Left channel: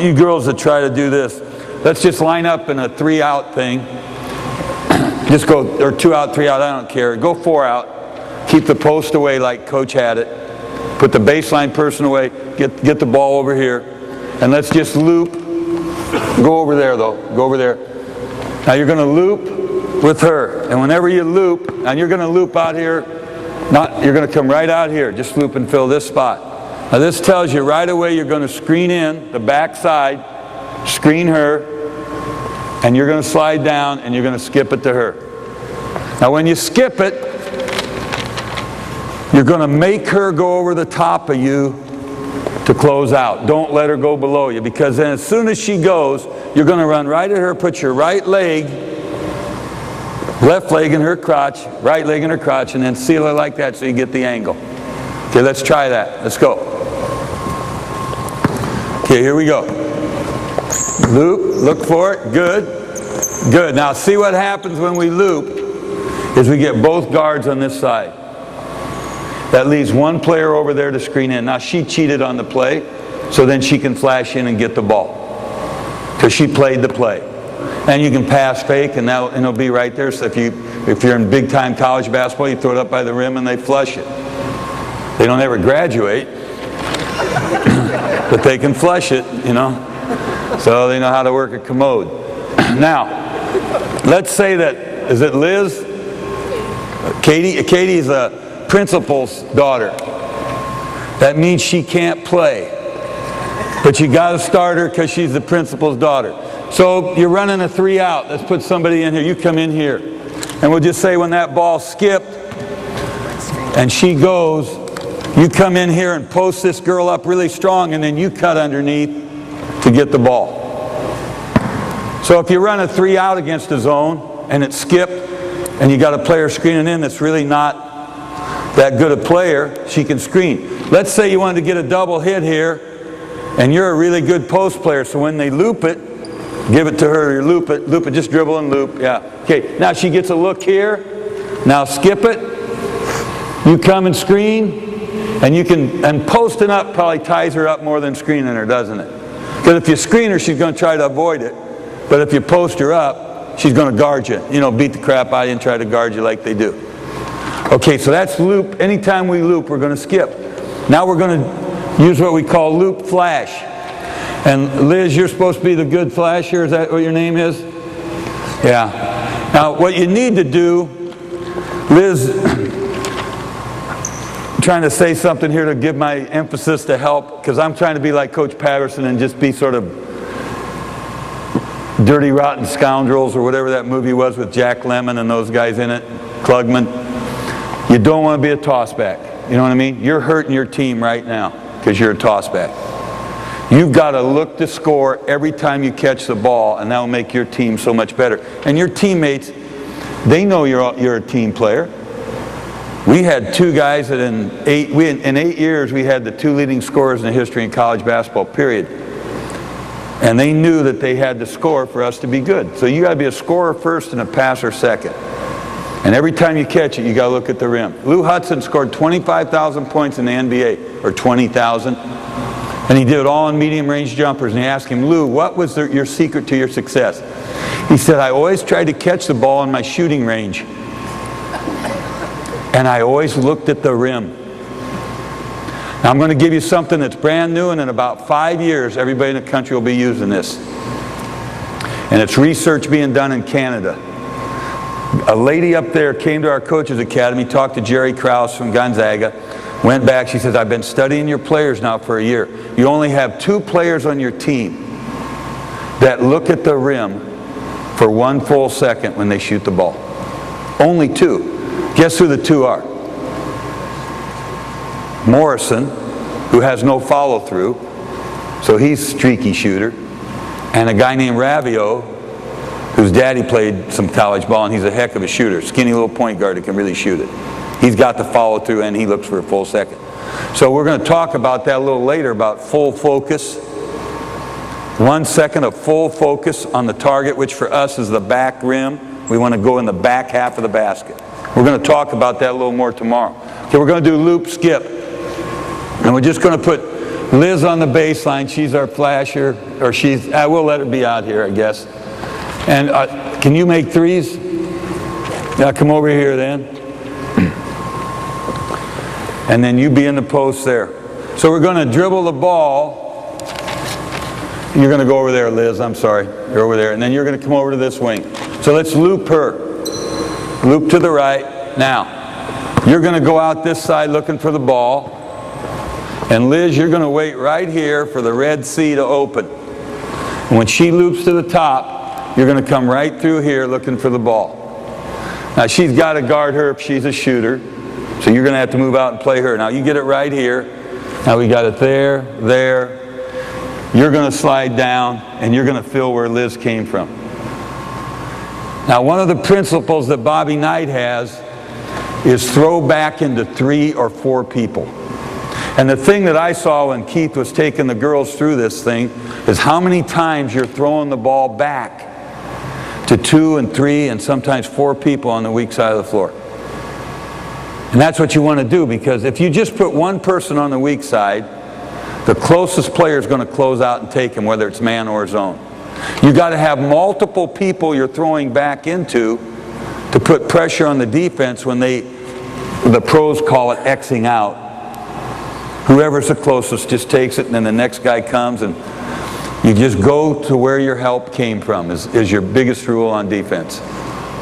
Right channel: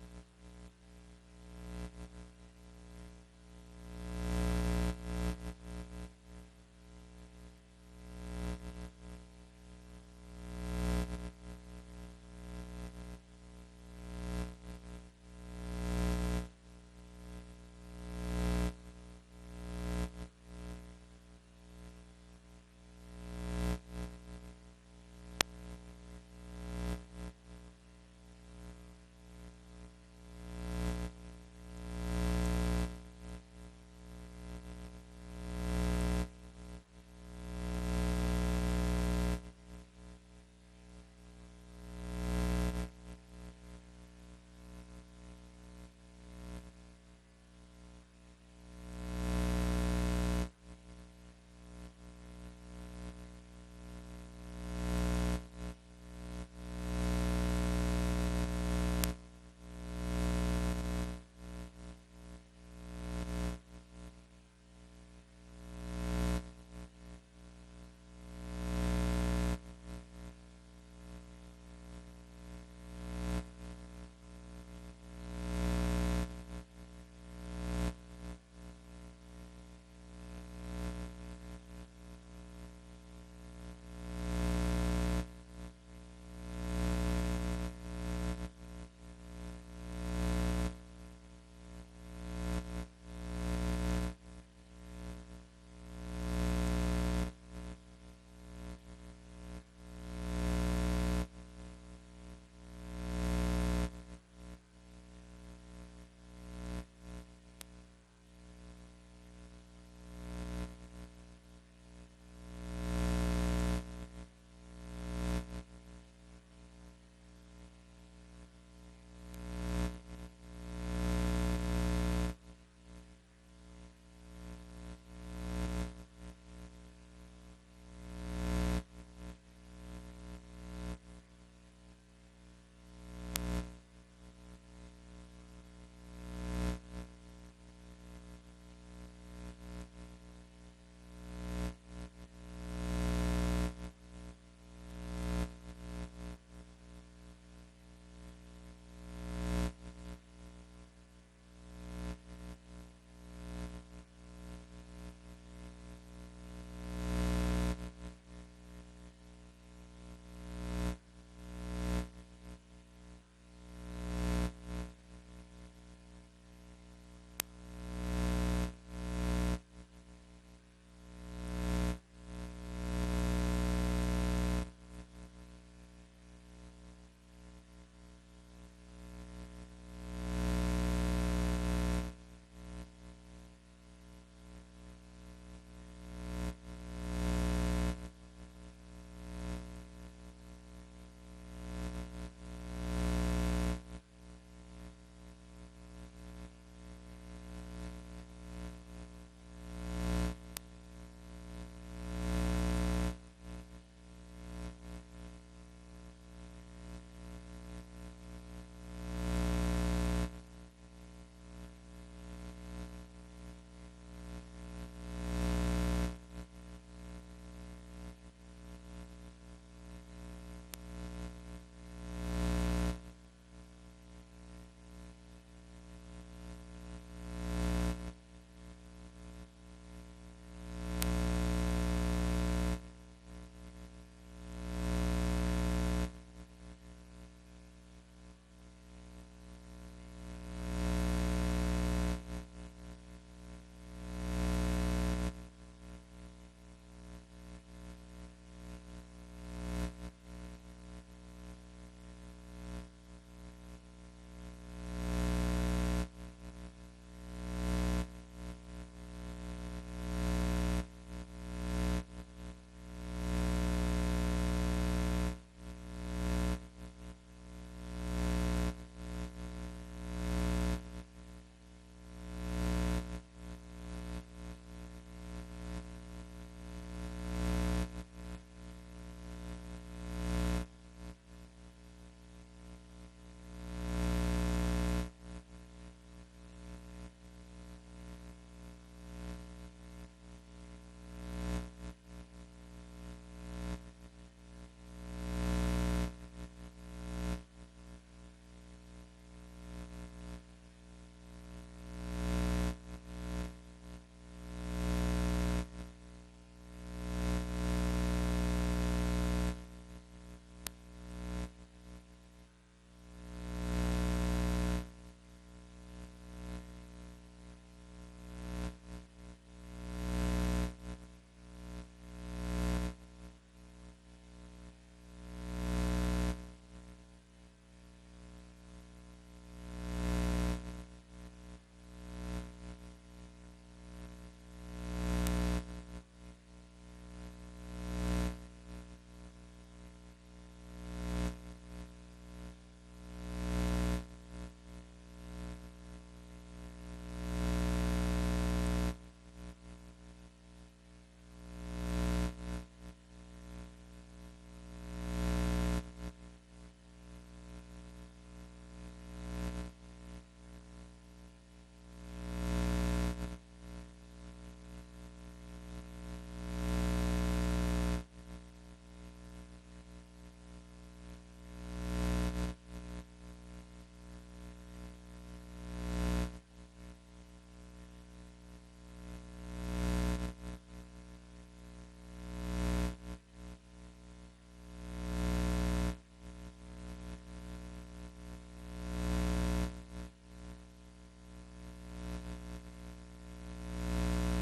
want you girls to try to do this. Let's just line up in a 3-out thing. Just go, or 2 out, 3 out, I don't care. Go 4 out. Keep the post away like Coach had it. Put the baseline person away. Get the ball over here. And let's just loop. Go over there, though. Go over there. Now you're going to loop with her. And whenever you loop, and you're going to loop out here, you're going to come right out here. Just loop and fill this spot. Now this tells you right away you're going to screen in the back side, screen her, and you're going to slide down and you're going to skip it to her. Now when you skip it, you're going to make her go over the top of you to close out. Don't let her go below you, because then as soon as she goes, you're going to run right at her, put your right leg, left leg in her crotch, right leg in her crotch, and then seal her like that so you get the angle. Okay, let's try that. Let's go. Okay, here we go. Loop, look for it. Good. Good. Now see what happens when we loop is we get both guards on this side. That leaves one player over there to screen in. Now she cheated on the play, so then she can flash in and get the ball because she played the play. And you can pass fake, and it'll be right there. So if you're in big-time college basketball, you throw it up by the rim and they flush it. They don't ever graduate, but they can flush it, you know. So they know how to work a commode. Now, let's say that, is it Liz? Katie's a principal's daughter. That means she can't play. But you got to start her because she's the principal's daughter. So you're running a 3-out. Let's put somebody in here. You come in here. And we'll just say when that ball skipped and she goes, you come in here and post this girl up really strong, and then you cut underneath to get the ball. So if you run a 3-out against a zone and it skipped and you got a player screening in that's really not that good a player, she can screen. Let's say you wanted to get a double hit here and you're a really good post player, so when they loop it, give it to her, you loop it, just dribble and loop, yeah. Okay, now she gets a look here, now skip it, you come and screen, and posting up probably ties her up more than screening her, doesn't it? Because if you screen her, she's going to try to avoid it, but if you post her up, she's going to guard you, beat the crap out of you and try to guard you like they do. Okay, so that's loop. Anytime we loop, we're going to skip. Now we're going to use what we call loop flash. And Liz, you're supposed to be the good flasher. Is that what your name is? Yeah. Now, what you need to do, Liz, I'm trying to say something here to give my emphasis to help, because I'm trying to be like Coach Patterson and just be sort of dirty, rotten scoundrels, or whatever that movie was with Jack Lemmon and those guys in it, Klugman. You don't want to be a tossback. You know what I mean? You're hurting your team right now because you're a tossback. You've got to look to score every time you catch the ball, and that will make your team so much better. And your teammates, they know you're a team player. We had 2 guys that in 8 years we had the 2 leading scorers in the history in college basketball, period. And they knew that they had to score for us to be good. So you got to be a scorer first and a passer second. And every time you catch it, you got to look at the rim. Lou Hudson scored 25,000 points in the NBA, or 20,000. And he did it all on medium-range jumpers. And they asked him, Lou, what was your secret to your success? He said, I always tried to catch the ball in my shooting range. And I always looked at the rim. Now I'm going to give you something that's brand new, and in about 5 years, everybody in the country will be using this. And it's research being done in Canada. A lady up there came to our coaches academy, talked to Jerry Krause from Gonzaga, went back, she says, I've been studying your players now for a year. You only have 2 players on your team that look at the rim for 1 full second when they shoot the ball. Only 2. Guess who the 2 are? Morrison, who has no follow-through, so he's a streaky shooter, and a guy named Ravio, whose daddy played some college ball, and he's a heck of a shooter. Skinny little point guard that can really shoot it. He's got the follow-through, and he looks for a full second. So we're going to talk about that a little later, about full focus. 1 second of full focus on the target, which for us is the back rim. We want to go in the back half of the basket. We're going to talk about that a little more tomorrow. Okay, we're going to do loop skip. And we're just going to put Liz on the baseline, she's our flasher, or we'll let her be out here, I guess. And can you make threes? Now come over here then. And then you be in the post there. So we're going to dribble the ball. You're going to go over there, Liz. I'm sorry. You're over there. And then you're going to come over to this wing. So let's loop her. Loop to the right. Now, you're going to go out this side looking for the ball. And Liz, you're going to wait right here for the red C to open. And when she loops to the top, you're going to come right through here looking for the ball. Now, she's got to guard her if she's a shooter. So you're going to have to move out and play her. Now you get it right here. Now we got it there, there. You're going to slide down and you're going to fill where Liz came from. Now one of the principles that Bobby Knight has is throw back into 3 or 4 people. And the thing that I saw when Keith was taking the girls through this thing is how many times you're throwing the ball back to 2 and 3 and sometimes 4 people on the weak side of the floor. And that's what you want to do, because if you just put one person on the weak side, the closest player is going to close out and take him, whether it's man or zone. You've got to have multiple people you're throwing back into to put pressure on the defense when the pros call it Xing out. Whoever's the closest just takes it, and then the next guy comes, and you just go to where your help came from is your biggest rule on defense.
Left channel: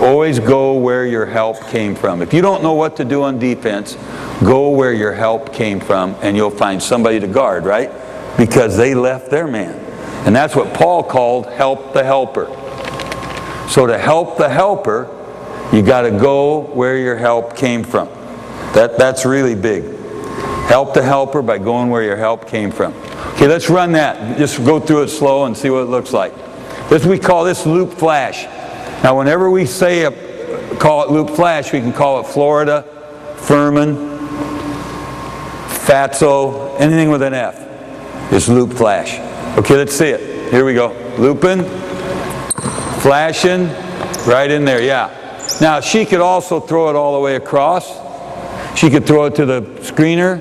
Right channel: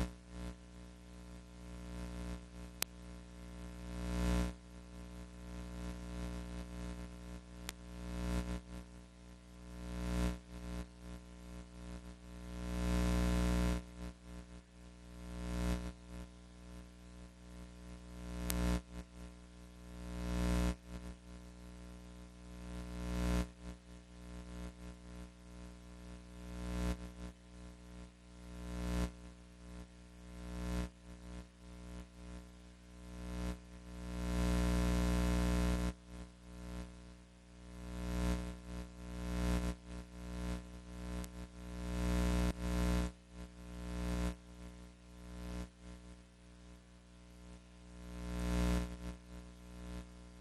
Always go where your help came from. If you don't know what to do on defense, go where your help came from, and you'll find somebody to guard, right? Because they left their man. And that's what Paul called help the helper. So to help the helper, you got to go where your help came from. That's really big. Help the helper by going where your help came from. Okay, let's run that. Just go through it slow and see what it looks like. We call this loop flash. Now, whenever we say call it loop flash, we can call it Florida, Furman, Fatso, anything with an F. It's loop flash. Okay, let's see it. Here we go. Looping, flashing, right in there, yeah. Now, she could also throw it all the way across. She could throw it to the screener.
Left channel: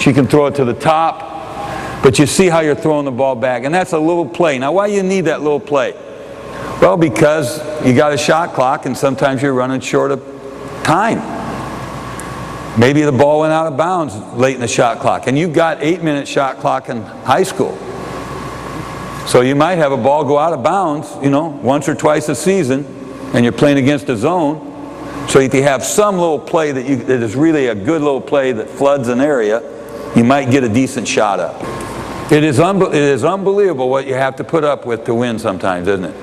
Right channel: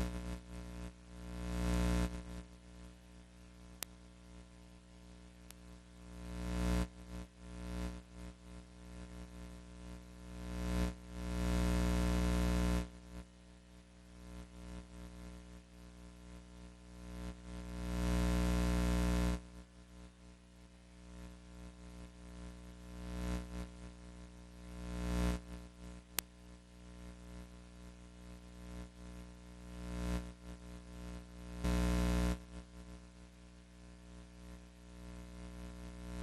She can throw it to the top. But you see how you're throwing the ball back. And that's a little play. Now, why do you need that little play? Well, because you got a shot clock and sometimes you're running short of time. Maybe the ball went out of bounds late in the shot clock, and you've got 8-minute shot clock in high school. So you might have a ball go out of bounds, once or twice a season, and you're playing against a zone. So if you have some little play that is really a good little play that floods an area, you might get a decent shot up. It is unbelievable what you have to put up with to win sometimes, isn't it?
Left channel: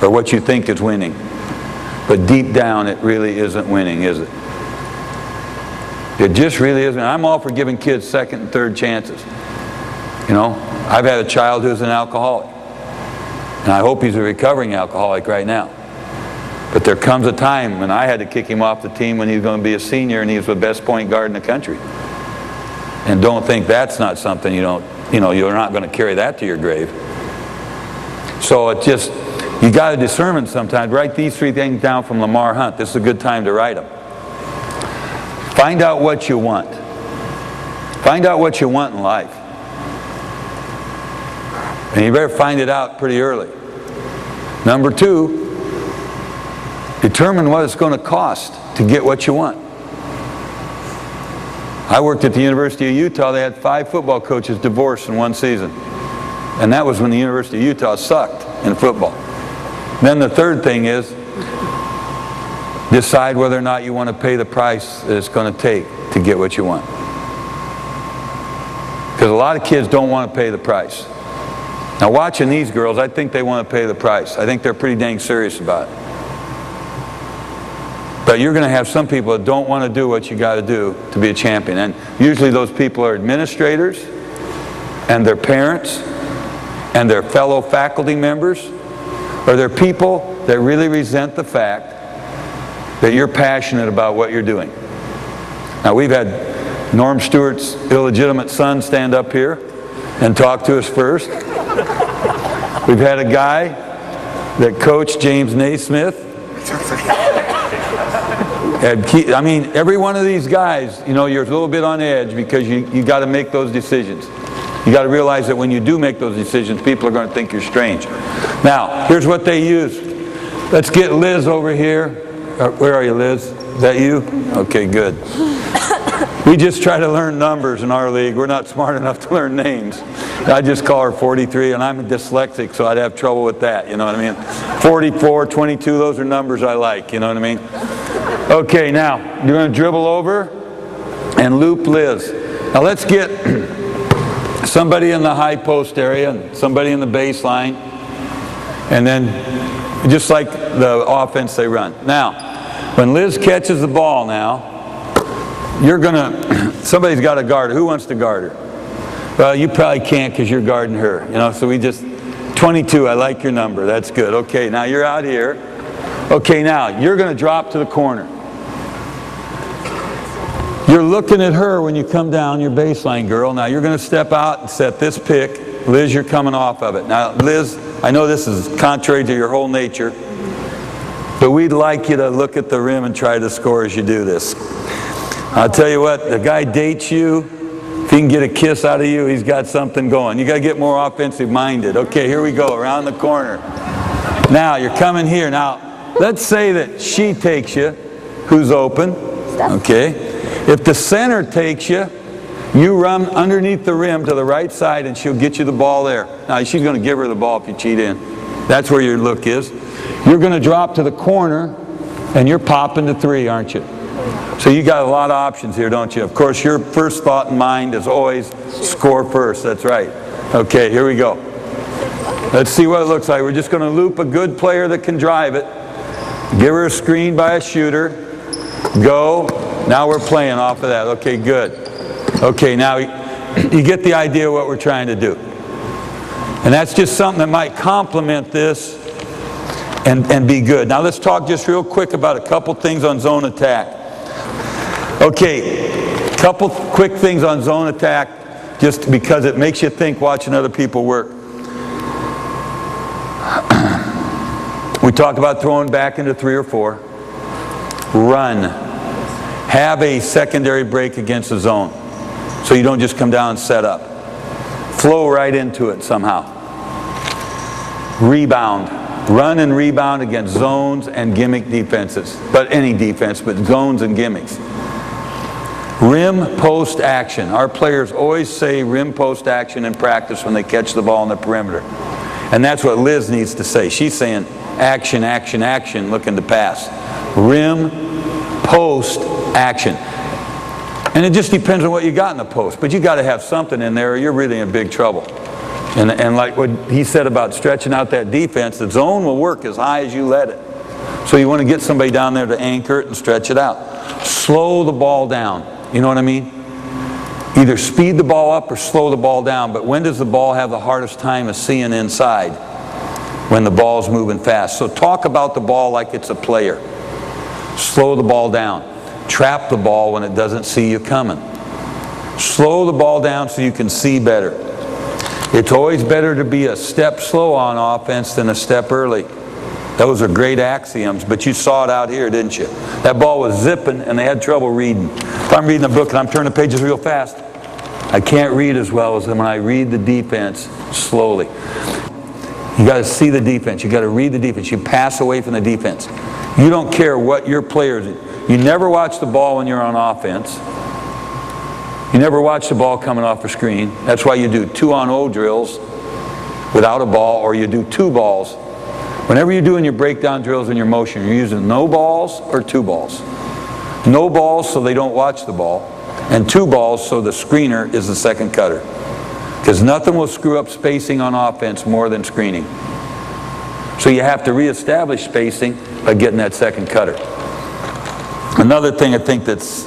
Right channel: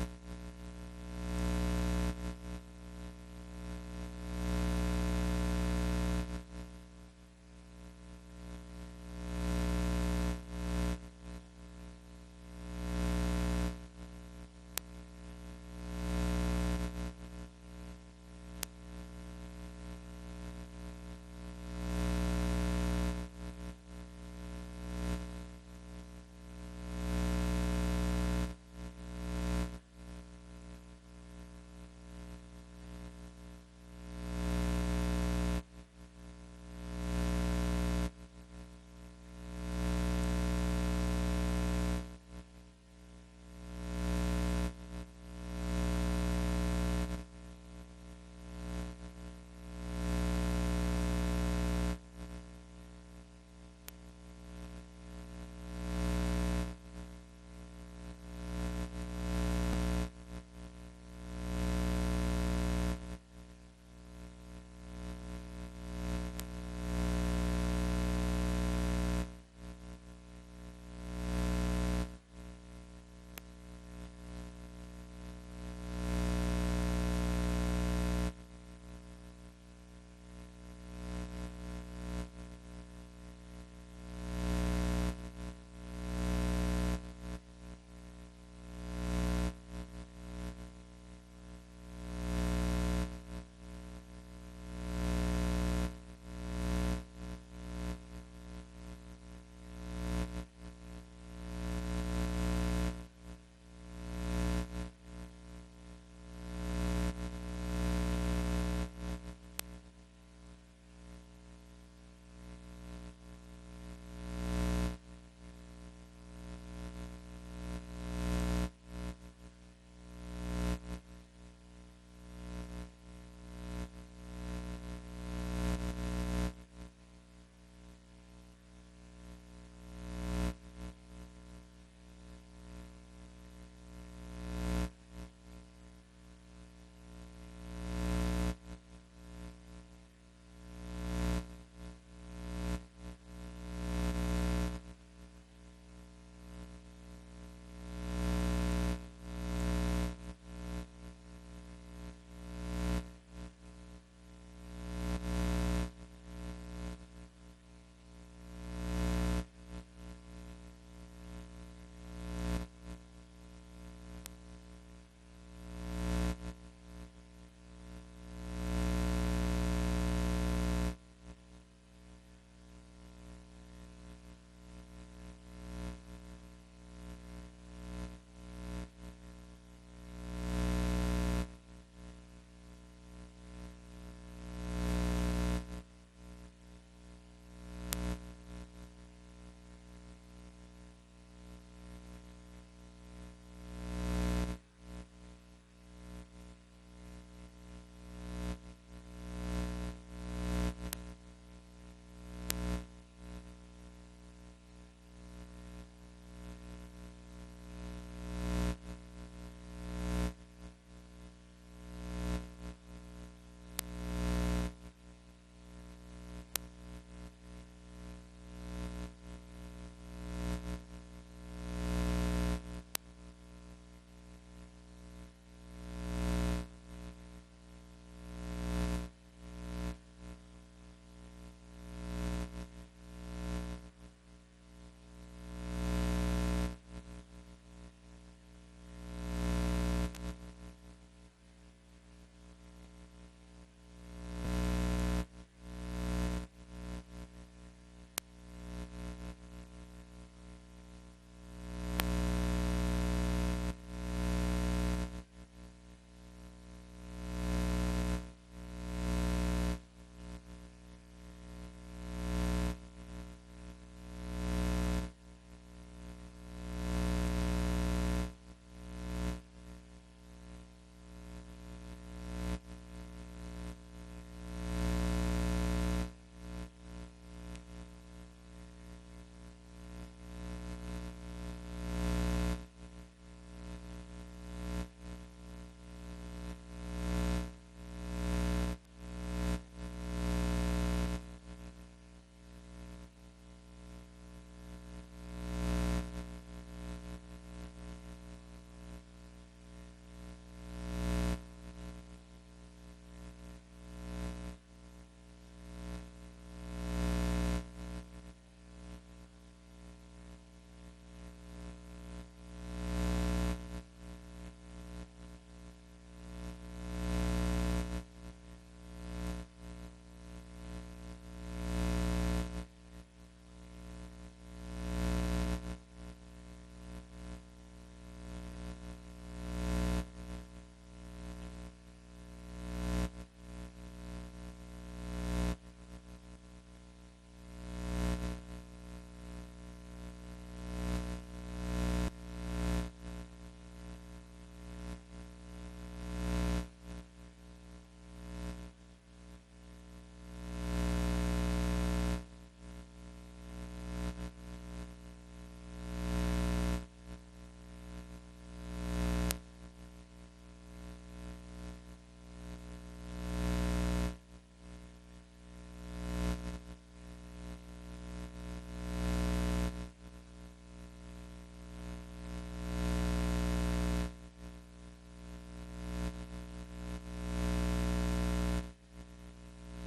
Or what you think is winning. But deep down, it really isn't winning, is it? It just really isn't. I'm all for giving kids second and third chances. I've had a child who's an alcoholic. And I hope he's a recovering alcoholic right now. But there comes a time when I had to kick him off the team when he was going to be a senior and he was the best point guard in the country. And don't think that's not something you're not going to carry that to your grave. So it just, you got to discern sometimes. Write these 3 things down from Lamar Hunt. This is a good time to write them. Find out what you want. Find out what you want in life. And you better find it out pretty early. Number 2, determine what it's going to cost to get what you want. I worked at the University of Utah. They had 5 football coaches divorced in one season. And that was when the University of Utah sucked in football. Then the third thing is, decide whether or not you want to pay the price that it's going to take to get what you want. Because a lot of kids don't want to pay the price. Now watching these girls, I think they want to pay the price. I think they're pretty dang serious about it. But you're going to have some people that don't want to do what you got to do to be a champion. And usually those people are administrators and their parents and their fellow faculty members, or they're people that really resent the fact that you're passionate about what you're doing. Now we've had Norm Stewart's illegitimate son stand up here and talk to us first. We've had a guy that coached James Naismith. I mean, every one of these guys, you're a little bit on edge because you got to make those decisions. You got to realize that when you do make those decisions, people are going to think you're strange. Now, here's what they use. Let's get Liz over here. Where are you, Liz? Is that you? Okay, good. We just try to learn numbers in our league. We're not smart enough to learn names. I just call her 43, and I'm dyslexic, so I'd have trouble with that, you know what I mean? 44, 22, those are numbers I like, you know what I mean? Okay, now, you're going to dribble over and loop Liz. Now let's get somebody in the high post area and somebody in the baseline, and then just like the offense they run. Now, when Liz catches the ball now, you're going to, somebody's got to guard her. Who wants to guard her? Well, you probably can't because you're guarding her, you know, so we just, 22, I like your number, that's good. Okay, now you're out here. Okay, now you're going to drop to the corner. You're looking at her when you come down, your baseline girl. Now you're going to step out and set this pick. Liz, you're coming off of it. Now, Liz, I know this is contrary to your whole nature, but we'd like you to look at the rim and try to score as you do this. I'll tell you what, the guy dates you. If he can get a kiss out of you, he's got something going. You got to get more offensive minded. Okay, here we go, around the corner. Now, you're coming here. Now, let's say that she takes you, who's open. Okay. If the center takes you, you run underneath the rim to the right side and she'll get you the ball there. Now, she's going to give her the ball if you cheat in. That's where your look is. You're going to drop to the corner and you're popping to three, aren't you? So you got a lot of options here, don't you? Of course, your first thought in mind is always score first. That's right. Okay, here we go. Let's see what it looks like. We're just going to loop a good player that can drive it. Give her a screen by a shooter. Go. Now we're playing off of that. Okay, good. Okay, now you get the idea of what we're trying to do. And that's just something that might complement this and be good. Now let's talk just real quick about a couple things on zone attack. Okay, a couple quick things on zone attack just because it makes you think watching other people work. We talked about throwing back into 3 or 4. Run. Have a secondary break against the zone so you don't just come down and set up. Flow right into it somehow. Rebound. Run and rebound against zones and gimmick defenses. But any defense, but zones and gimmicks. Rim post action. Our players always say rim post action in practice when they catch the ball on the perimeter. And that's what Liz needs to say. She's saying action, action, action, looking to pass. Rim post action. And it just depends on what you got in the post. But you got to have something in there or you're really in big trouble. And like what he said about stretching out that defense, the zone will work as high as you let it. So you want to get somebody down there to anchor it and stretch it out. Slow the ball down. You know what I mean? Either speed the ball up or slow the ball down. But when does the ball have the hardest time of seeing inside? When the ball's moving fast. So talk about the ball like it's a player. Slow the ball down. Trap the ball when it doesn't see you coming. Slow the ball down so you can see better. It's always better to be a step slow on offense than a step early. Those are great axioms, but you saw it out here, didn't you? That ball was zipping and they had trouble reading. If I'm reading a book and I'm turning the pages real fast, I can't read as well as when I read the defense slowly. You got to see the defense. You got to read the defense. You pass away from the defense. You don't care what your players do. You never watch the ball when you're on offense. You never watch the ball coming off a screen. That's why you do 2-on-0 drills without a ball, or you do 2 balls. Whenever you're doing your breakdown drills and your motion, you're using no balls or 2 balls. No balls so they don't watch the ball, and 2 balls so the screener is the second cutter. Because nothing will screw up spacing on offense more than screening. So you have to reestablish spacing by getting that second cutter. Another thing I think that's,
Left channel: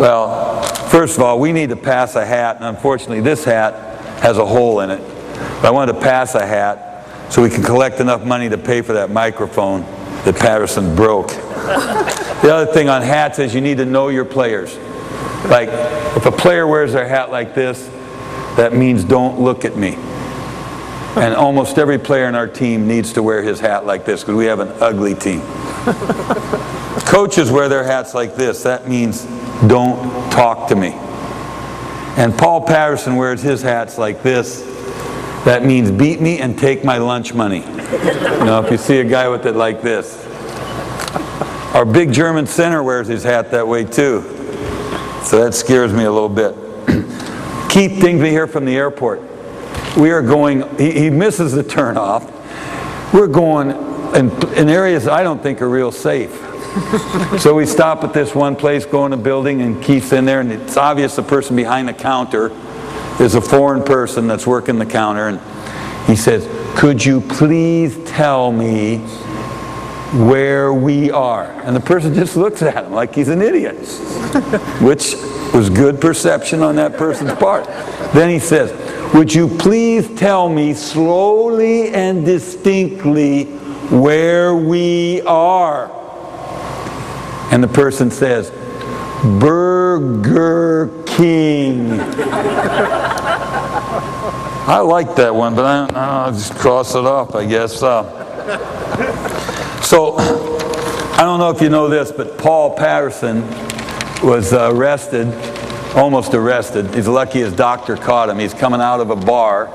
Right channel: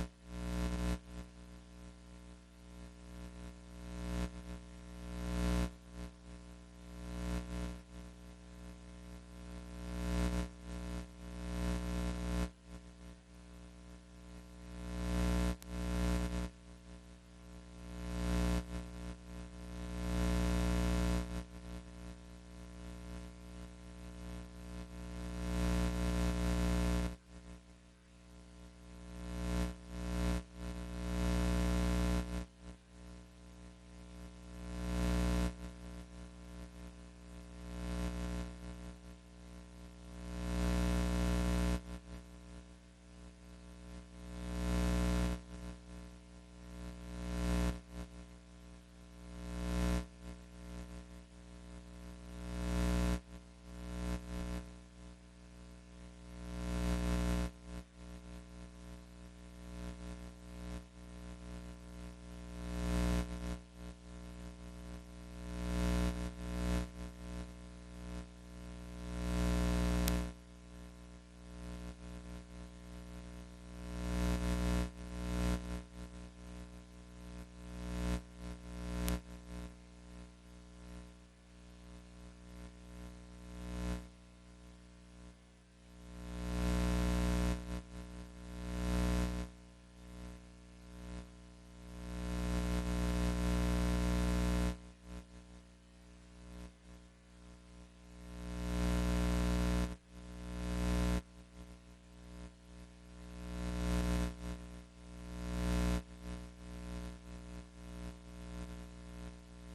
well, first of all, we need to pass a hat, and unfortunately this hat has a hole in it. But I wanted to pass a hat so we can collect enough money to pay for that microphone that Patterson broke. The other thing on hats is you need to know your players. Like, if a player wears their hat like this, that means don't look at me. And almost every player in our team needs to wear his hat like this because we have an ugly team. Coaches wear their hats like this. That means don't talk to me. And Paul Patterson wears his hats like this. That means beat me and take my lunch money. You know, if you see a guy with it like this. Our big German center wears his hat that way too. So that scares me a little bit. Keith dinged me here from the airport. We are going, he misses the turnoff. We're going in areas I don't think are real safe. So we stop at this one place, go in a building, and Keith's in there, and it's obvious the person behind the counter is a foreign person that's working the counter, and he says, "Could you please tell me where we are?" And the person just looks at him like he's an idiot, which was good perception on that person's part. Then he says, "Would you please tell me slowly and distinctly where we are?" And the person says, "Burger King." I like that one, but I'll just cross it off, I guess. So, I don't know if you know this, but Paul Patterson was arrested, almost arrested. He's lucky his doctor caught him. He's coming out of a bar,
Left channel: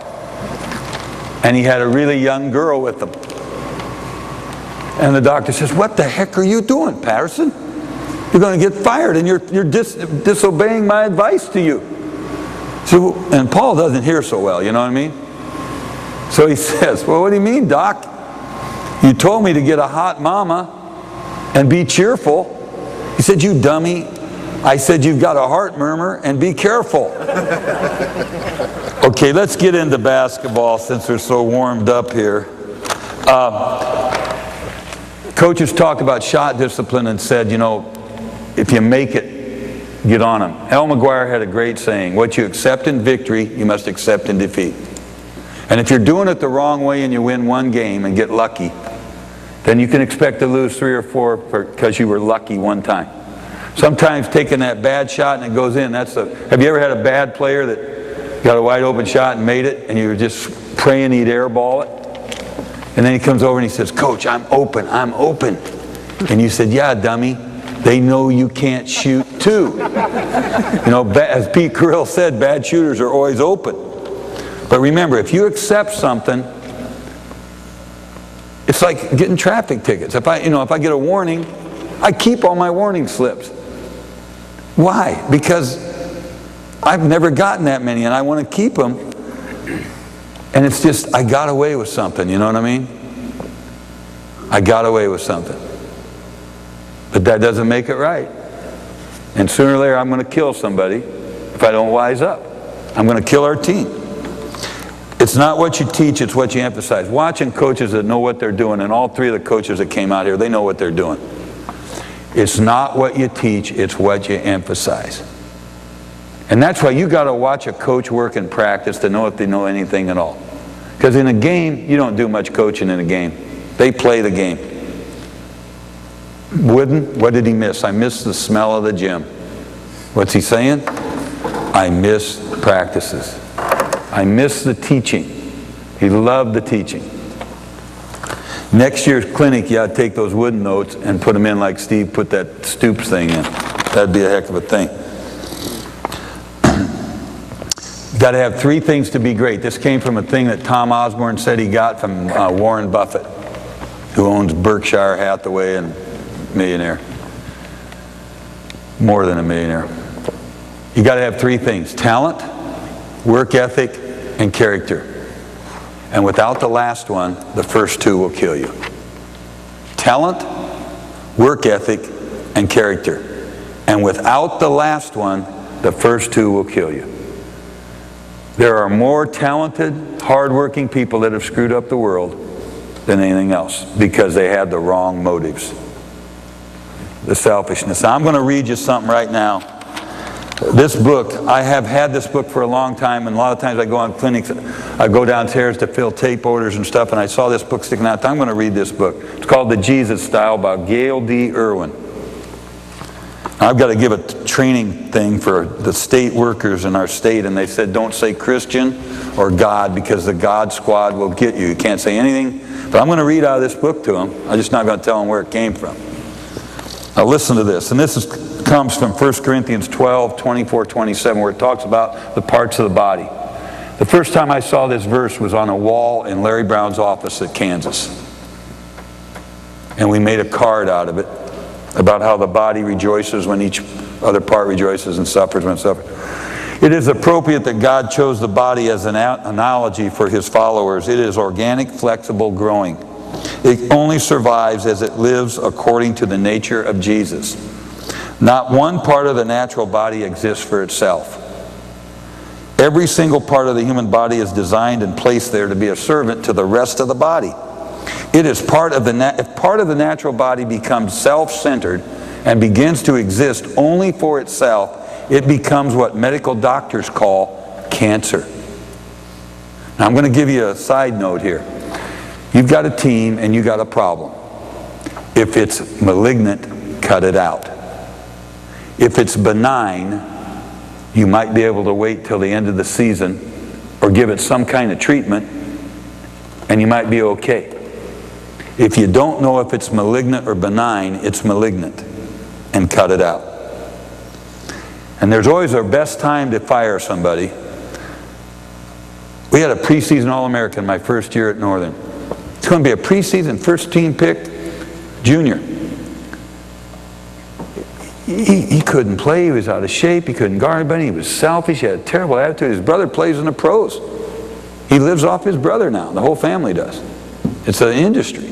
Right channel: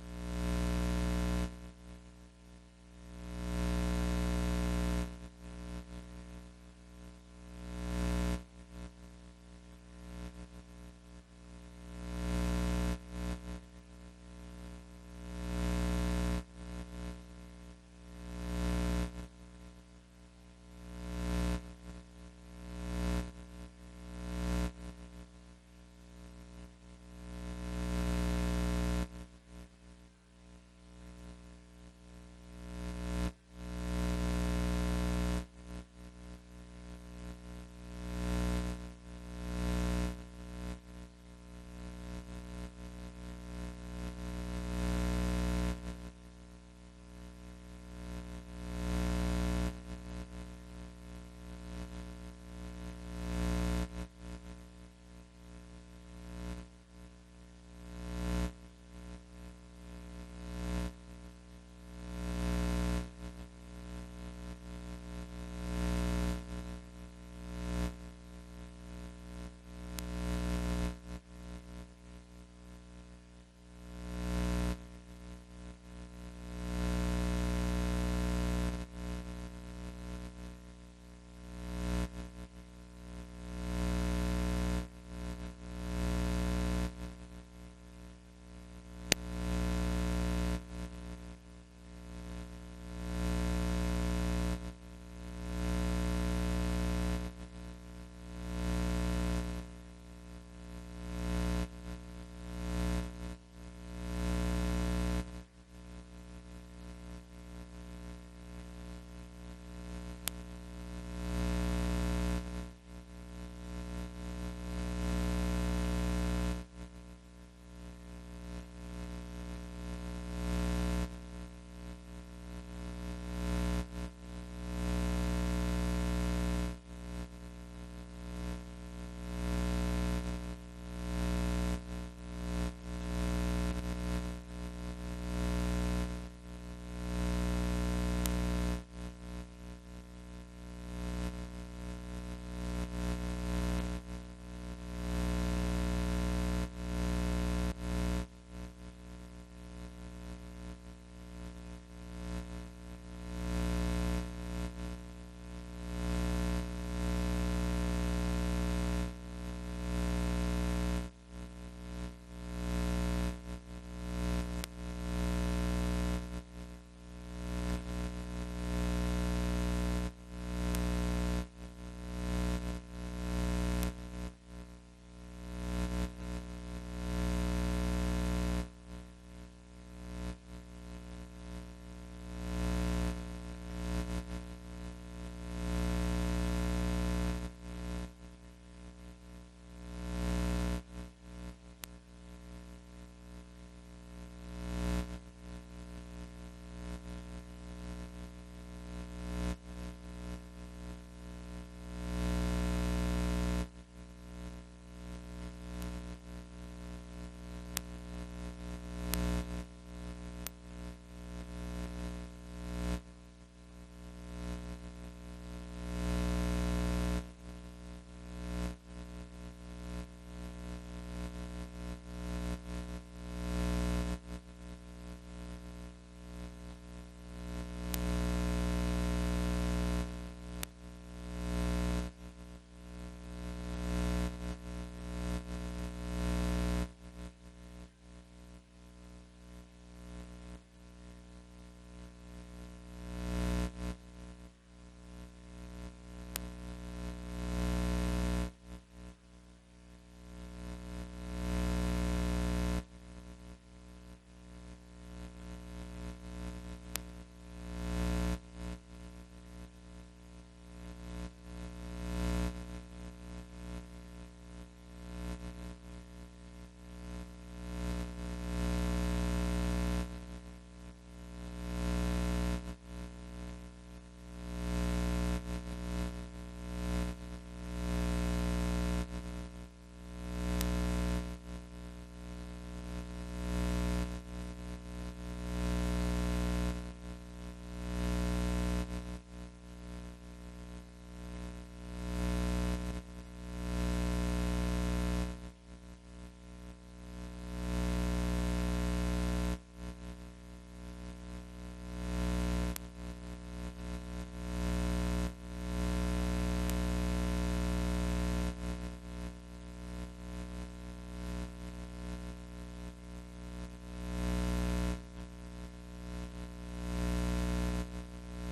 and he had a really young girl with him. And the doctor says, "What the heck are you doing, Patterson? You're going to get fired, and you're disobeying my advice to you." So, and Paul doesn't hear so well, you know what I mean? So he says, "Well, what do you mean, Doc? You told me to get a hot mama and be cheerful." He said, "You dummy. I said you've got a heart murmur and be careful." Okay, let's get into basketball since we're so warmed up here. Coaches talked about shot discipline and said, you know, if you make it, get on them. Al McGuire had a great saying, "What you accept in victory, you must accept in defeat." And if you're doing it the wrong way and you win one game and get lucky, then you can expect to lose 3 or 4 because you were lucky one time. Sometimes taking that bad shot and it goes in, have you ever had a bad player that got a wide open shot and made it, and you were just praying he'd airball it? And then he comes over and he says, "Coach, I'm open, I'm open." And you said, "Yeah, dummy. They know you can't shoot too." You know, as Pete Carroll said, bad shooters are always open. But remember, if you accept something, it's like getting traffic tickets. If I get a warning, I keep all my warning slips. Why? Because I've never gotten that many, and I want to keep them. And it's just, I got away with something, you know what I mean? I got away with something. But that doesn't make it right. And sooner or later, I'm going to kill somebody if I don't wise up. I'm going to kill our team. It's not what you teach, it's what you emphasize. Watching coaches that know what they're doing, and all 3 of the coaches that came out here, they know what they're doing. It's not what you teach, it's what you emphasize. And that's why you got to watch a coach work in practice to know if they know anything at all. Because in a game, you don't do much coaching in a game. They play the game. Wooden, what did he miss? "I miss the smell of the gym." What's he saying? I miss practices. I miss the teaching. He loved the teaching. Next year's clinic, you ought to take those wooden notes and put them in like Steve put that Stoops thing in. That'd be a heck of a thing. Got to have 3 things to be great. This came from a thing that Tom Osborne said he got from Warren Buffett, who owns Berkshire Hathaway and millionaire. More than a millionaire. You got to have 3 things: talent, work ethic, and character. And without the last one, the first 2 will kill you. Talent, work ethic, and character. And without the last one, the first 2 will kill you. There are more talented, hardworking people that have screwed up the world than anything else because they had the wrong motives. The selfishness. Now, I'm going to read you something right now. This book, I have had this book for a long time, and a lot of times I go on clinics, I go downstairs to fill tape orders and stuff, and I saw this book sticking out. I'm going to read this book. It's called The Jesus Style by Gail D. Irwin. I've got to give a training thing for the state workers in our state, and they said don't say Christian or God because the God squad will get you. You can't say anything. But I'm going to read out of this book to them. I'm just not going to tell them where it came from. Now listen to this, and this is comes from 1 Corinthians 12, 24, 27, where it talks about the parts of the body. The first time I saw this verse was on a wall in Larry Brown's office at Kansas. And we made a card out of it about how the body rejoices when each other part rejoices and suffers when it suffers. It is appropriate that God chose the body as an analogy for his followers. It is organic, flexible, growing. It only survives as it lives according to the nature of Jesus. Not one part of the natural body exists for itself. Every single part of the human body is designed and placed there to be a servant to the rest of the body. It is part of if part of the natural body becomes self-centered and begins to exist only for itself, it becomes what medical doctors call cancer. Now, I'm going to give you a side note here. You've got a team and you've got a problem. If it's malignant, cut it out. If it's benign, you might be able to wait till the end of the season or give it some kind of treatment and you might be okay. If you don't know if it's malignant or benign, it's malignant, and cut it out. And there's always our best time to fire somebody. We had a preseason All-American my first year at Northern. It's going to be a preseason first team pick junior. He couldn't play. He was out of shape. He couldn't guard anybody. He was selfish. He had a terrible attitude. His brother plays in the pros. He lives off his brother now. The whole family does. It's an industry.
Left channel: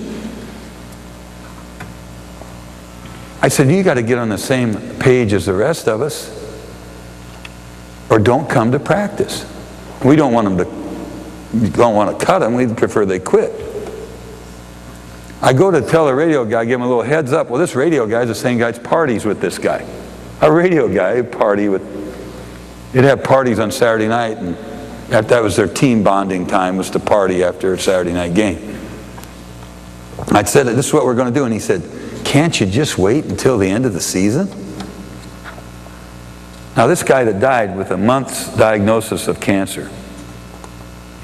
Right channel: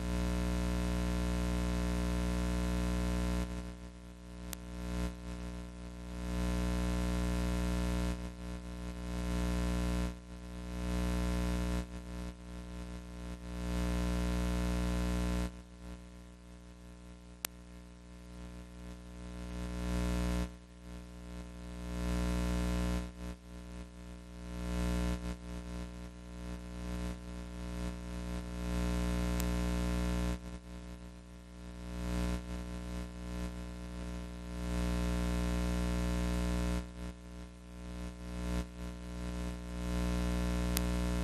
I said, you got to get on the same page as the rest of us, or don't come to practice. We don't want them don't want to cut them. We prefer they quit. I go to tell the radio guy, give him a little heads up. Well, this radio guy's the same guy that parties with this guy. A radio guy they'd have parties on Saturday night, and that was their team bonding time, was to party after a Saturday night game. I said, this is what we're going to do. And he said, can't you just wait until the end of the season? Now, this guy that died with a month's diagnosis of cancer,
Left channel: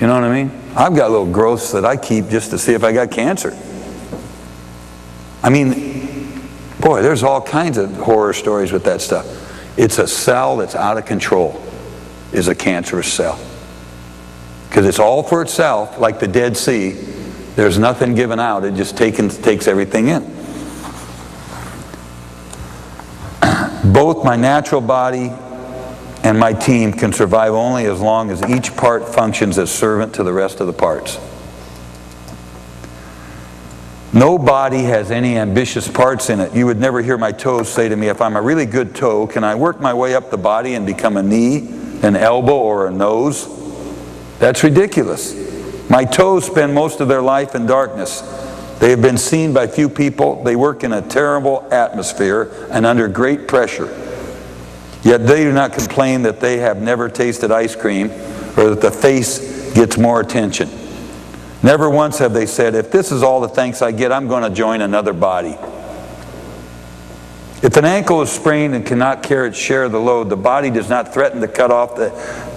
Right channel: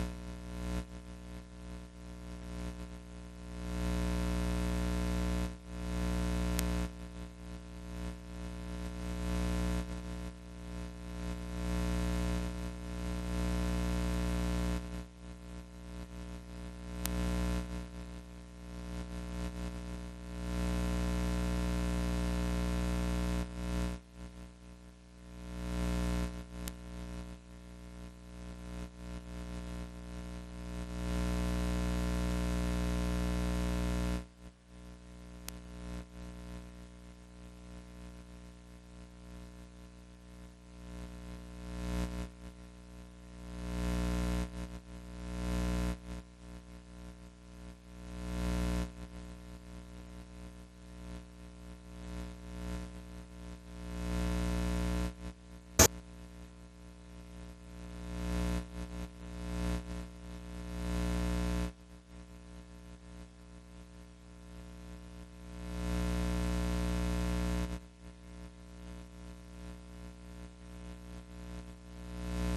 you know what I mean? I've got little growths that I keep just to see if I got cancer. I mean, boy, there's all kinds of horror stories with that stuff. It's a cell that's out of control, is a cancerous cell. Because it's all for itself, like the Dead Sea. There's nothing given out. It just takes everything in. Both my natural body and my team can survive only as long as each part functions as servant to the rest of the parts. No body has any ambitious parts in it. You would never hear my toes say to me, if I'm a really good toe, can I work my way up the body and become a knee, an elbow, or a nose? That's ridiculous. My toes spend most of their life in darkness. They have been seen by few people. They work in a terrible atmosphere and under great pressure. Yet they do not complain that they have never tasted ice cream or that the face gets more attention. Never once have they said, if this is all the thanks I get, I'm going to join another body. If an ankle is sprained and cannot carry its share of the load, the body does not threaten to cut off the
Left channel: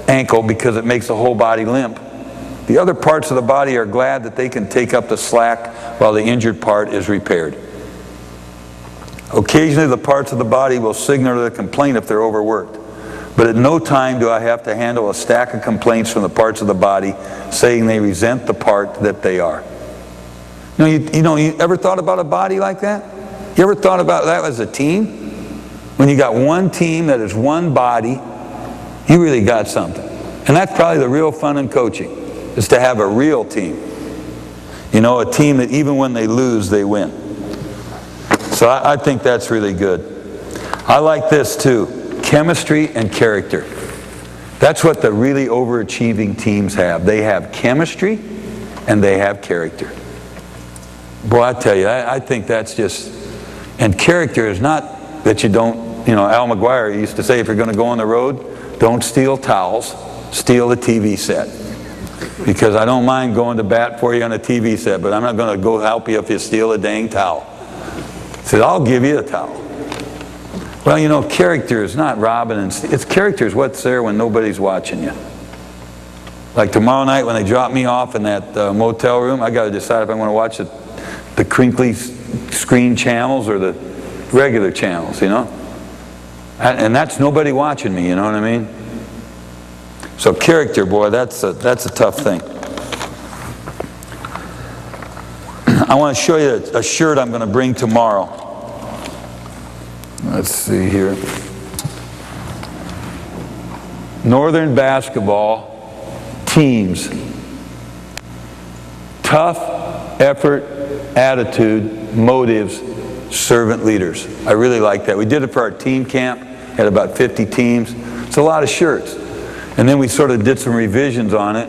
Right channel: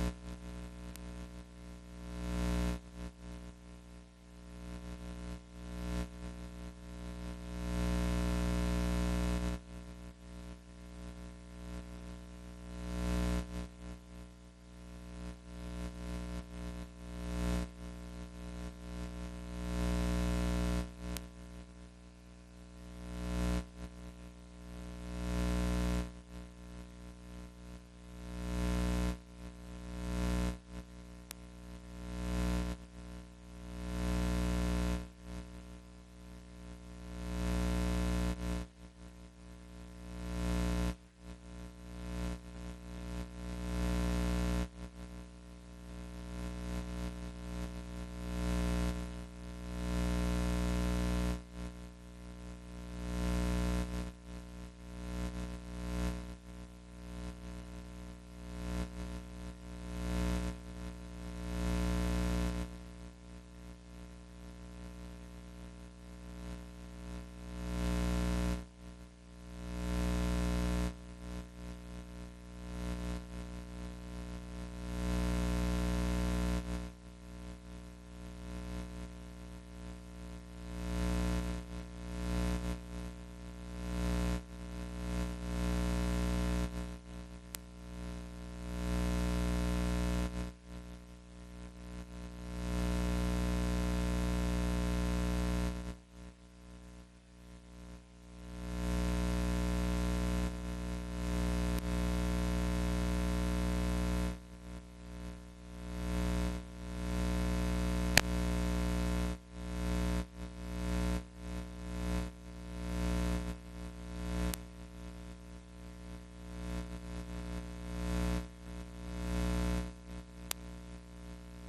ankle because it makes the whole body limp. The other parts of the body are glad that they can take up the slack while the injured part is repaired. Occasionally the parts of the body will signal their complaint if they're overworked. But at no time do I have to handle a stack of complaints from the parts of the body saying they resent the part that they are. You ever thought about a body like that? You ever thought about that as a team? When you got one team that is one body, you really got something. And that's probably the real fun in coaching, is to have a real team. You know, a team that even when they lose, they win. So I think that's really good. I like this too. Chemistry and character. That's what the really overachieving teams have. They have chemistry and they have character. Boy, I tell you, I think that's just, and character is not that you don't, Al McGuire used to say, if you're going to go on the road, don't steal towels, steal the TV set. Because I don't mind going to bat for you on a TV set, but I'm not going to go help you if you steal a dang towel. I said, I'll give you a towel. Well, character is not robbing, it's character is what's there when nobody's watching you. Like tomorrow night when they drop me off in that motel room, I got to decide if I want to watch the crinkly screen channels or the regular channels, And that's nobody watching me, you know what I mean? So character, boy, that's a tough thing. I want to show you a shirt I'm going to bring tomorrow. Let's see here. Northern basketball teams. Tough, effort, attitude, motives, servant leaders. I really like that. We did it for our team camp. Had about 50 teams. It's a lot of shirts. And then we sort of did some revisions on it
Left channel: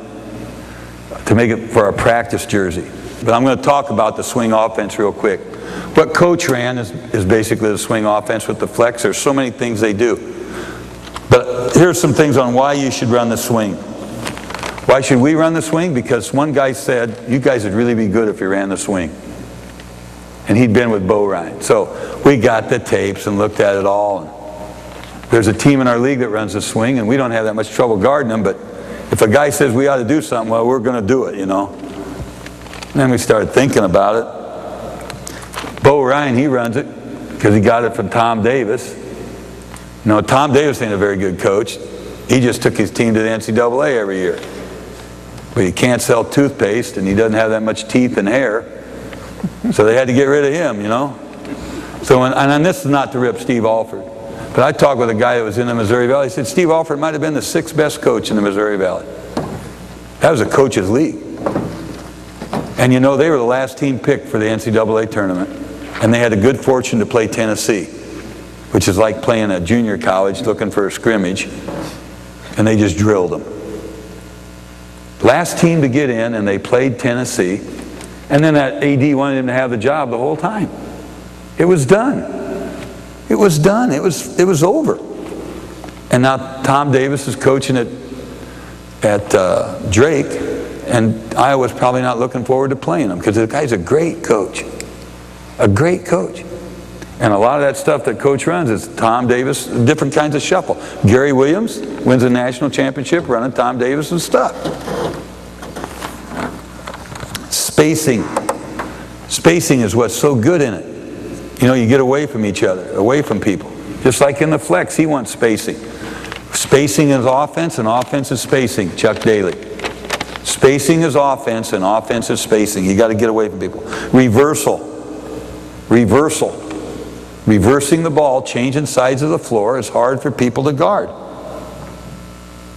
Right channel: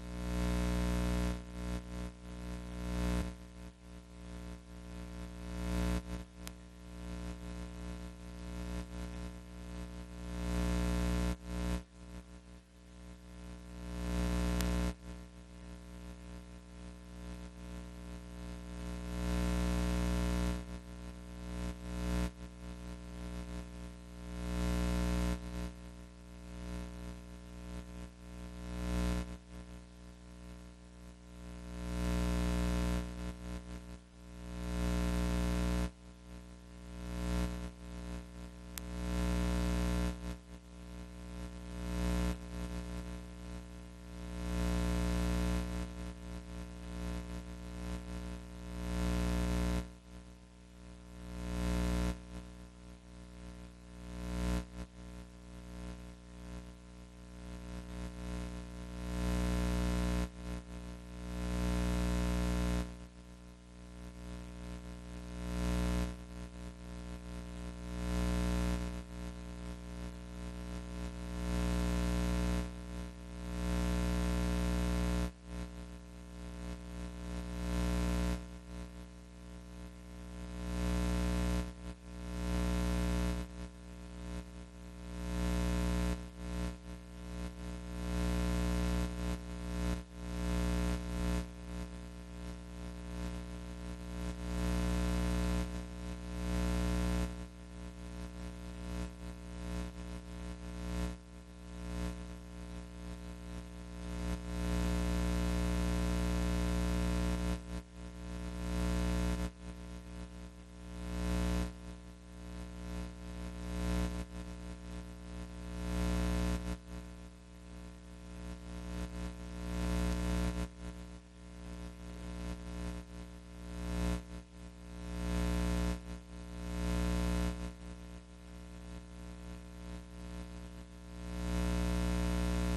to make it for our practice jersey. But I'm going to talk about the swing offense real quick. What Coach ran is basically the swing offense with the flex. There's so many things they do. But here's some things on why you should run the swing. Why should we run the swing? Because one guy said, you guys would really be good if you ran the swing. And he'd been with Bo Ryan. So we got the tapes and looked at it all. There's a team in our league that runs the swing, and we don't have that much trouble guarding them, but if a guy says we ought to do something, well, we're going to do it, you know. And then we started thinking about it. Bo Ryan, he runs it because he got it from Tom Davis. No, Tom Davis ain't a very good coach. He just took his team to the NCAA every year. But he can't sell toothpaste, and he doesn't have that much teeth and hair. So they had to get rid of him, you know. So, and this is not to rip Steve Alford. But I talked with a guy that was in the Missouri Valley. He said Steve Alford might have been the 6th best coach in the Missouri Valley. That was a coach's league. And you know, they were the last team picked for the NCAA tournament. And they had the good fortune to play Tennessee, which is like playing a junior college looking for a scrimmage. And they just drilled them. Last team to get in, and they played Tennessee. And then that AD wanted him to have the job the whole time. It was done. It was done. It was over. And now Tom Davis is coaching at Drake, and Iowa's probably not looking forward to playing him because the guy's a great coach. A great coach. And a lot of that stuff that Coach runs is Tom Davis, different kinds of shuffle. Gary Williams wins a national championship running Tom Davis's stuff. Spacing. Spacing is what's so good in it. You know, you get away from each other, away from people. Just like in the flex, he wants spacing. Spacing is offense, and offense is spacing, Chuck Daly. Spacing is offense, and offense is spacing. You got to get away from people. Reversal. Reversal. Reversing the ball, changing sides of the floor is hard for people to guard.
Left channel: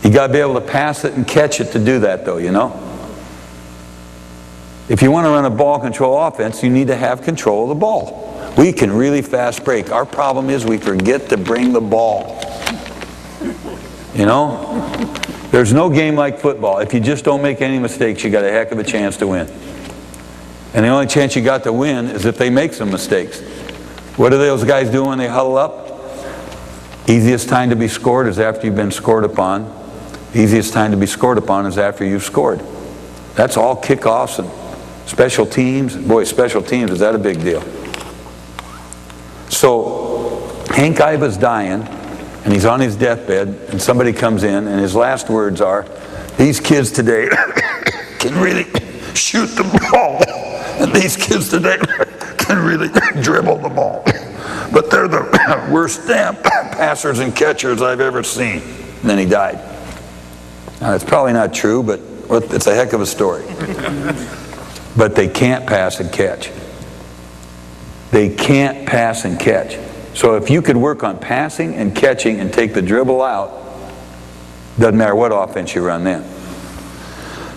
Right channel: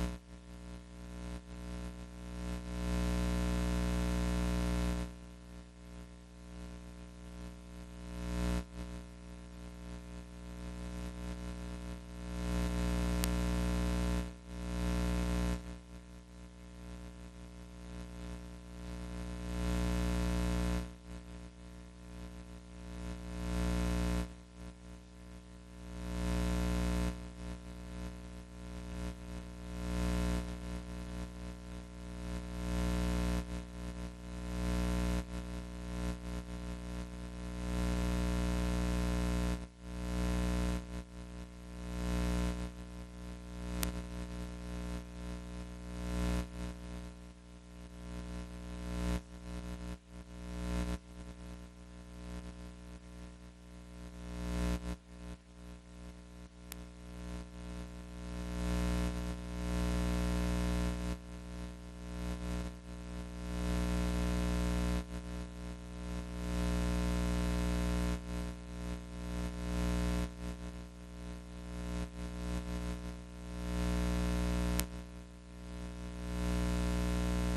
You got to be able to pass it and catch it to do that, though, you know. If you want to run a ball control offense, you need to have control of the ball. We can really fast break. Our problem is we forget to bring the ball. You know? There's no game like football. If you just don't make any mistakes, you got a heck of a chance to win. And the only chance you got to win is if they make some mistakes. What do those guys do when they huddle up? Easiest time to be scored is after you've been scored upon. Easiest time to be scored upon is after you've scored. That's all kickoffs and special teams. Boy, special teams, is that a big deal? So Hank Iba's dying, and he's on his deathbed, and somebody comes in, and his last words are, these kids today can really shoot the ball, and these kids today can really dribble the ball. But they're the worst damn passers and catchers I've ever seen. And then he died. Now, that's probably not true, but it's a heck of a story. But they can't pass and catch. They can't pass and catch. So if you could work on passing and catching and take the dribble out, doesn't matter what offense you run then.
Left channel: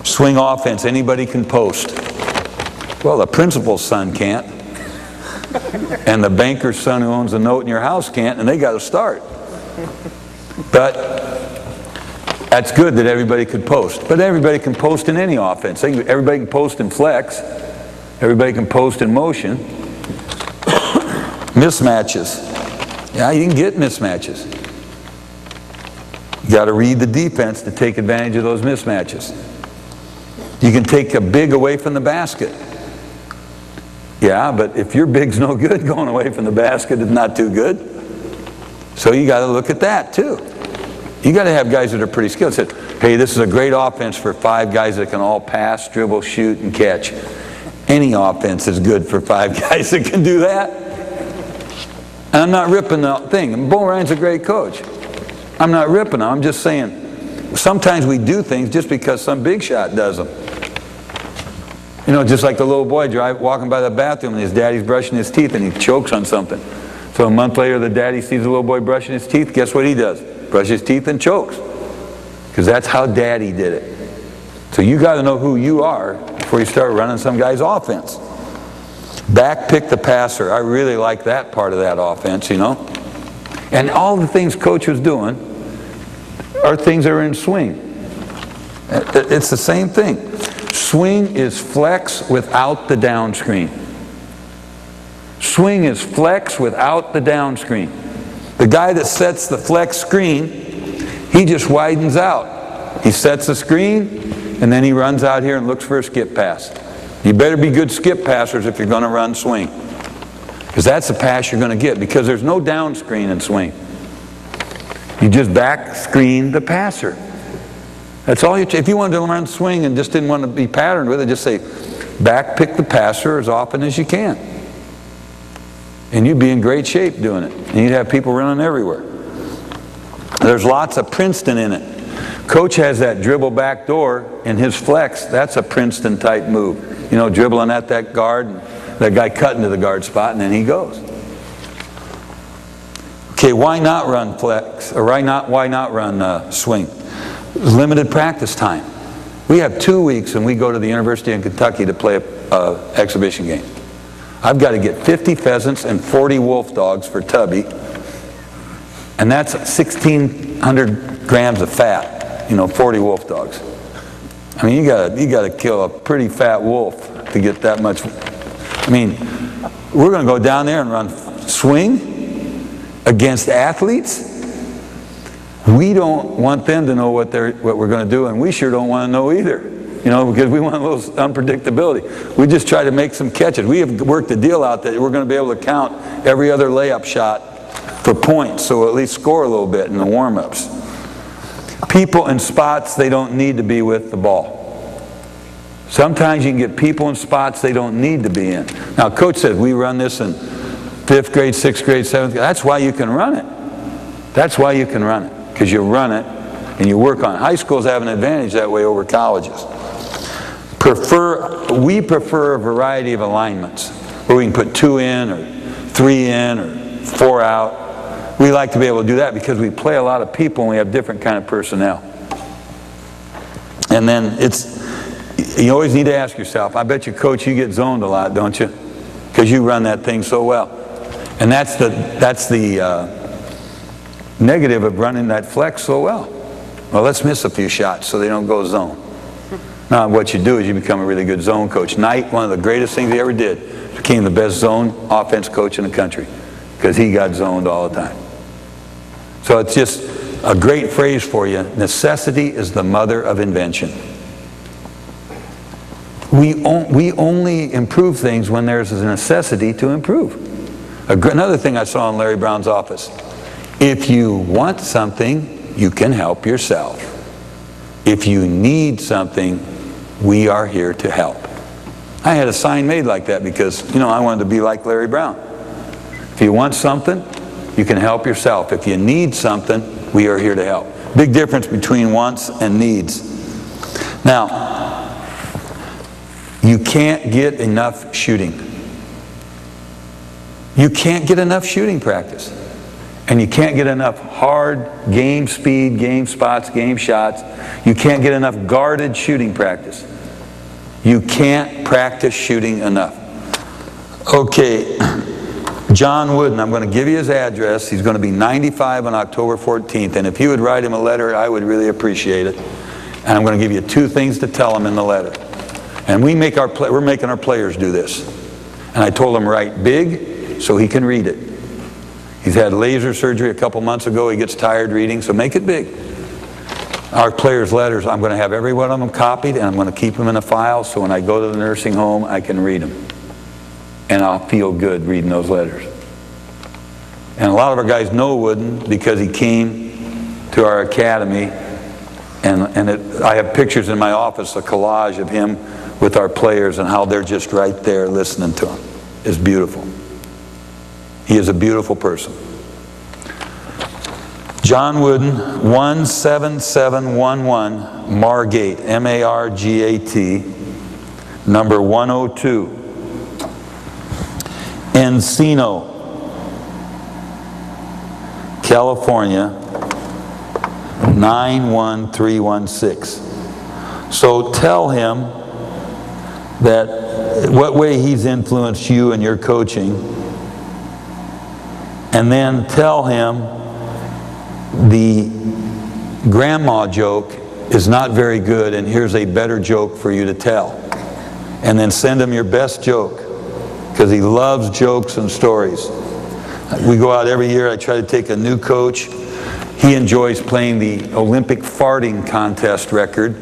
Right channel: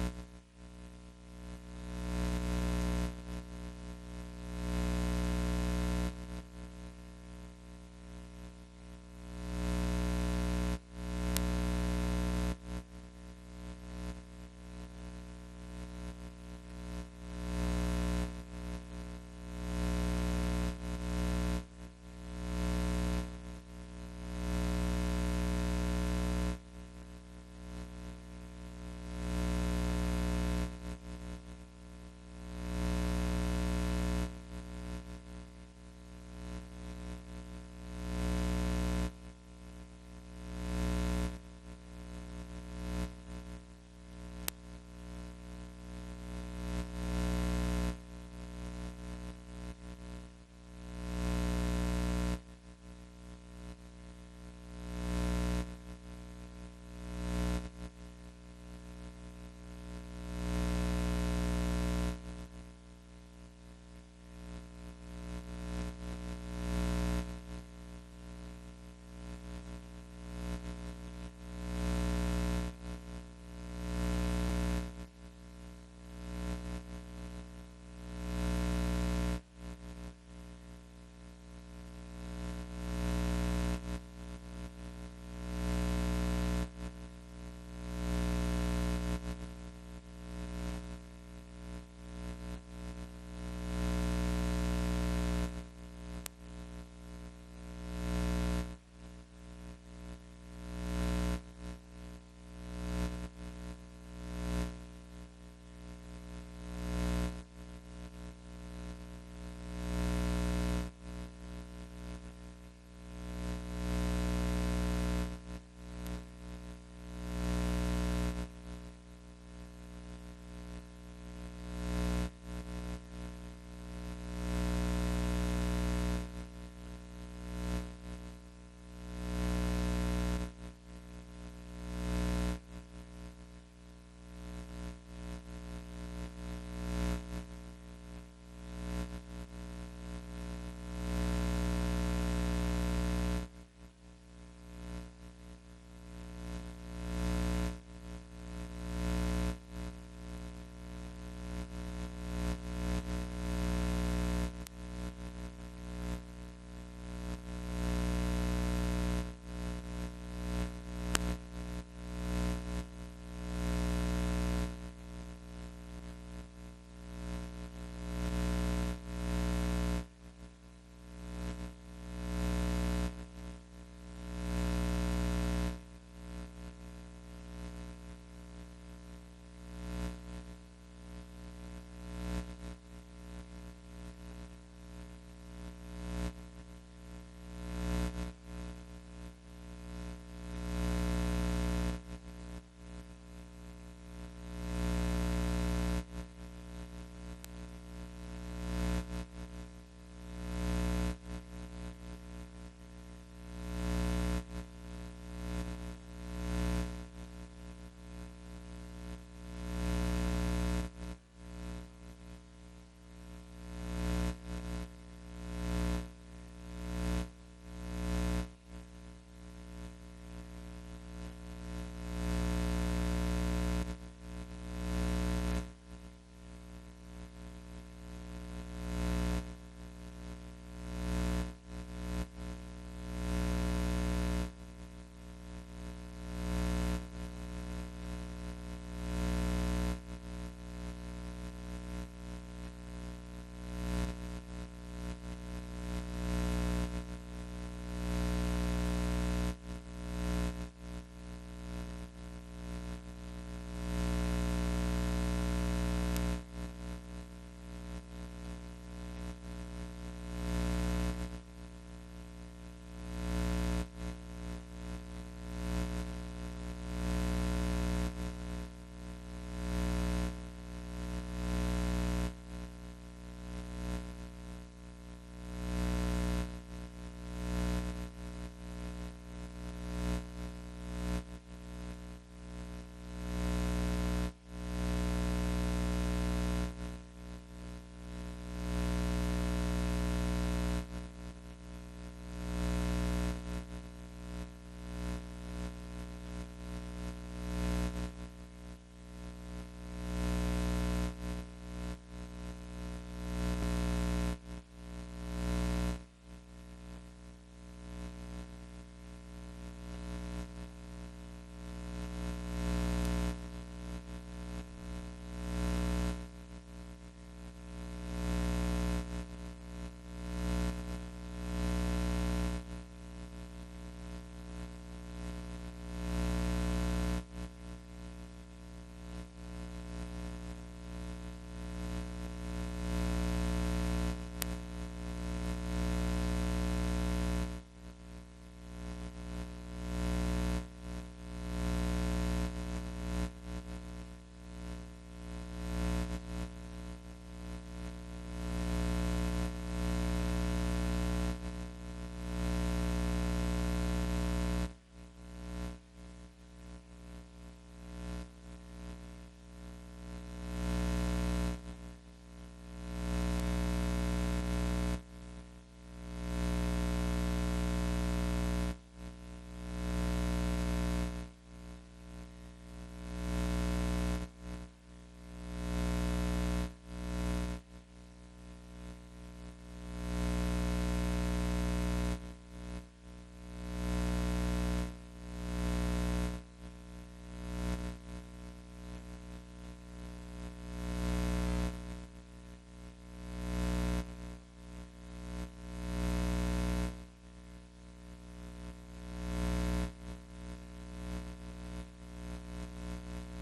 Swing offense, anybody can post. Well, the principal's son can't. And the banker's son who owns a note in your house can't, and they got to start. But that's good that everybody could post. But everybody can post in any offense. Everybody can post in flex. Everybody can post in motion. Mismatches. Yeah, you can get mismatches. You got to read the defense to take advantage of those mismatches. You can take a big away from the basket. Yeah, but if your big's no good, going away from the basket is not too good. So you got to look at that too. You got to have guys that are pretty skilled. Said, hey, this is a great offense for 5 guys that can all pass, dribble, shoot, and catch. Any offense is good for 5 guys that can do that. And I'm not ripping the thing. Bo Ryan's a great coach. I'm not ripping him. I'm just saying sometimes we do things just because some big shot does them. You know, just like the little boy walking by the bathroom and his daddy's brushing his teeth and he chokes on something. So a month later the daddy sees the little boy brushing his teeth. Guess what he does? Brushes his teeth and chokes. Because that's how daddy did it. So you got to know who you are before you start running some guy's offense. Back pick the passer. I really like that part of that offense, you know. And all the things coach was doing are things that are in swing. It's the same thing. Swing is flex without the down screen. Swing is flex without the down screen. The guy that sets the flex screen, he just widens out. He sets the screen, and then he runs out here and looks for a skip pass. You better be good skip passers if you're going to run swing. Because that's the pass you're going to get, because there's no down screen in swing. You just back screen the passer. That's all if you wanted to learn swing and just didn't want to be patterned with it, just say, back pick the passer as often as you can. And you'd be in great shape doing it. And you'd have people running everywhere. There's lots of Princeton in it. Coach has that dribble back door in his flex. That's a Princeton type move. You know, dribbling at that guard, and that guy cutting to the guard spot, and then he goes. Okay, why not run flex? Or why not run swing? Limited practice time. We have 2 weeks and we go to the University of Kentucky to play an exhibition game. I've got to get 50 pheasants and 40 wolf dogs for Tubby, and that's 1,600 grams of fat, you know, 40 wolf dogs. I mean, you got to kill a pretty fat wolf to get that much. I mean, we're going to go down there and run swing against athletes. We don't want them to know what we're going to do, and we sure don't want to know either. You know, because we want a little unpredictability. We just try to make some catches. We have worked a deal out that we're going to be able to count every other layup shot for points, so we'll at least score a little bit in the warm-ups. People in spots they don't need to be with the ball. Sometimes you can get people in spots they don't need to be in. Now, Coach said we run this in 5th grade, 6th grade, 7th grade. That's why you can run it. That's why you can run it, because you run it and you work on it. High schools have an advantage that way over colleges. We prefer a variety of alignments where we can put 2 in or 3 in or 4 out. We like to be able to do that because we play a lot of people and we have different kind of personnel. And then you always need to ask yourself, I bet you, Coach, you get zoned a lot, don't you? Because you run that thing so well. And that's the negative of running that flex so well. Well, let's miss a few shots so they don't go zone. Now, what you do is you become a really good zone coach. Knight, one of the greatest things he ever did, became the best zone offense coach in the country because he got zoned all the time. So it's just a great phrase for you. Necessity is the mother of invention. We only improve things when there's a necessity to improve. Another thing I saw in Larry Brown's office, if you want something, you can help yourself. If you need something, we are here to help. I had a sign made like that because, you know, I wanted to be like Larry Brown. If you want something, you can help yourself. If you need something, we are here to help. Big difference between wants and needs. Now, you can't get enough shooting. You can't get enough shooting practice. And you can't get enough hard game speed, game spots, game shots. You can't get enough guarded shooting practice. You can't practice shooting enough. Okay, John Wooden, I'm going to give you his address. He's going to be 95 on October 14th. And if you would write him a letter, I would really appreciate it. And I'm going to give you 2 things to tell him in the letter. And we're making our players do this. And I told him write big so he can read it. He's had laser surgery a couple months ago. He gets tired reading, so make it big. Our players' letters, I'm going to have every one of them copied, and I'm going to keep them in a file so when I go to the nursing home, I can read them. And I'll feel good reading those letters. And a lot of our guys know Wooden because he came to our academy, and I have pictures in my office, a collage of him with our players and how they're just right there listening to him. It's beautiful. He is a beautiful person. John Wooden, 17711 Margate, M-A-R-G-A-T, number 102. Encino, California, 91316. So tell him that what way he's influenced you in your coaching, and then tell him the grandma joke is not very good and here's a better joke for you to tell. And then send him your best joke, because he loves jokes and stories. We go out every year. I try to take a new coach. He enjoys playing the Olympic farting contest record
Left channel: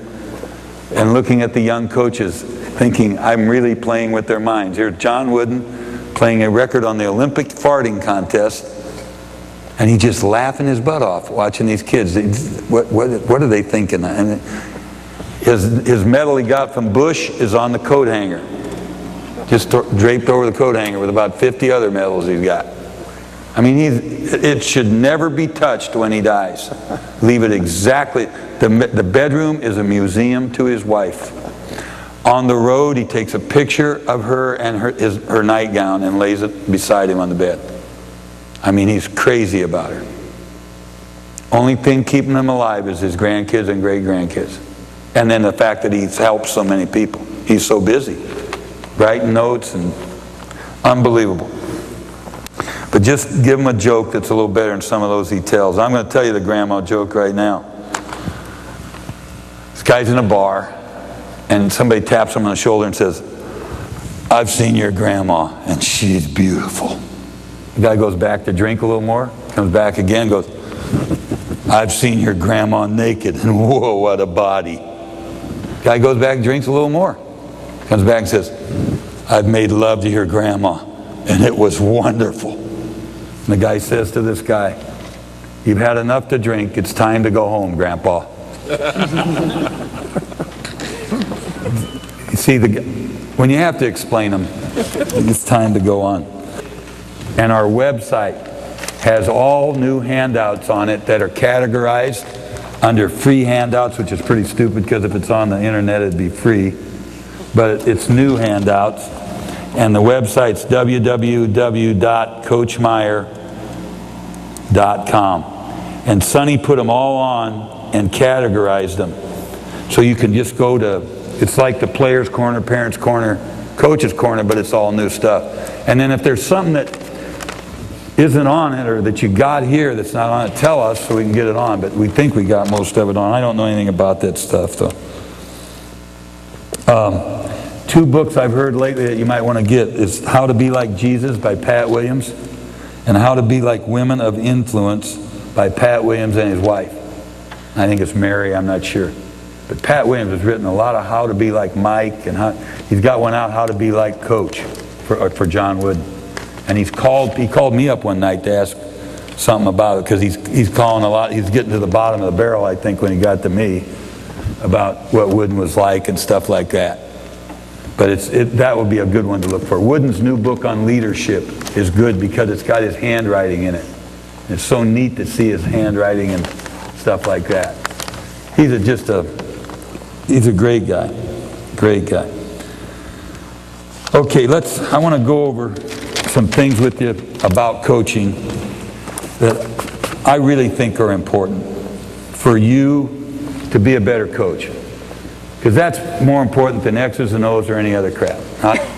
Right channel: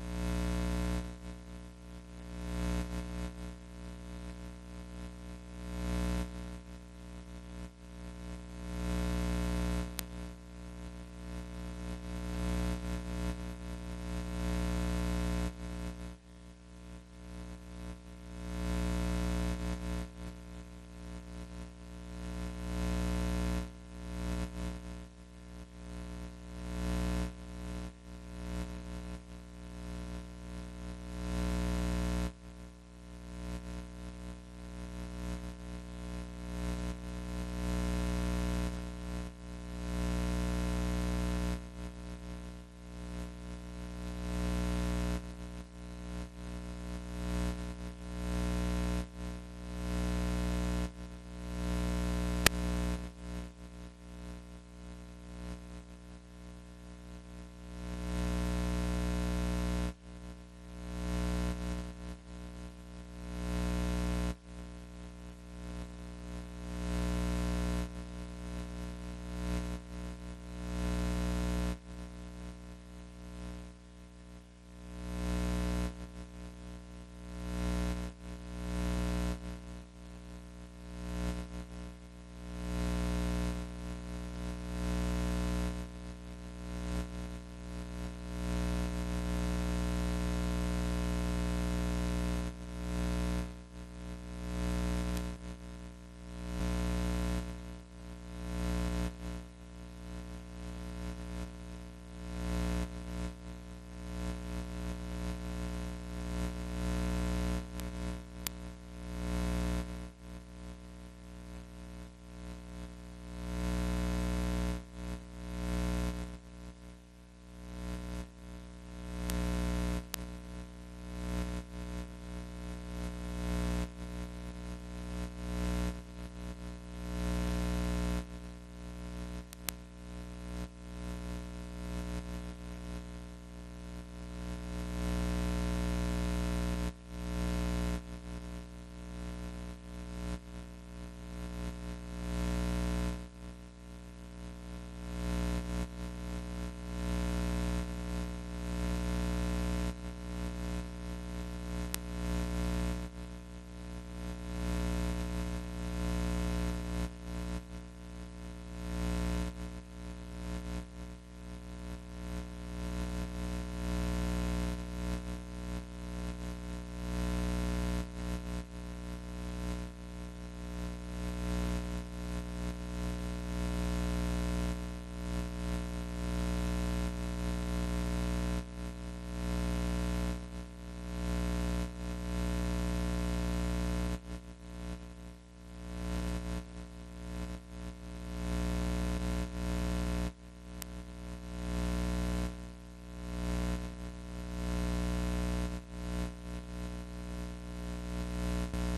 and looking at the young coaches thinking, I'm really playing with their minds. Here's John Wooden playing a record on the Olympic farting contest, and he's just laughing his butt off watching these kids. What are they thinking? And his medal he got from Bush is on the coat hanger, just draped over the coat hanger with about 50 other medals he's got. I mean, it should never be touched when he dies. Leave it exactly. The bedroom is a museum to his wife. On the road, he takes a picture of her and her nightgown and lays it beside him on the bed. I mean, he's crazy about her. Only thing keeping him alive is his grandkids and great-grandkids. And then the fact that he's helped so many people. He's so busy, writing notes, and unbelievable. But just give him a joke that's a little better than some of those he tells. I'm going to tell you the grandma joke right now. This guy's in a bar, and somebody taps him on the shoulder and says, I've seen your grandma, and she's beautiful. The guy goes back to drink a little more, comes back again, goes, I've seen your grandma naked, and whoa, what a body. Guy goes back and drinks a little more, comes back and says, I've made love to your grandma, and it was wonderful. And the guy says to this guy, you've had enough to drink, it's time to go home, Grandpa. You see, when you have to explain them, it's time to go on. And our website has all new handouts on it that are categorized under free handouts, which is pretty stupid because if it's on the internet it'd be free. But it's new handouts. And the website's www.coachmeyer.com. And Sonny put them all on and categorized them. So you can just go to, it's like the Players Corner, Parents Corner, Coaches Corner, but it's all new stuff. And then if there's something that isn't on it or that you got here that's not on it, tell us so we can get it on. But we think we got most of it on. I don't know anything about that stuff, though. Two books I've heard lately that you might want to get is How to Be Like Jesus by Pat Williams and How to Be Like Women of Influence by Pat Williams and his wife. I think it's Mary, I'm not sure. But Pat Williams has written a lot of how to be like Mike, and he's got one out, How to Be Like Coach, for John Wooden. And he called me up one night to ask something about it, because he's calling a lot, he's getting to the bottom of the barrel, I think, when he got to me about what Wooden was like and stuff like that. But that would be a good one to look for. Wooden's new book on leadership is good because it's got his handwriting in it. It's so neat to see his handwriting and stuff like that. He's a great guy. Great guy. Okay, I want to go over some things with you about coaching that I really think are important for you to be a better coach. Because that's more important than X's and O's or any other crap.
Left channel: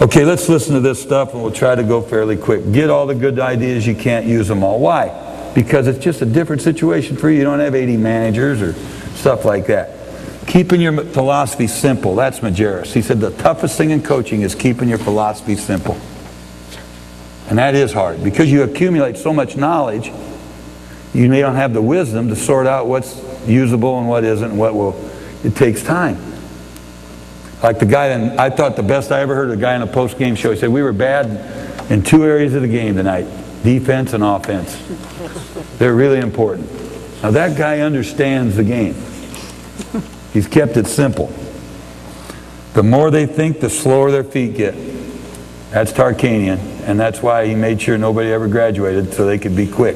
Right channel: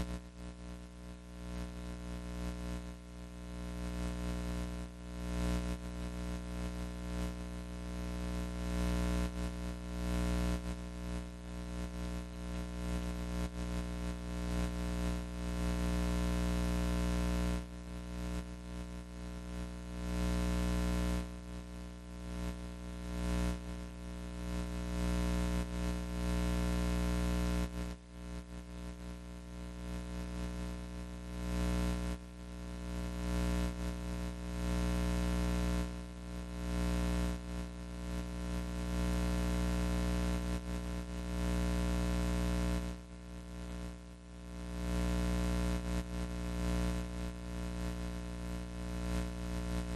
Okay, let's listen to this stuff and we'll try to go fairly quick. Get all the good ideas, you can't use them all. Why? Because it's just a different situation for you. You don't have 80 managers or stuff like that. Keeping your philosophy simple, that's Majerus. He said the toughest thing in coaching is keeping your philosophy simple. And that is hard because you accumulate so much knowledge, you may not have the wisdom to sort out what's usable and what isn't and it takes time. Like the guy, I thought the best I ever heard, a guy in a post-game show, he said, we were bad in two areas of the game tonight, defense and offense. They're really important. Now that guy understands the game. He's kept it simple. The more they think, the slower their feet get. That's Tarkanian. and that's why he made sure nobody ever graduated, so they could be quick.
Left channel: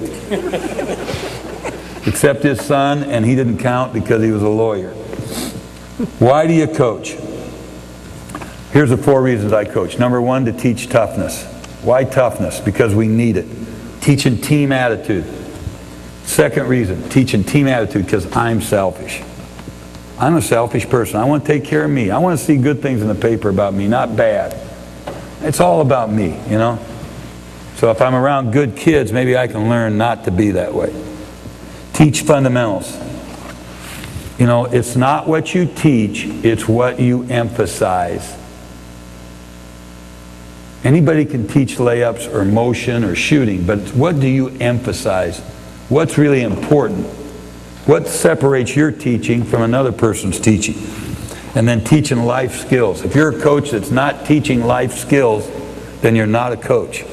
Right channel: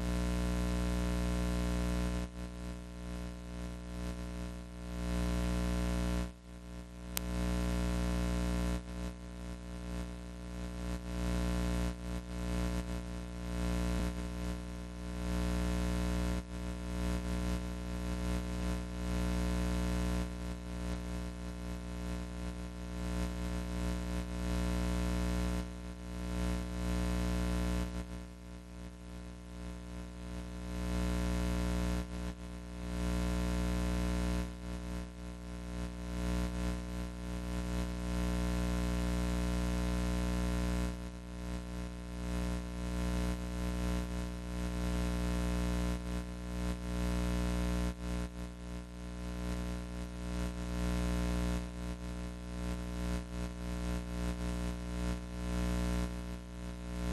Except his son, and he didn't count because he was a lawyer. Why do you coach? Here's the 4 reasons I coach. Number 1, to teach toughness. Why toughness? Because we need it. Teaching team attitude. Second reason, teaching team attitude, because I'm selfish. I'm a selfish person. I want to take care of me. I want to see good things in the paper about me, not bad. It's all about me, you know? So if I'm around good kids, maybe I can learn not to be that way. Teach fundamentals. You know, it's not what you teach, it's what you emphasize. Anybody can teach layups or motion or shooting, but what do you emphasize? What's really important? What separates your teaching from another person's teaching? And then teaching life skills. If you're a coach that's not teaching life skills, then you're not a coach.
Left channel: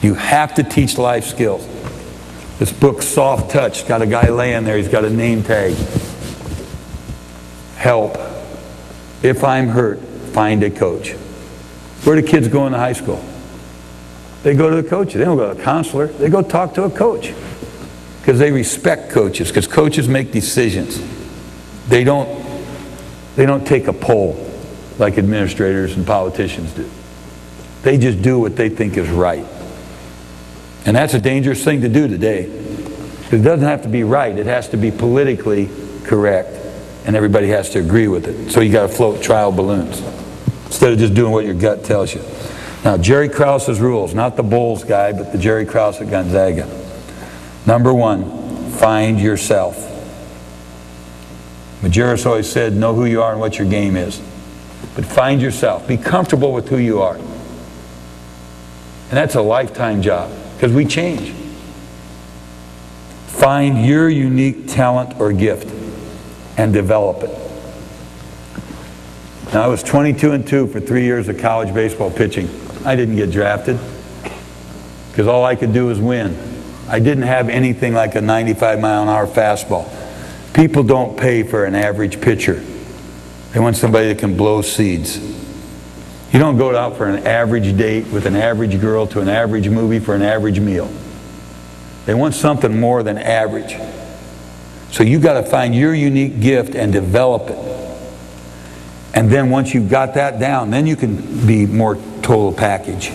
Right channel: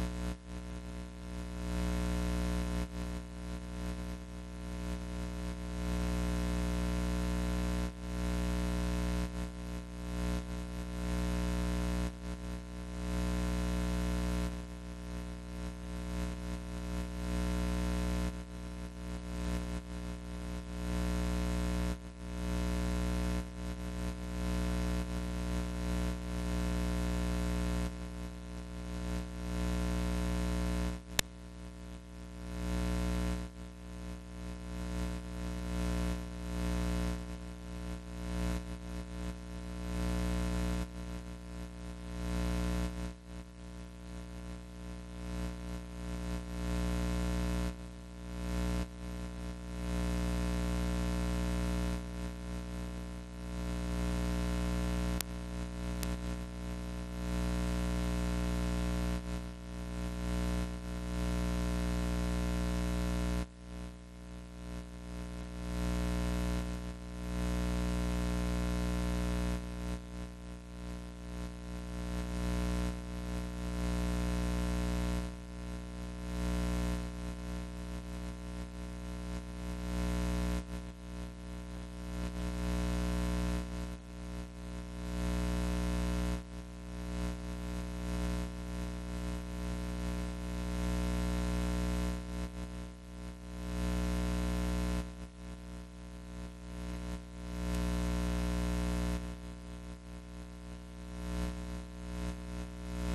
You have to teach life skills. This book, Soft Touch, got a guy laying there, he's got a name tag. Help. If I'm hurt, find a coach. Where do kids go into high school? They go to the coaches. They don't go to a counselor. They go talk to a coach. Because they respect coaches, because coaches make decisions. They don't take a poll like administrators and politicians do. They just do what they think is right. And that's a dangerous thing to do today. It doesn't have to be right. It has to be politically correct. And everybody has to agree with it. So you got to float trial balloons instead of just doing what your gut tells you. Now, Jerry Krause's rules, not the Bulls guy, but the Jerry Krause at Gonzaga. Number 1, find yourself. Majerus always said, know who you are and what your game is. But find yourself. Be comfortable with who you are. And that's a lifetime job, because we change. Find your unique talent or gift and develop it. Now, I was 22-2 for 3 years of college baseball pitching. I didn't get drafted because all I could do was win. I didn't have anything like a 95-mile-an-hour fastball. People don't pay for an average pitcher. They want somebody that can blow seeds. You don't go out for an average date with an average girl to an average movie for an average meal. They want something more than average. So you got to find your unique gift and develop it. And then once you've got that down, then you can be more total package.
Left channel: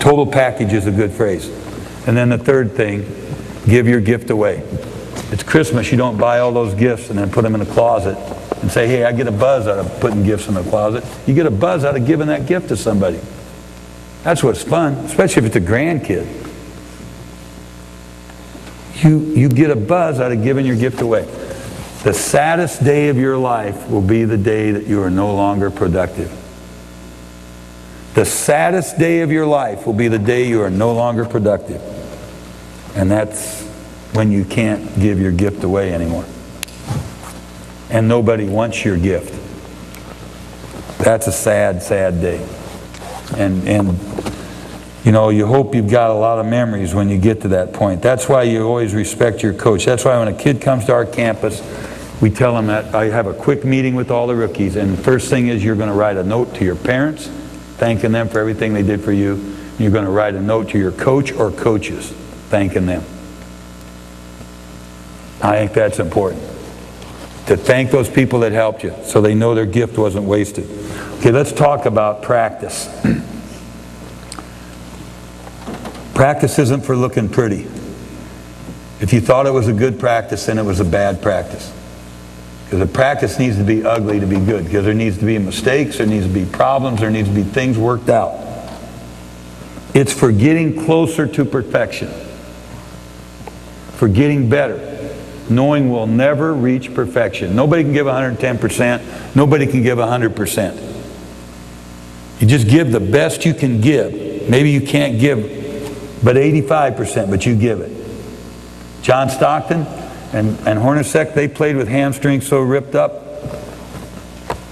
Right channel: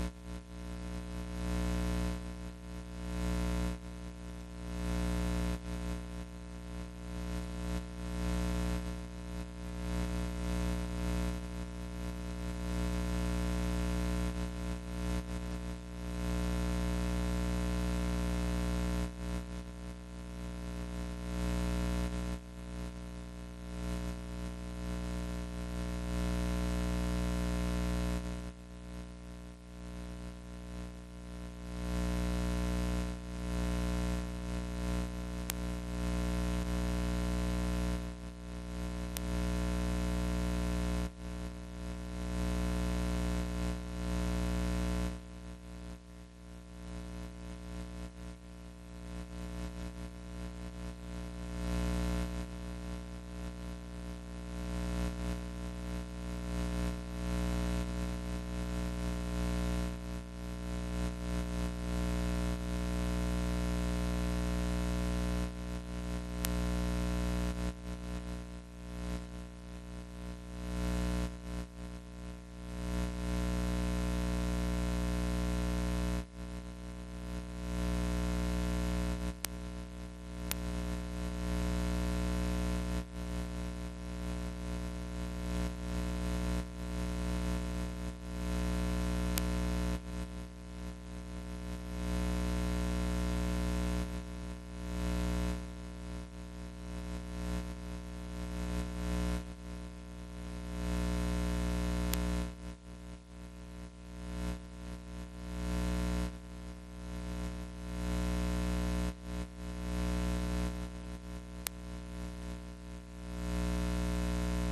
Total package is a good phrase. And then the third thing, give your gift away. It's Christmas. You don't buy all those gifts and then put them in a closet and say, hey, I get a buzz out of putting gifts in the closet. You get a buzz out of giving that gift to somebody. That's what's fun, especially if it's a grandkid. You get a buzz out of giving your gift away. The saddest day of your life will be the day that you are no longer productive. The saddest day of your life will be the day you are no longer productive. And that's when you can't give your gift away anymore. And nobody wants your gift. That's a sad, sad day. And you know, you hope you've got a lot of memories when you get to that point. That's why you always respect your coach. That's why when a kid comes to our campus, we tell them that I have a quick meeting with all the rookies, and the first thing is you're going to write a note to your parents, thanking them for everything they did for you. And you're going to write a note to your coach or coaches, thanking them. I think that's important. To thank those people that helped you so they know their gift wasn't wasted. Okay, let's talk about practice. Practice isn't for looking pretty. If you thought it was a good practice, then it was a bad practice. Because the practice needs to be ugly to be good. Because there needs to be mistakes, there needs to be problems, there needs to be things worked out. It's for getting closer to perfection. For getting better. Knowing we'll never reach perfection. Nobody can give 110%. Nobody can give 100%. You just give the best you can give. Maybe you can't give but 85%, but you give it. John Stockton and Hornacek, they played with hamstrings so ripped up,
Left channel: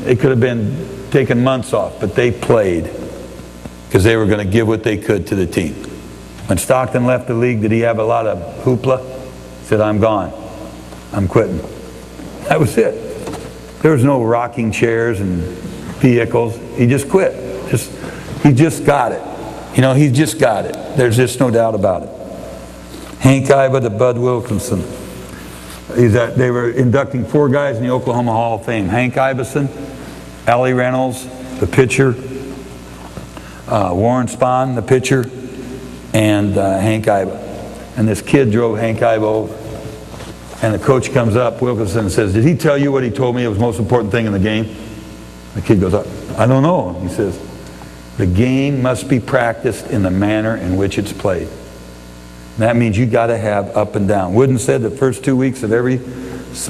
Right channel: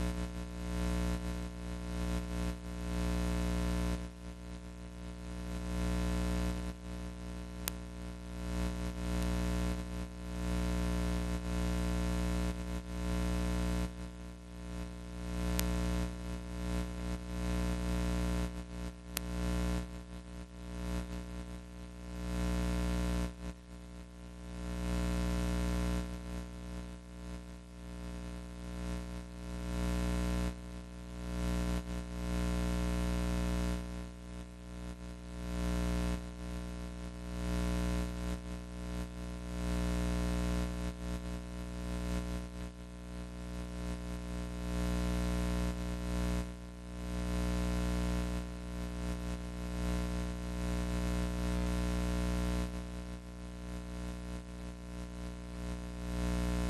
they could have been taking months off, but they played because they were going to give what they could to the team. When Stockton left the league, did he have a lot of hoopla? He said, I'm gone. I'm quitting. That was it. There was no rocking chairs and vehicles. He just quit. He just got it. You know, he's just got it. There's just no doubt about it. Hank Iba to Bud Wilkinson. They were inducting 4 guys in the Oklahoma Hall of Fame. Hank Iverson, Allie Reynolds, the pitcher, Warren Spahn, the pitcher, and Hank Iba. And this kid drove Hank Iba over. And the coach comes up, Wilkinson, and says, "Did he tell you what he told me was the most important thing in the game?" The kid goes, "I don't know." He says, "The game must be practiced in the manner in which it's played." And that means you got to have up and down. Wooden said the first 2 weeks of every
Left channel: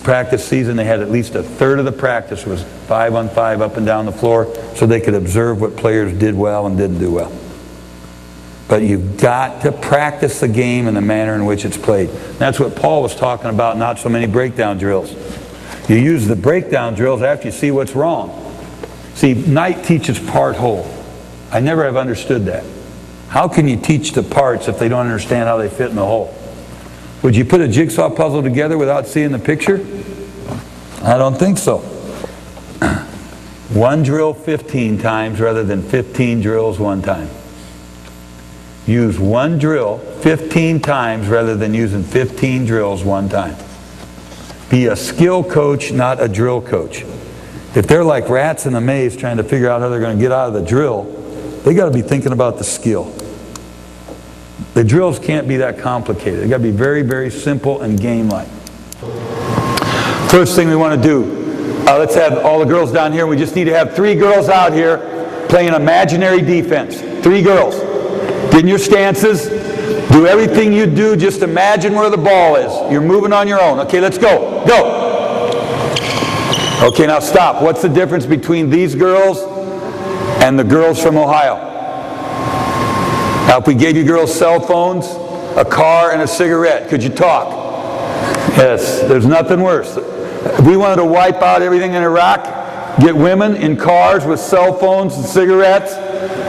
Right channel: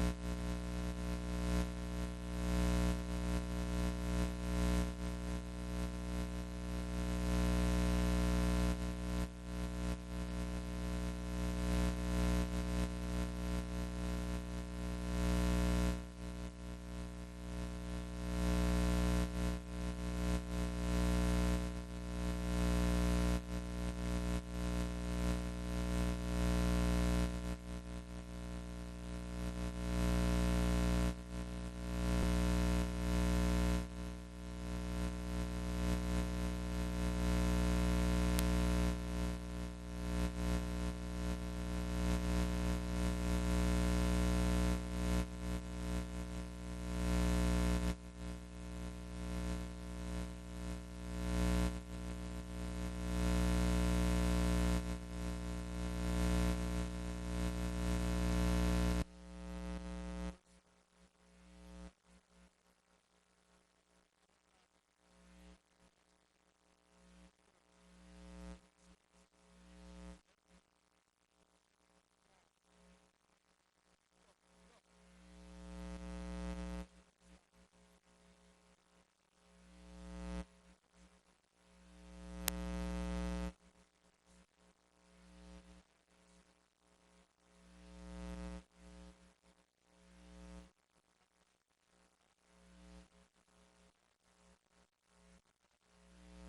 practice season, they had at least a third of the practice was 5-on-5 up and down the floor, so they could observe what players did well and didn't do well. But you've got to practice the game in the manner in which it's played. That's what Paul was talking about, not so many breakdown drills. You use the breakdown drills after you see what's wrong. See, Knight teaches part whole. I never have understood that. How can you teach the parts if they don't understand how they fit in the whole? Would you put a jigsaw puzzle together without seeing the picture? I don't think so. One drill 15 times rather than 15 drills one time. Use one drill 15 times rather than using 15 drills one time. Be a skill coach, not a drill coach. If they're like rats in a maze trying to figure out how they're going to get out of the drill, they got to be thinking about the skill. The drills can't be that complicated. They got to be very, very simple and game-like. First thing we want to do, let's have all the girls down here. We just need to have 3 girls out here playing imaginary defense. 3 girls. Get in your stances. Do everything you do. Just imagine where the ball is. You're moving on your own. Okay, let's go. Go. Okay, now stop. What's the difference between these girls and the girls from Ohio? Now, if we gave you girls cell phones, a car, and a cigarette, could you talk? Yes, there's nothing worse. If we wanted to wipe out everything in Iraq, get women in cars with cell phones and cigarettes,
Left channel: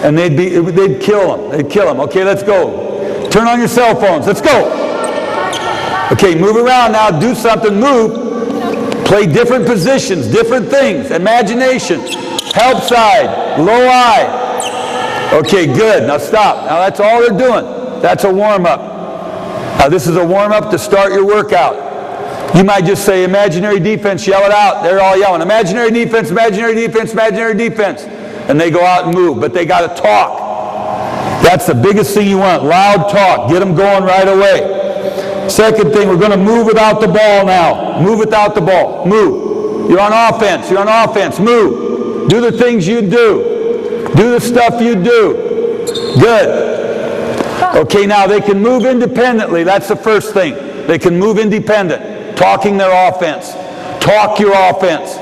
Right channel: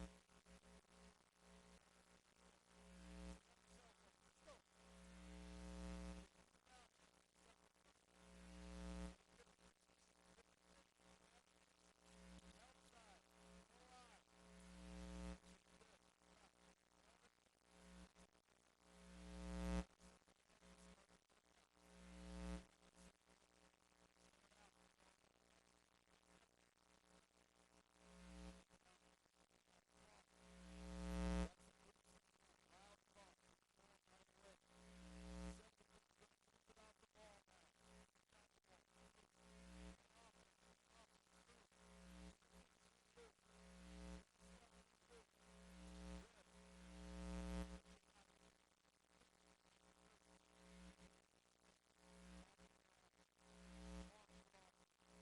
and they'd kill them. They'd kill them. Okay, let's go. Turn on your cell phones. Let's go. Okay, move around now. Do something. Move. Play different positions, different things. Imagination. Help side. Low eye. Okay, good. Now stop. Now that's all they're doing. That's a warm-up. Now this is a warm-up to start your workout. You might just say imaginary defense, yell it out. They're all yelling, imaginary defense, imaginary defense, imaginary defense. And they go out and move, but they got to talk. That's the biggest thing you want, loud talk. Get them going right away. Second thing, we're going to move without the ball now. Move without the ball. Move. You're on offense. You're on offense. Move. Do the things you do. Do the stuff you do. Good. Okay, now they can move independently. That's the first thing. They can move independent. Talking their offense. Talk your offense.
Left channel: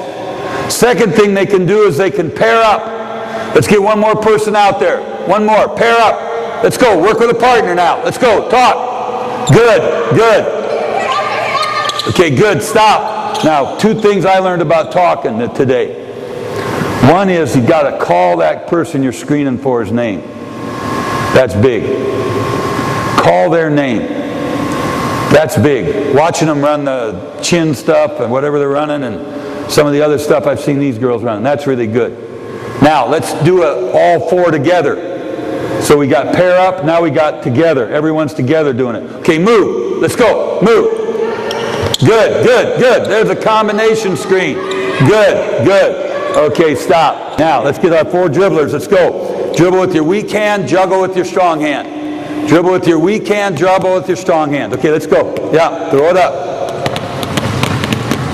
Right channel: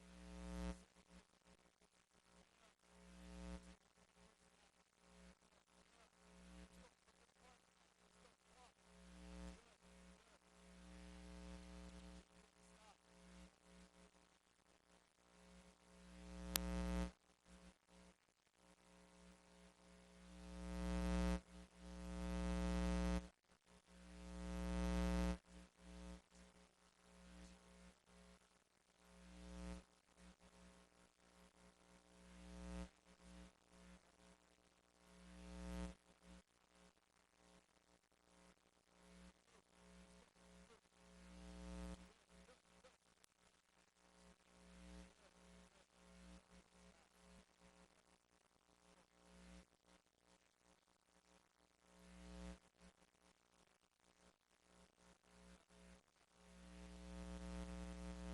Second thing they can do is they can pair up. Let's get one more person out there. One more. Pair up. Let's go. Work with a partner now. Let's go. Talk. Good. Good. Okay, good. Stop. Now, 2 things I learned about talking today. One is you got to call that person you're screening for his name. That's big. Call their name. That's big. Watching them run the chin stuff and whatever they're running and some of the other stuff I've seen these girls run. That's really good. Now, let's do all 4 together. So we got pair up, now we got together. Everyone's together doing it. Okay, move. Let's go. Move. Good, good, good. There's a combination screen. Good, good. Okay, stop. Now, let's get our 4 dribblers. Let's go. Dribble with your weak hand, juggle with your strong hand. Dribble with your weak hand, dribble with your strong hand. Okay, let's go. Yeah, throw it up.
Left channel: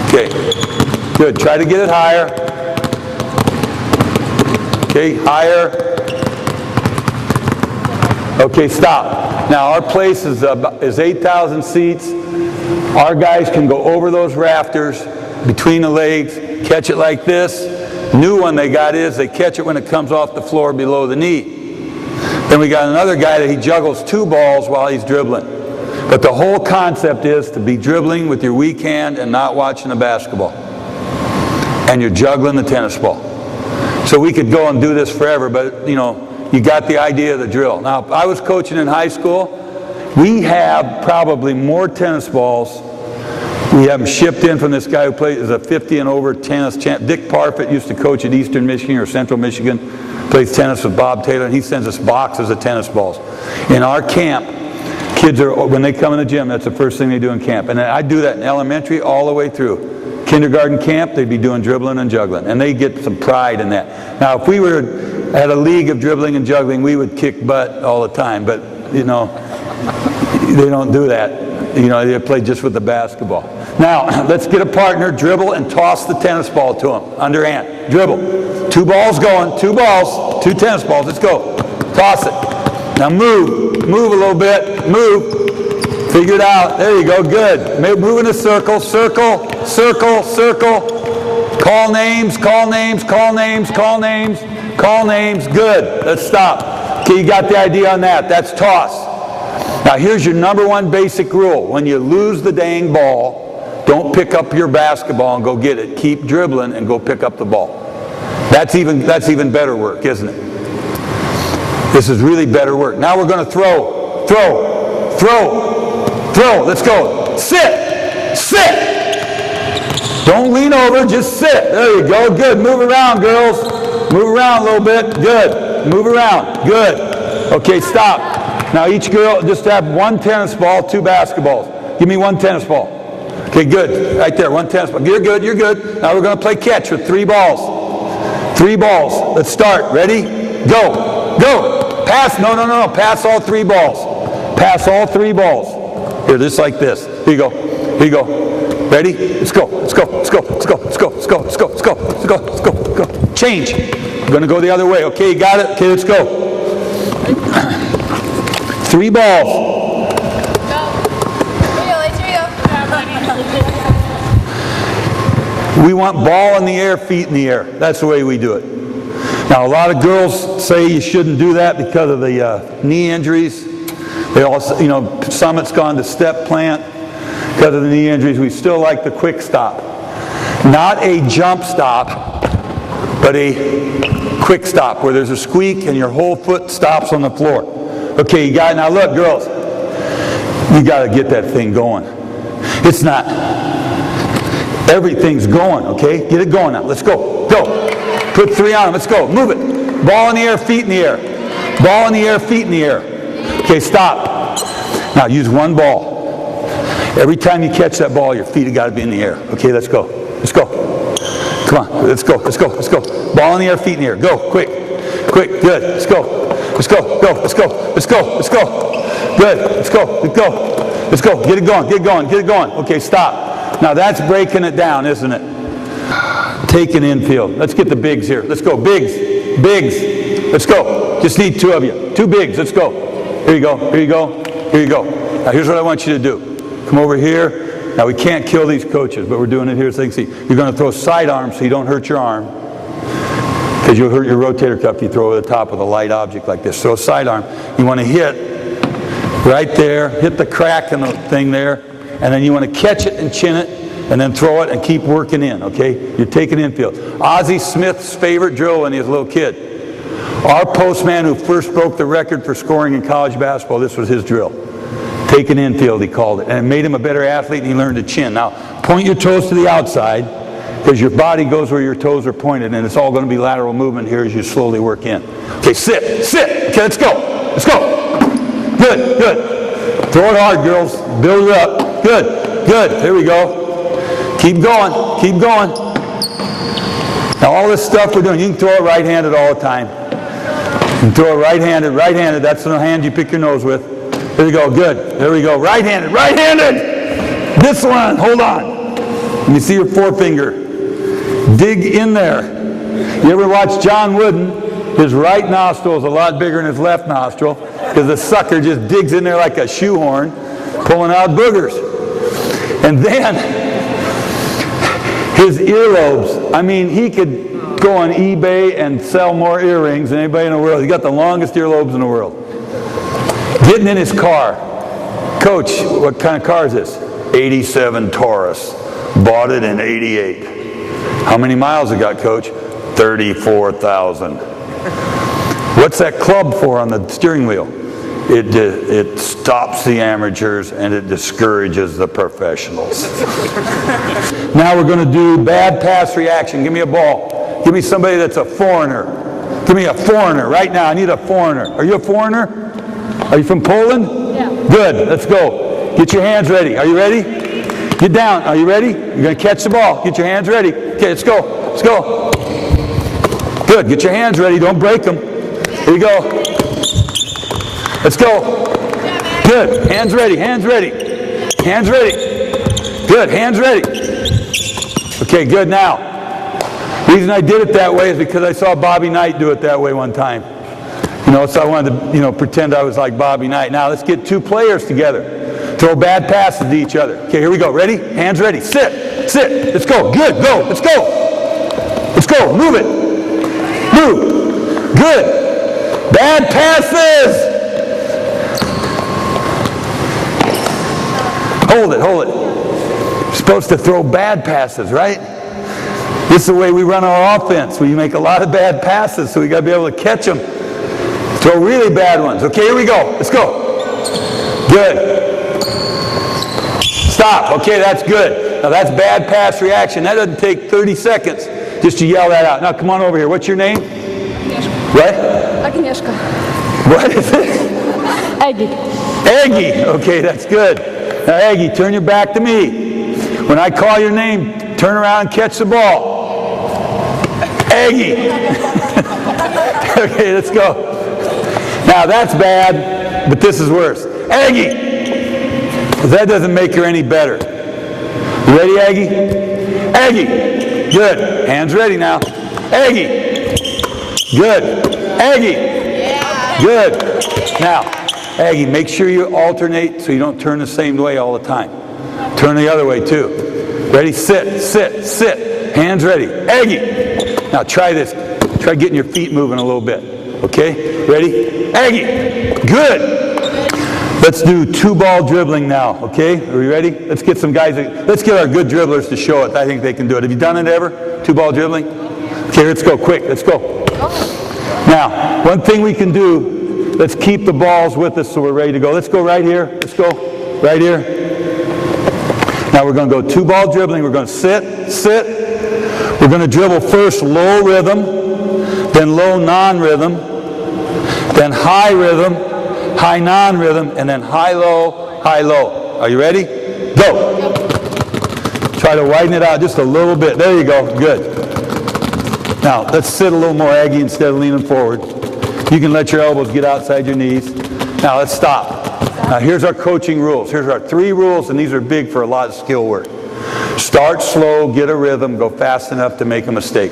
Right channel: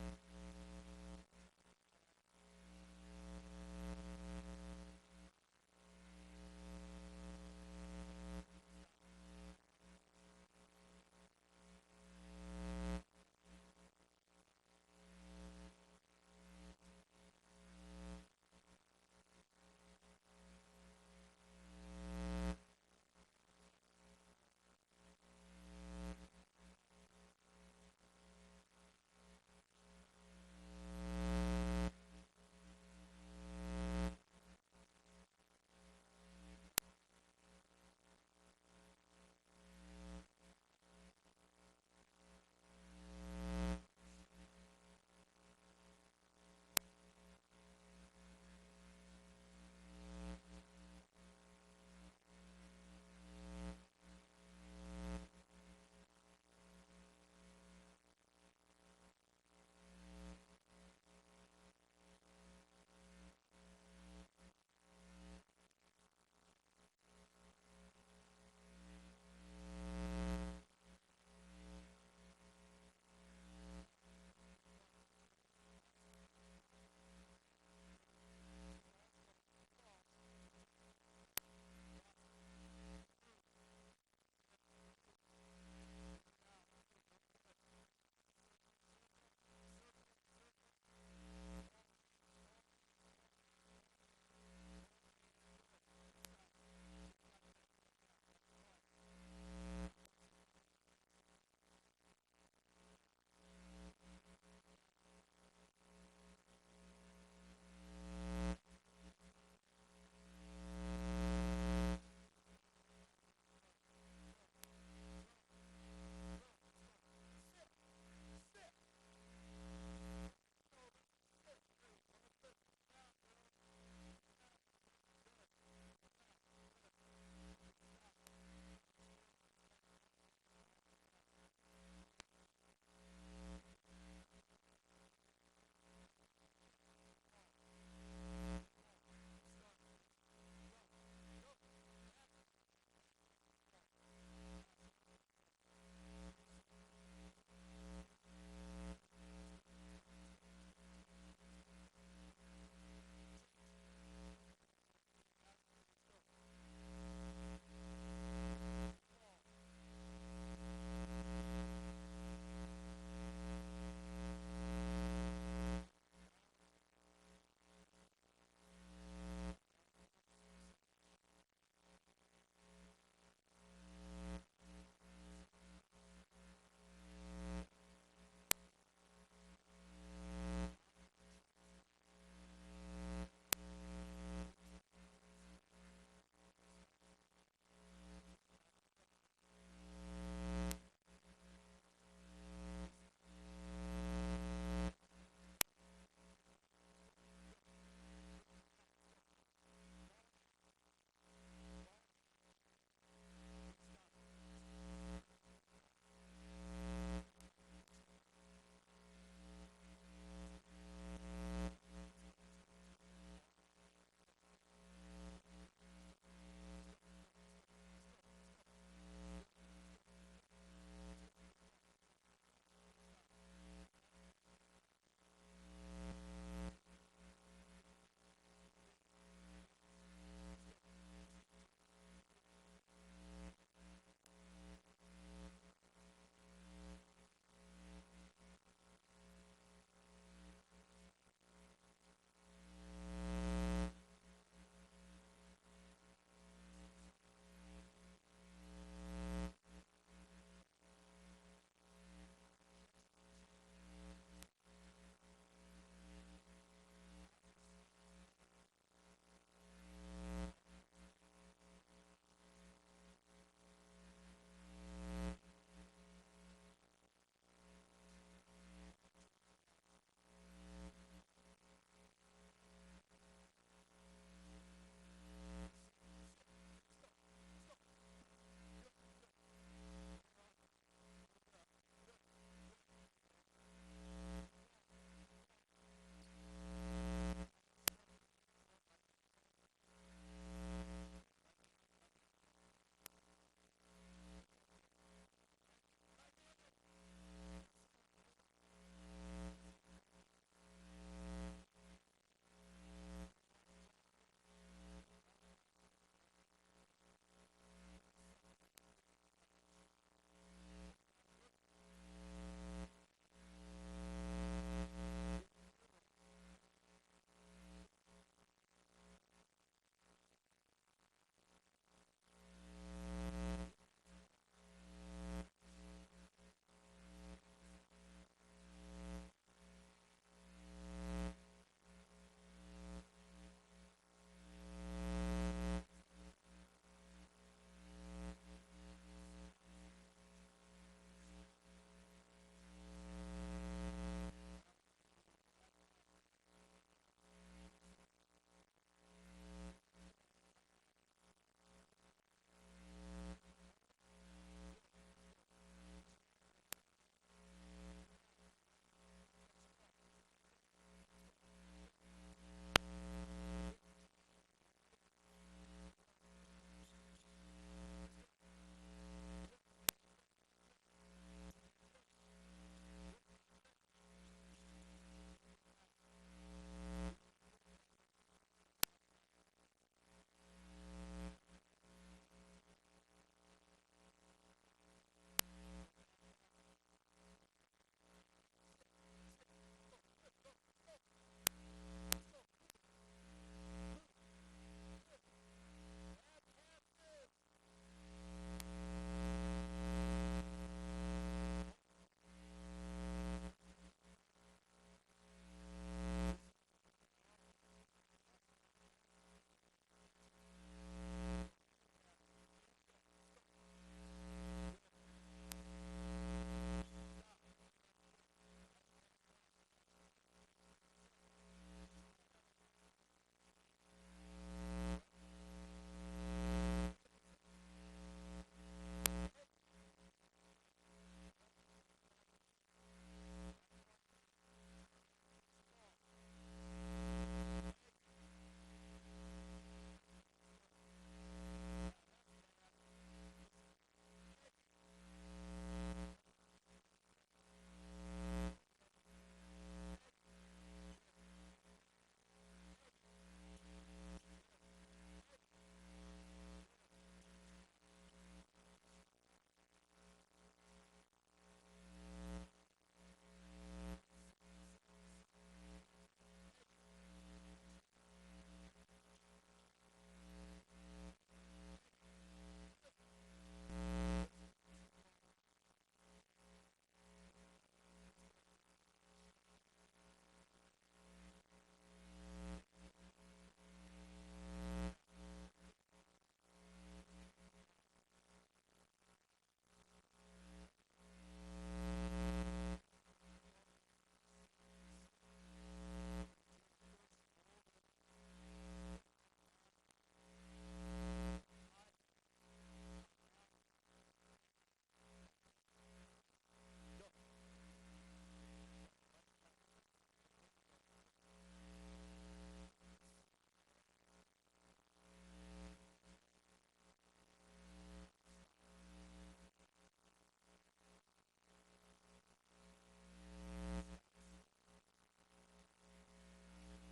Okay, good. Try to get it higher. Okay, higher. Okay, stop. Now, our place is 8,000 seats. Our guys can go over those rafters, between the legs, catch it like this. New one they got is they catch it when it comes off the floor below the knee. Then we got another guy that he juggles 2 balls while he's dribbling. But the whole concept is to be dribbling with your weak hand and not watching the basketball. And you're juggling the tennis ball. So we could go and do this forever, but you know, you got the idea of the drill. Now, I was coaching in high school. We have probably more tennis balls We have them shipped in from this guy who plays as a 50 and over tennis champ. Dick Parfit used to coach at Eastern Michigan or Central Michigan, plays tennis with Bob Taylor, and he sends us boxes of tennis balls. In our camp, kids are, when they come in the gym, that's the first thing they do in camp. And I do that in elementary all the way through. Kindergarten camp, they'd be doing dribbling and juggling, and they get some pride in that. Now, if we were at a league of dribbling and juggling, we would kick butt all the time, but, you know, they don't do that. You know, they play just with the basketball. Now, let's get a partner, dribble, and toss the tennis ball to them, underhand. Dribble. 2 balls going, 2 balls, 2 tennis balls, let's go. Toss it. Now move a little bit, move. Figure it out, there you go, good. Move in a circle, circle, circle, circle. Call names, call names, call names, call names, call names, good. Let's stop. Okay, you got the idea on that, that's toss. Now here's your number 1 basic rule. When you lose the dang ball, don't pick up your basketball and go get it. Keep dribbling and go pick up the ball. That's even better work, isn't it? This is really better work. Now we're going to throw, throw, throw, throw. Let's go. Sit, sit. Don't lean over, just sit. There you go, good. Move around, girls. Move around a little bit, good. Move around, good. Okay, stop. Now each girl just have 1 tennis ball, 2 basketballs. Give me 1 tennis ball. Okay, good. Right there, 1 tennis ball. You're good, you're good. Now we're going to play catch with 3 balls. 3 balls. Let's start. Ready? Go. Go. Pass. No, no, no, no. Pass all 3 balls. Pass all 3 balls. Here, just like this. Here you go. Here you go. Ready? Let's go. Let's go. Let's go. Let's go. Let's go. Let's go. Let's go. Let's go. Let's go. Let's go. Let's go. Change. We're going to go the other way. Okay, you got it? Okay, let's go. 3 balls. We want ball in the air, feet in the air. That's the way we do it. Now, a lot of girls say you shouldn't do that because of the knee injuries. They also, you know, Summit's gone to step plant because of the knee injuries. We still like the quick stop. Not a jump stop, but a quick stop where there's a squeak and your whole foot stops on the floor. Okay, you got it. Now look, girls, you got to get that thing going. It's not, everything's going, okay? Get it going now. Let's go. Go. Put 3 on them. Let's go. Move it. Ball in the air, feet in the air. Ball in the air, feet in the air. Okay, stop. Now use 1 ball. Every time you catch that ball, your feet have got to be in the air. Okay, let's go. Let's go. Come on. Let's go. Let's go. Let's go. Ball in the air, feet in the air. Go. Quick. Quick. Good. Let's go. Let's go. Go. Let's go. Let's go. Let's go. Good. Let's go. Let's go. Let's go. Get it going. Get it going. Get it going. Okay, stop. Now that's breaking it down, isn't it? Take an infield. Let's get the bigs here. Let's go. Bigs. Bigs. Let's go. Just need 2 of you. 2 bigs. Let's go. Here you go. Here you go. Here you go. Now here's what I want you to do. Come over here. Now we can't kill these coaches, but we're doing it here so you can see. You're going to throw side arms so you don't hurt your arm. Because you'll hurt your rotator cuff if you throw over the top of a light object like this. Throw a side arm. You want to hit right there. Hit the crack in the thing there. And then you want to catch it and chin it. And then throw it and keep working in, okay? You're taking infield. Ozzie Smith's favorite drill when he was a little kid. Our postman who first broke the record for scoring in college basketball, this was his drill. Take an infield, he called it. And it made him a better athlete and he learned to chin. Now, point your toes to the outside because your body goes where your toes are pointed and it's all going to be lateral movement here as you slowly work in. Okay, sit, sit. Okay, let's go. Let's go. Good, good. Throw it hard, girls. Build it up. Good, good. Here we go. Keep going. Keep going. Now all this stuff we're doing, you can throw it right-handed all the time. You can throw it right-handed, right-handed. That's the hand you pick your nose with. There you go. Good. There we go. Right-handed, right-handed. This one. Hold on. Let me see your forefinger. Dig in there. You ever watch John Wooden? His right nostril is a lot bigger than his left nostril because the sucker just digs in there like a shoehorn, pulling out boogers. And then his earlobes, I mean, he could go on eBay and sell more earrings than anybody in the world. He's got the longest earlobes in the world. Getting in his car. Coach, what kind of car is this? 87 Taurus. Bought it in 88. How many miles it got, Coach? 34,000. What's that club for on the steering wheel? It stops the amateurs and it discourages the professionals. Now we're going to do bad pass reaction. Give me a ball. Give me somebody that's a foreigner. Give me a foreigner right now. I need a foreigner. Are you a foreigner? Are you from Poland? Yeah. Good. Let's go. Get your hands ready. Are you ready? Get down. Are you ready? You're going to catch the ball. Get your hands ready. Okay, let's go. Let's go. Good. Get your hands ready. Don't break them. Here you go. Let's go. Good. Hands ready. Hands ready. Hands ready. Good. Hands ready. Okay, good. Now, the reason I did it that way is because I saw Bobby Knight do it that way one time. So I wanted to, pretend I was like Bobby Knight. Now, let's get two players together. Throw bad passes to each other. Okay, here we go. Ready? Hands ready. Sit. Sit. Let's go. Good. Go. Let's go. Let's go. Move it. Move. Good. Bad passes. Hold it. Hold it. You're supposed to throw bad passes, right? This is the way we run our offense. We make a lot of bad passes, so we got to be able to catch them. Throw really bad ones. Okay, here we go. Let's go. Good. Stop. Okay, that's good. Now that's bad pass reaction. That doesn't take 30 seconds just to yell that out. Now come on over here. What's your name? What? Agnieszka. What is it? Aggie. Aggie. Okay, that's good. Now Aggie, turn your back to me. When I call your name, turn around and catch the ball. Aggie. Okay, let's go. Now that's bad, but this is worse. Aggie. That doesn't make her any better. You ready, Aggie? Aggie. Good. Hands ready now. Aggie. Good. Aggie. Good. Now, Aggie, make sure you alternate so you don't turn the same way all the time. Turn the other way too. Ready? Sit, sit, sit. Hands ready. Aggie. Now try this. Try getting your feet moving a little bit. Okay? Ready? Aggie. Good. Let's do two-ball dribbling now. Okay? Are we ready? Let's get some guys. Let's get our good dribblers to show it. I think they can do it. Have you done it ever? Two-ball dribbling? Okay, let's go. Quick. Let's go. Now, one thing we can do, let's keep the balls with us so we're ready to go. Let's go right here. Let's go. Right here. Now we're going to go two-ball dribbling. We're going to sit, sit. We're going to dribble first low rhythm, then low non-rhythm, then high rhythm, high non-rhythm, and then high low, high low. Are you ready? Go. Try to widen it out just a little bit. There you go. Good. Now, let's sit a little more, Aggie, instead of leaning forward. You can let your elbows get outside your knees. Now, let's stop. Now, here's our coaching rules. Here's our 3 rules, and these are big for a lot of skill work. Start slow, get a rhythm, go fast enough to make a mistake.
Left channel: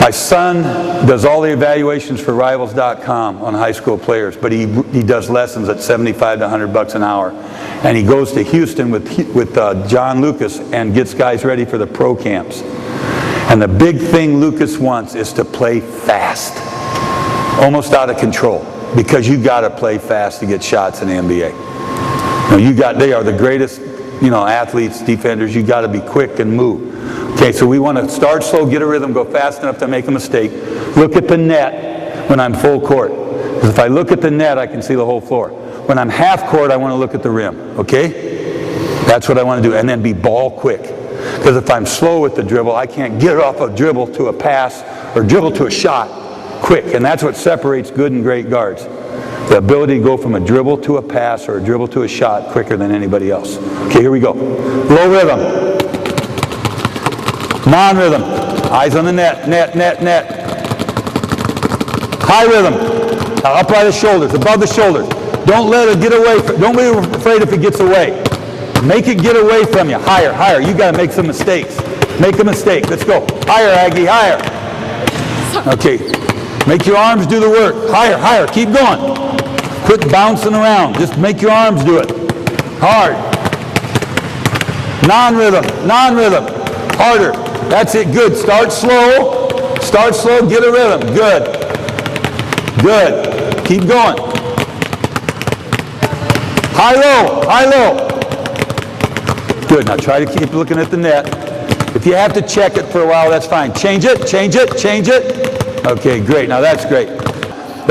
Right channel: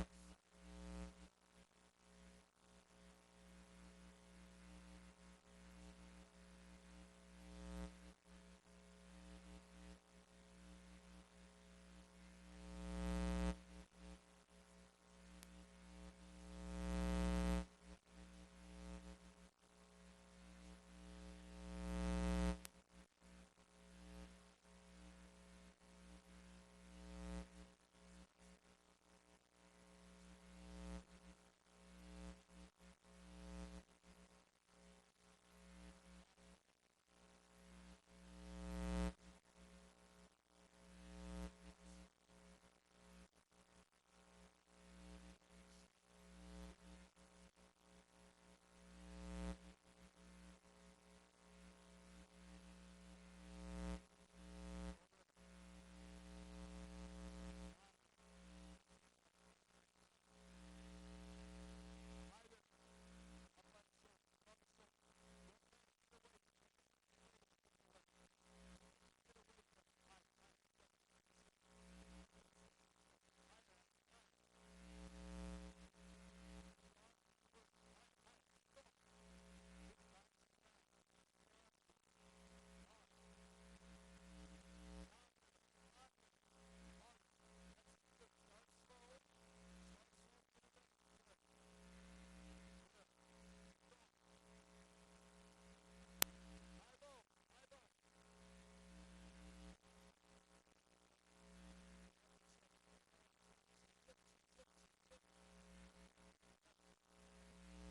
My son does all the evaluations for Rivals.com on high school players, but he does lessons at $75 to $100 an hour. And he goes to Houston with John Lucas and gets guys ready for the pro camps. And the big thing Lucas wants is to play fast, almost out of control, because you got to play fast to get shots in the NBA. They are the greatest, athletes, defenders. You got to be quick and move. Okay, so we want to start slow, get a rhythm, go fast enough to make a mistake. Look at the net when I'm full court. Because if I look at the net, I can see the whole floor. When I'm half court, I want to look at the rim. Okay? That's what I want to do. And then be ball quick. Because if I'm slow with the dribble, I can't get off a dribble to a pass or dribble to a shot quick. And that's what separates good and great guards. The ability to go from a dribble to a pass or a dribble to a shot quicker than anybody else. Okay, here we go. Low rhythm. Non-rhythm. Eyes on the net. Net, net, net. High rhythm. Now up by the shoulders, above the shoulders. Don't let it get away. Don't be afraid if it gets away. Make it get away from you. Higher, higher. You got to make some mistakes. Make a mistake. Let's go. Higher, Aggie, higher. Okay. Make your arms do the work. Higher, higher. Keep going. Quit bouncing around. Just make your arms do it. Hard. Non-rhythm. Non-rhythm. Harder. That's it. Good. Start slow. Start slow. Get a rhythm. Good. Good. Keep going. High, low. High, low. Good. Now try to keep looking at the net. If you have to check it for a while, that's fine. Change it, change it, change it. Okay, great. Now that's great.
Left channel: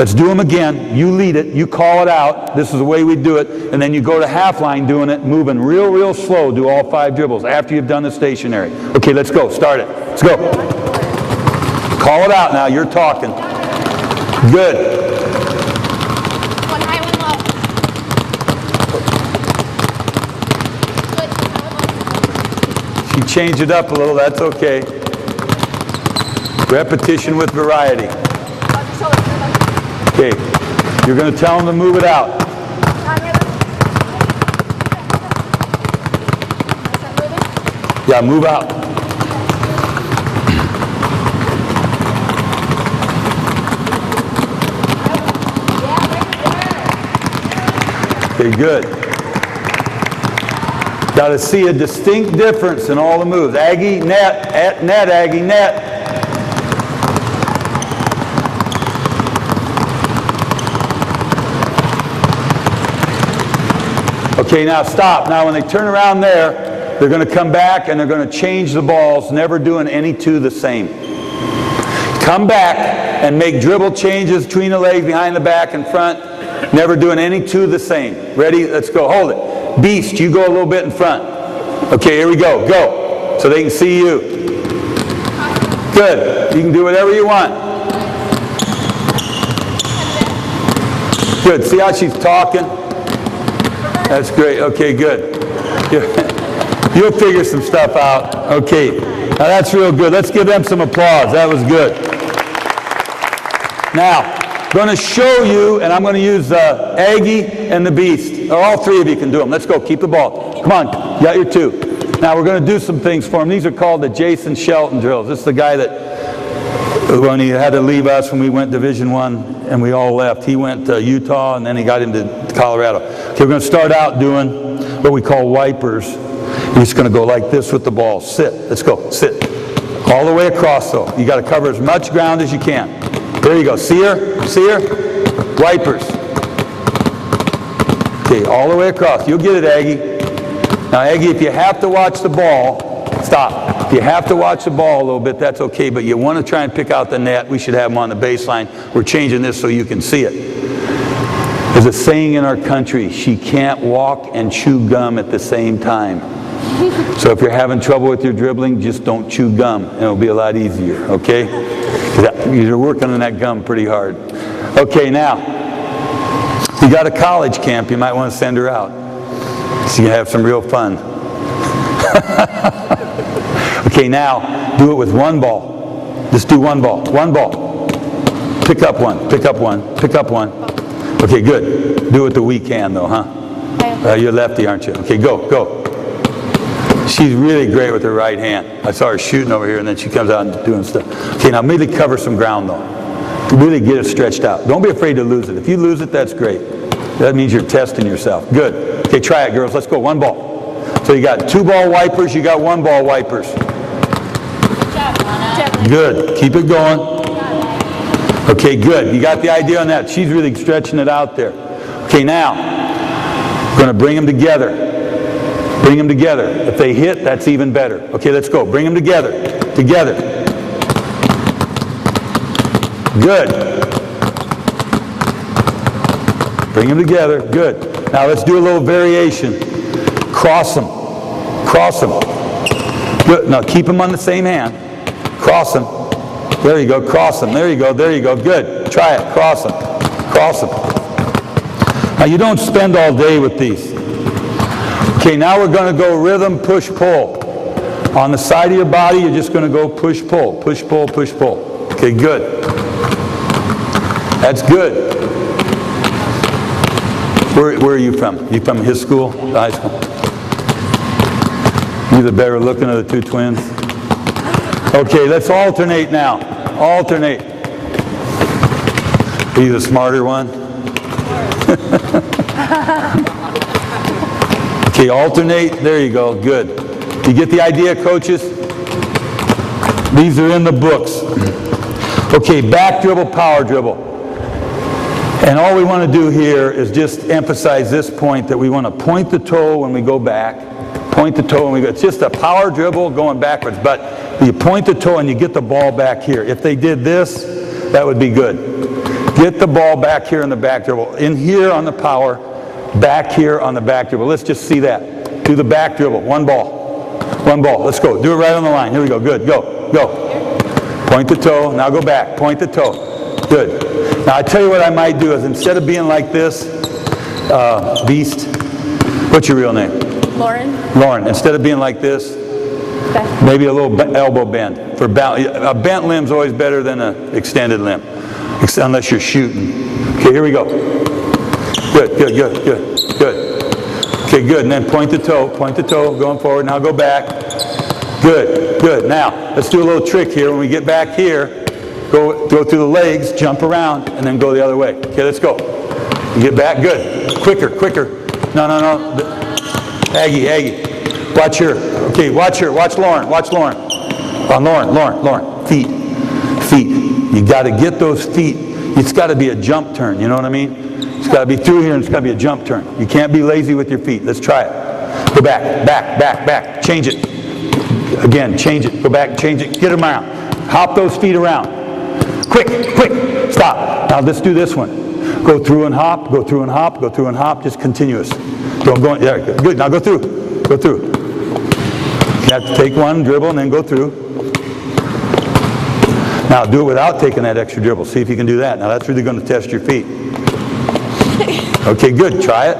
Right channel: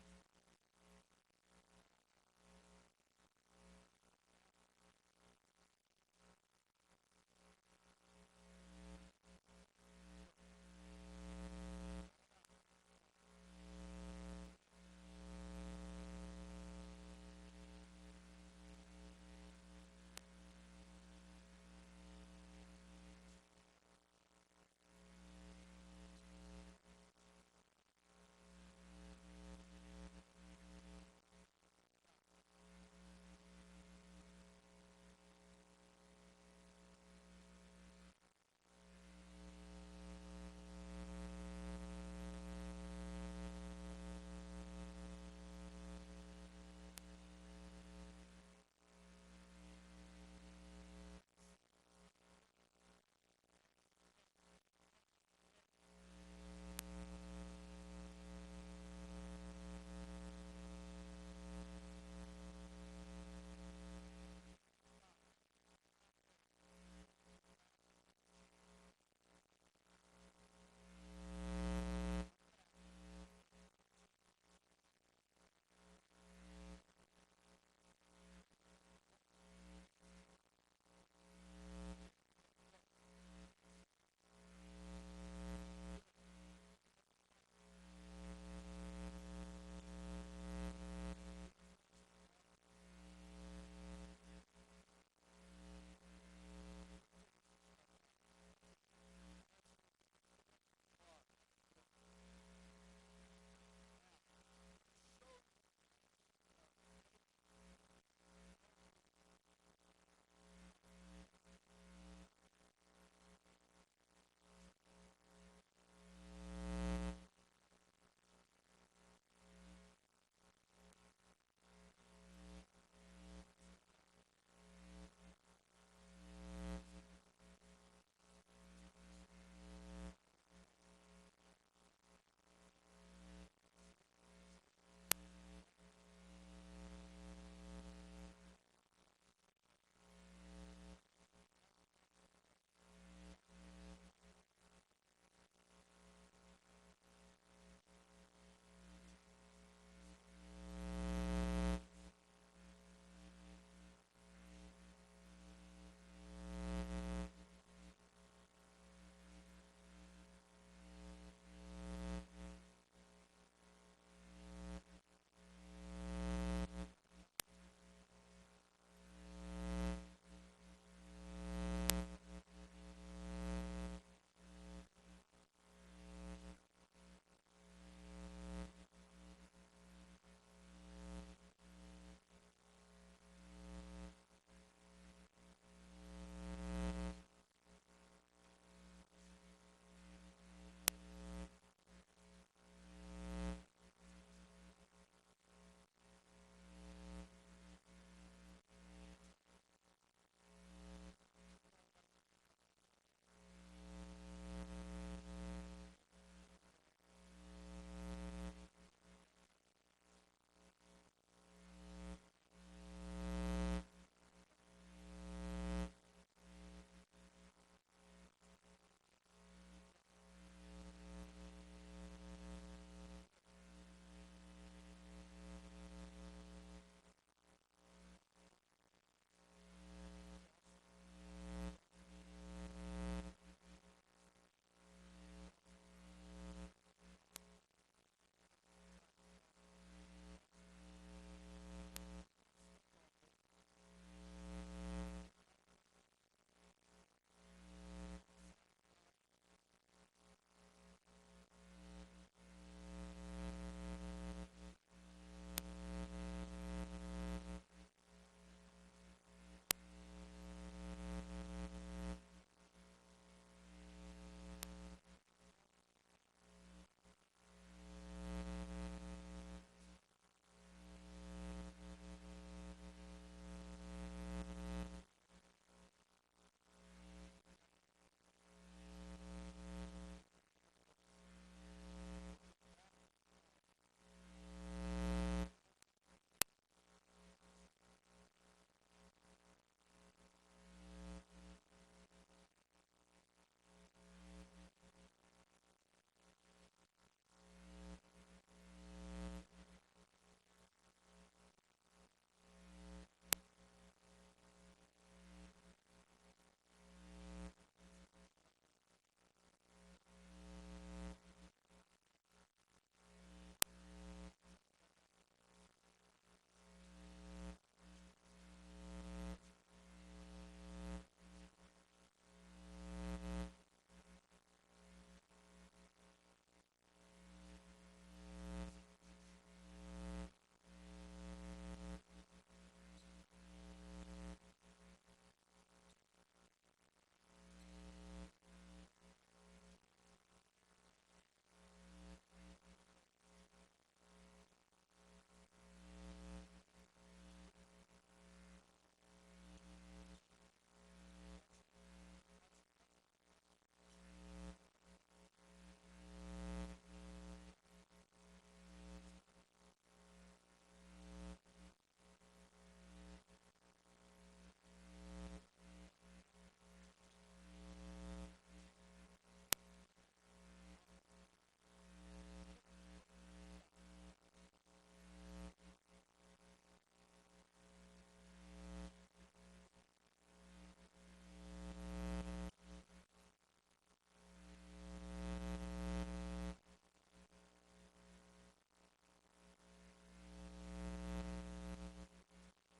let's do them again. You lead it. You call it out. This is the way we do it. And then you go to half line doing it, moving real slow. Do all 5 dribbles after you've done the stationary. Okay, let's go. Start it. Let's go. Call it out now. You're talking. Good. One high, one low. You change it up a little. That's okay. Repetition with variety. Okay, you're going to tell them to move it out. Yeah, move out. Okay, good. Got to see a distinct difference in all the moves. Aggie, net, net, Aggie, net. Okay, now stop. Now when they turn around there, they're going to come back and they're going to change the balls, never doing any two the same. Come back and make dribble changes between the legs, behind the back and front, never doing any two the same. Ready? Let's go. Hold it. Beast, you go a little bit in front. Okay, here we go. Go. So they can see you. Good. You can do whatever you want. Good. See how she's talking? That's great. Okay, good. You'll figure some stuff out. Okay. Now that's real good. Let's give them some applause. That was good. Now, I'm going to show you, and I'm going to use Aggie and the Beast. All 3 of you can do them. Let's go. Keep the ball. Come on. You got your 2. Now, we're going to do some things for him. These are called the Jason Shelton drills. This is the guy that, when he had to leave us when we went Division I, and we all left, he went to Utah, and then he got into Colorado. Okay, we're going to start out doing what we call wipers. You're just going to go like this with the ball. Sit. Let's go. Sit. All the way across, though. You got to cover as much ground as you can. There you go. See her? See her? Wipers. Okay, all the way across. You'll get it, Aggie. Now, Aggie, if you have to watch the ball, stop. If you have to watch the ball a little bit, that's okay, but you want to try and pick out the net. We should have them on the baseline. We're changing this so you can see it. There's a saying in our country, she can't walk and chew gum at the same time. So if you're having trouble with your dribbling, just don't chew gum, and it'll be a lot easier, okay? You're working on that gum pretty hard. Okay, now, you got a college camp, you might want to send her out. So you can have some real fun. Okay, now, do it with 1 ball. Just do 1 ball. 1 ball. Pick up 1, pick up 1, pick up 1. Okay, good. Do it the weak hand, though, huh? You're lefty, aren't you? Okay, go, go. She's really great with her right hand. I saw her shooting over here, and then she comes out and doing stuff. Okay, now really cover some ground, though. Really get it stretched out. Don't be afraid to lose it. If you lose it, that's great. That means you're testing yourself. Good. Okay, try it, girls. Let's go. 1 ball. So you got 2 ball wipers. You got 1 ball wipers. Good. Keep it going. Okay, good. You got the idea on that. She's really stretching it out there. Okay, now, we're going to bring them together. Bring them together. If they hit, that's even better. Okay, let's go. Bring them together. Together. Good. Bring them together. Good. Now let's do a little variation. Cross them. Cross them. Good. Now keep them on the same hand. Cross them. There you go. Cross them. There you go. There you go. Good. Try it. Cross them. Cross them. Now you don't spend all day with these. Okay, now we're going to go rhythm, push, pull. On the side of your body, you're just going to go push, pull, push, pull, push, pull. Okay, good. That's good. Where are you from? You from his school, the high school? You're the better looking of the 2 twins. Okay, let's alternate now. Alternate. Are you the smarter one? Okay, alternate. There you go. Good. You get the idea, coaches? These are in the books. Okay, back dribble, power dribble. And all we want to do here is just emphasize this point that we want to point the toe when we go back. Point the toe when we go. It's just a power dribble going backwards, but you point the toe and you get the ball back here. If they did this, that would be good. Get the ball back here in the back dribble. In here on the power, back here on the back dribble. Let's just see that. Do the back dribble. One ball. One ball. Let's go. Do it right on the line. Here we go. Good. Go. Go. Point the toe. Now go back. Point the toe. Good. Now I tell you what I might do is instead of being like this, Beast, what's your real name? Lauren. Lauren. Instead of being like this, maybe a little elbow bend. A bent limb's always better than an extended limb, unless you're shooting. Okay, here we go. Good, good, good, good, good. Okay, good. And then point the toe, going forward. Now go back. Good, good. Now, let's do a little trick here. When we get back here, go through the legs, jump around, and then go the other way. Okay, let's go. Get back. Good. Quicker, quicker. No, no, no. Aggie. Watch her. Okay, watch her. Watch Lauren. Watch Lauren. Lauren. Feet. You got to get those feet. It's got to be a jump turn. You know what I mean? It's got to be through here and it's got to be a jump turn. You can't be lazy with your feet. Let's try it. Go back. Change it. Again, change it. Go back, change it. Get them around. Hop those feet around. Quick. Stop. Now let's do this one. Go through and hop. Just continuous. Go. Yeah, good. Now go through. You have to take one dribble and then go through. Now do it without taking that extra dribble. See if you can do that. Now that's really going to test your feet. Okay, good. Try it.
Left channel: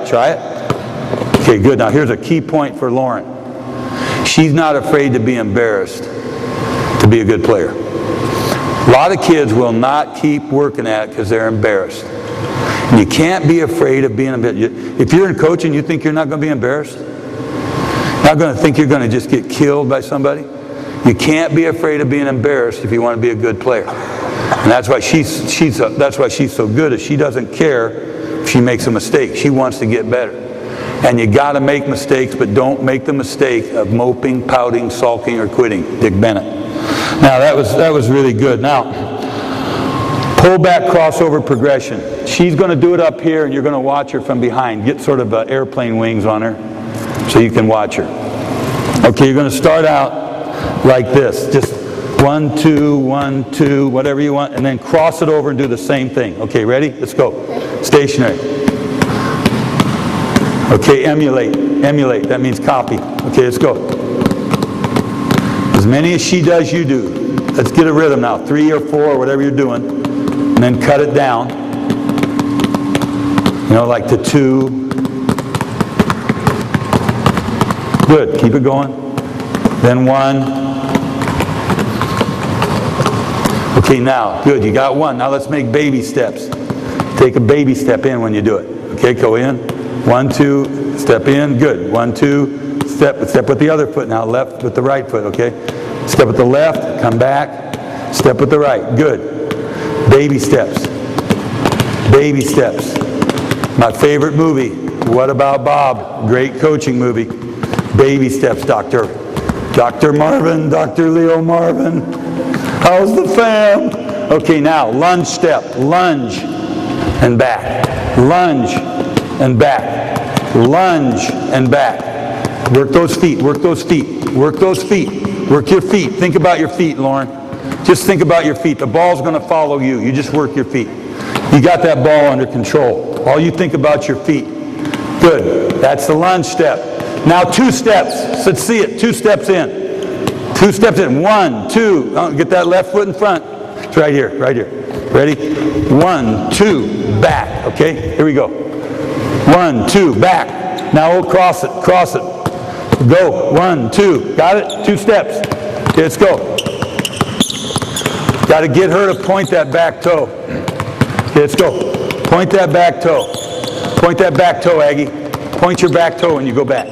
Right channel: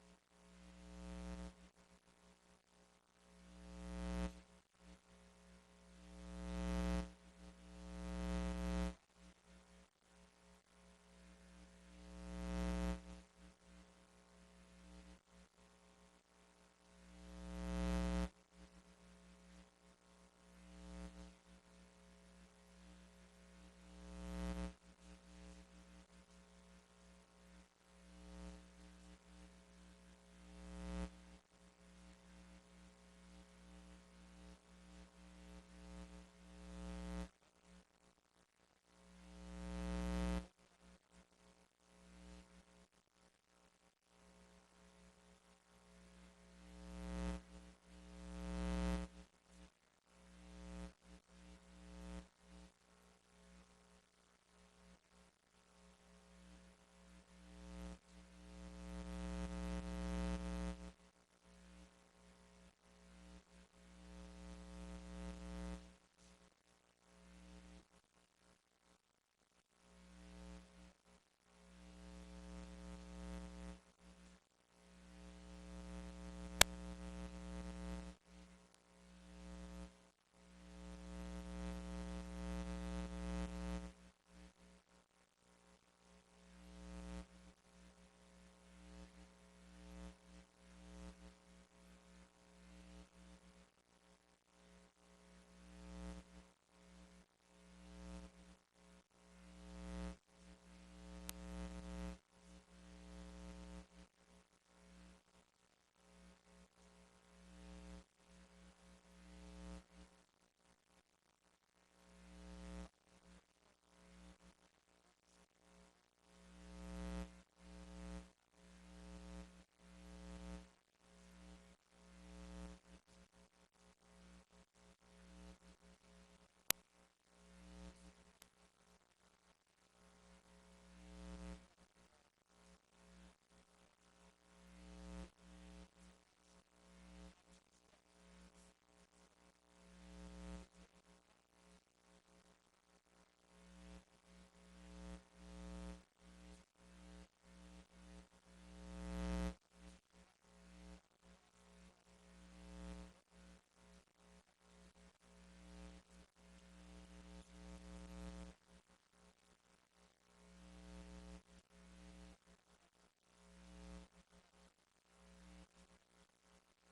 Okay, good. Now here's a key point for Lauren. She's not afraid to be embarrassed to be a good player. A lot of kids will not keep working at it because they're embarrassed. And you can't be afraid of being embarrassed. If you're in coaching, you think you're not going to be embarrassed? Not going to think you're going to just get killed by somebody? You can't be afraid of being embarrassed if you want to be a good player. And that's why she's so good, is she doesn't care if she makes a mistake. She wants to get better. And you got to make mistakes, but don't make the mistake of moping, pouting, sulking, or quitting. Dick Bennett. Now that was really good. Now, pull back crossover progression. She's going to do it up here, and you're going to watch her from behind. Get sort of airplane wings on her so you can watch her. Okay, you're going to start out like this. Just 1, 2, 1, 2, whatever you want, and then cross it over and do the same thing. Okay, ready? Let's go. Stationary. Okay, emulate. That means copy. Okay, let's go. As many as she does, you do. Let's get a rhythm now. 3 or 4, whatever you're doing. And then cut it down. You know, like to 2. Good. Keep it going. Then 1. Okay, now, good. You got 1. Now let's make baby steps. Take a baby step in when you do it. Okay, go in. 1, 2, step in. Good. 1, 2, step with the other foot now. Left with the right foot, okay? Step with the left, come back. Step with the right. Good. Baby steps. Baby steps. My favorite movie, What About Bob? Great coaching movie. Baby steps, Dr. Marvin, Dr. Leo Marvin. How's the fam? Okay, now, lunge step. Lunge and back. Lunge and back. Lunge and back. Work those feet. Work those feet. Work those feet. Work your feet. Think about your feet, Lauren. Just think about your feet. The ball's going to follow you. You just work your feet. You got that ball under control. All you think about your feet. Good. That's the lunge step. Now 2 steps. Let's see it. 2 steps in. 2 steps in. 1, 2. Get that left foot in front. It's right here. Right here. Ready? 1, 2. Back. Okay? Here we go. 1, 2. Back. Now we'll cross it. Cross it. Go. 1, 2. Got it? 2 steps. Okay, let's go. Got to get her to point that back toe. Okay, let's go. Point that back toe. Point that back toe, Aggie. Point your back toe when you go back.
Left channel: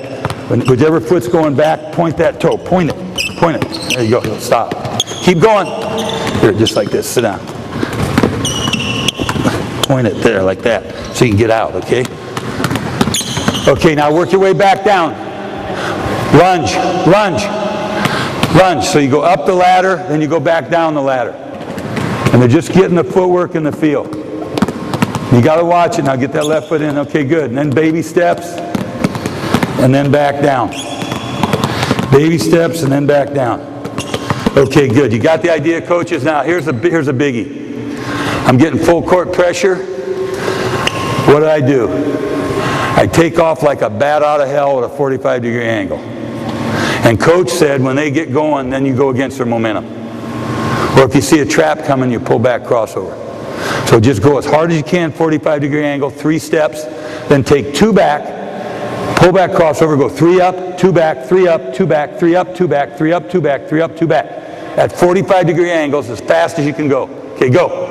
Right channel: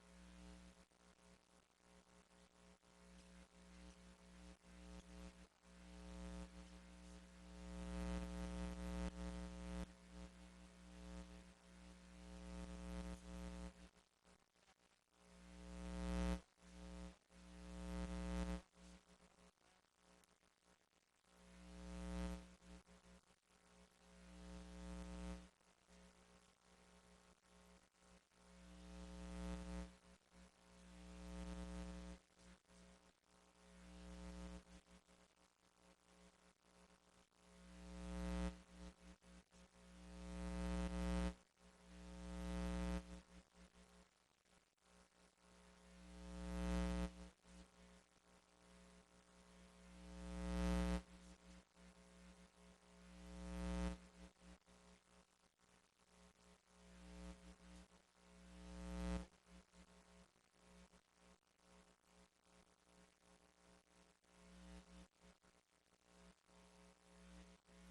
Whichever foot's going back, point that toe. Point it. Point it. There you go. Stop. Keep going. Here, just like this. Sit down. Point it there like that so you can get out, okay? Okay, now work your way back down. Lunge. Lunge. Lunge. So you go up the ladder, then you go back down the ladder. And they're just getting the footwork in the field. You got to watch it. Now get that left foot in. Okay, good. And then baby steps. And then back down. Baby steps and then back down. Okay, good. You got the idea, coaches? Now here's a biggie. I'm getting full court pressure. What do? I take off like a bat out of hell with a 45-degree angle. And coach said when they get going, then you go against their momentum. Or if you see a trap coming, you pull back crossover. So just go as hard as you can, 45-degree angle, 3 steps, then take 2 back, pull back crossover, go 3 up, 2 back, 3 up, 2 back, 3 up, 2 back, 3 up, 2 back, 3 up, 2 back. At 45-degree angles as fast as you can go. Okay, go.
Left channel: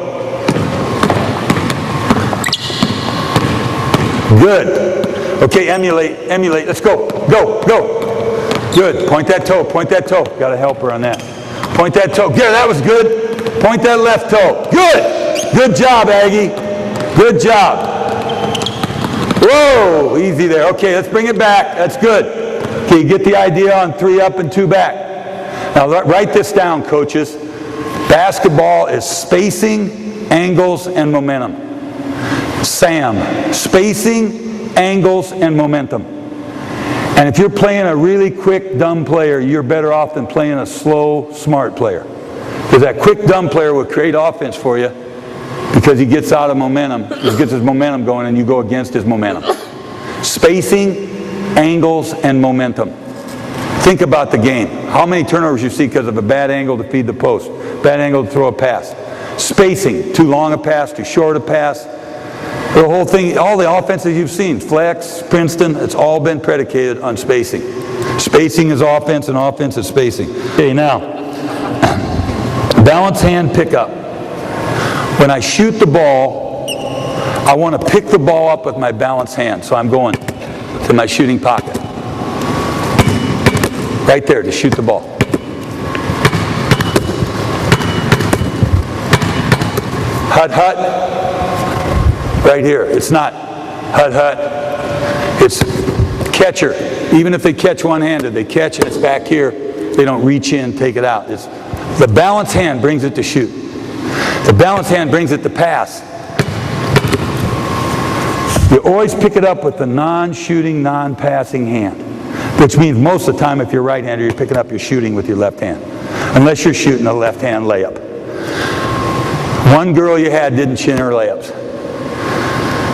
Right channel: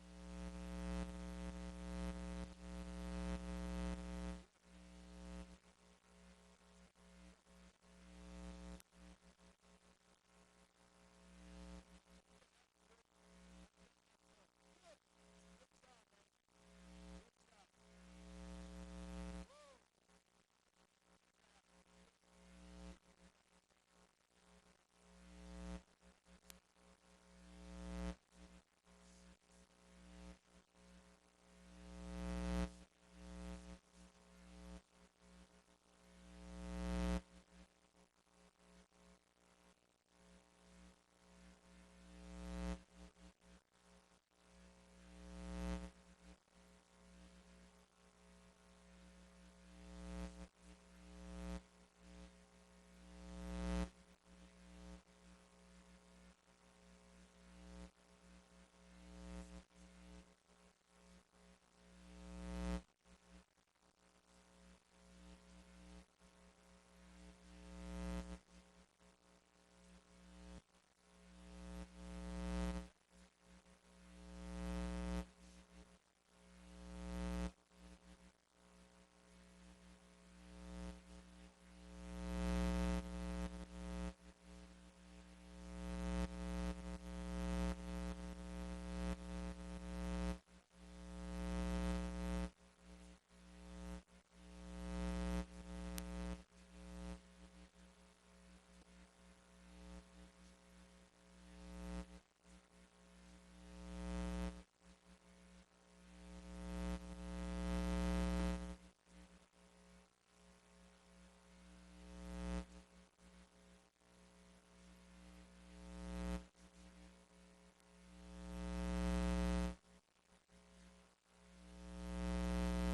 Good. Okay, emulate. Let's go. Go. Good. Point that toe. Got a helper on that. Point that toe. Yeah, that was good. Point that left toe. Good. Good job, Aggie. Good job. Whoa, easy there. Okay, let's bring it back. That's good. Okay, you get the idea on 3 up and 2 back. Now write this down, coaches. Basketball is spacing, angles, and momentum. SAM. Spacing, angles, and momentum. And if you're playing a really quick, dumb player, you're better off than playing a slow, smart player. Because that quick, dumb player will create offense for you because he gets out of momentum. He gets his momentum going and you go against his momentum. Spacing, angles, and momentum. Think about the game. How many turnovers you see because of a bad angle to feed the post, bad angle to throw a pass. Spacing, too long a pass, too short a pass. The whole thing, all the offenses you've seen, Flex, Princeton, it's all been predicated on spacing. Spacing is offense and offense is spacing. Okay, now, balance hand pickup. When I shoot the ball, I want to pick the ball up with my balance hand. So I'm going to my shooting pocket. Right there to shoot the ball. Hut. Right here. It's not hut. It's catcher. Even if they catch one-handed, they catch and it's back here. They don't reach in, take it out. It's, the balance hand brings it to shoot. The balance hand brings it to pass. You always pick it up with the non-shooting, non-passing hand. Which means most of the time if you're right-hander, you're picking up your shooting with your left hand. Unless you're shooting a left-hand layup. One girl you had didn't chin her layups.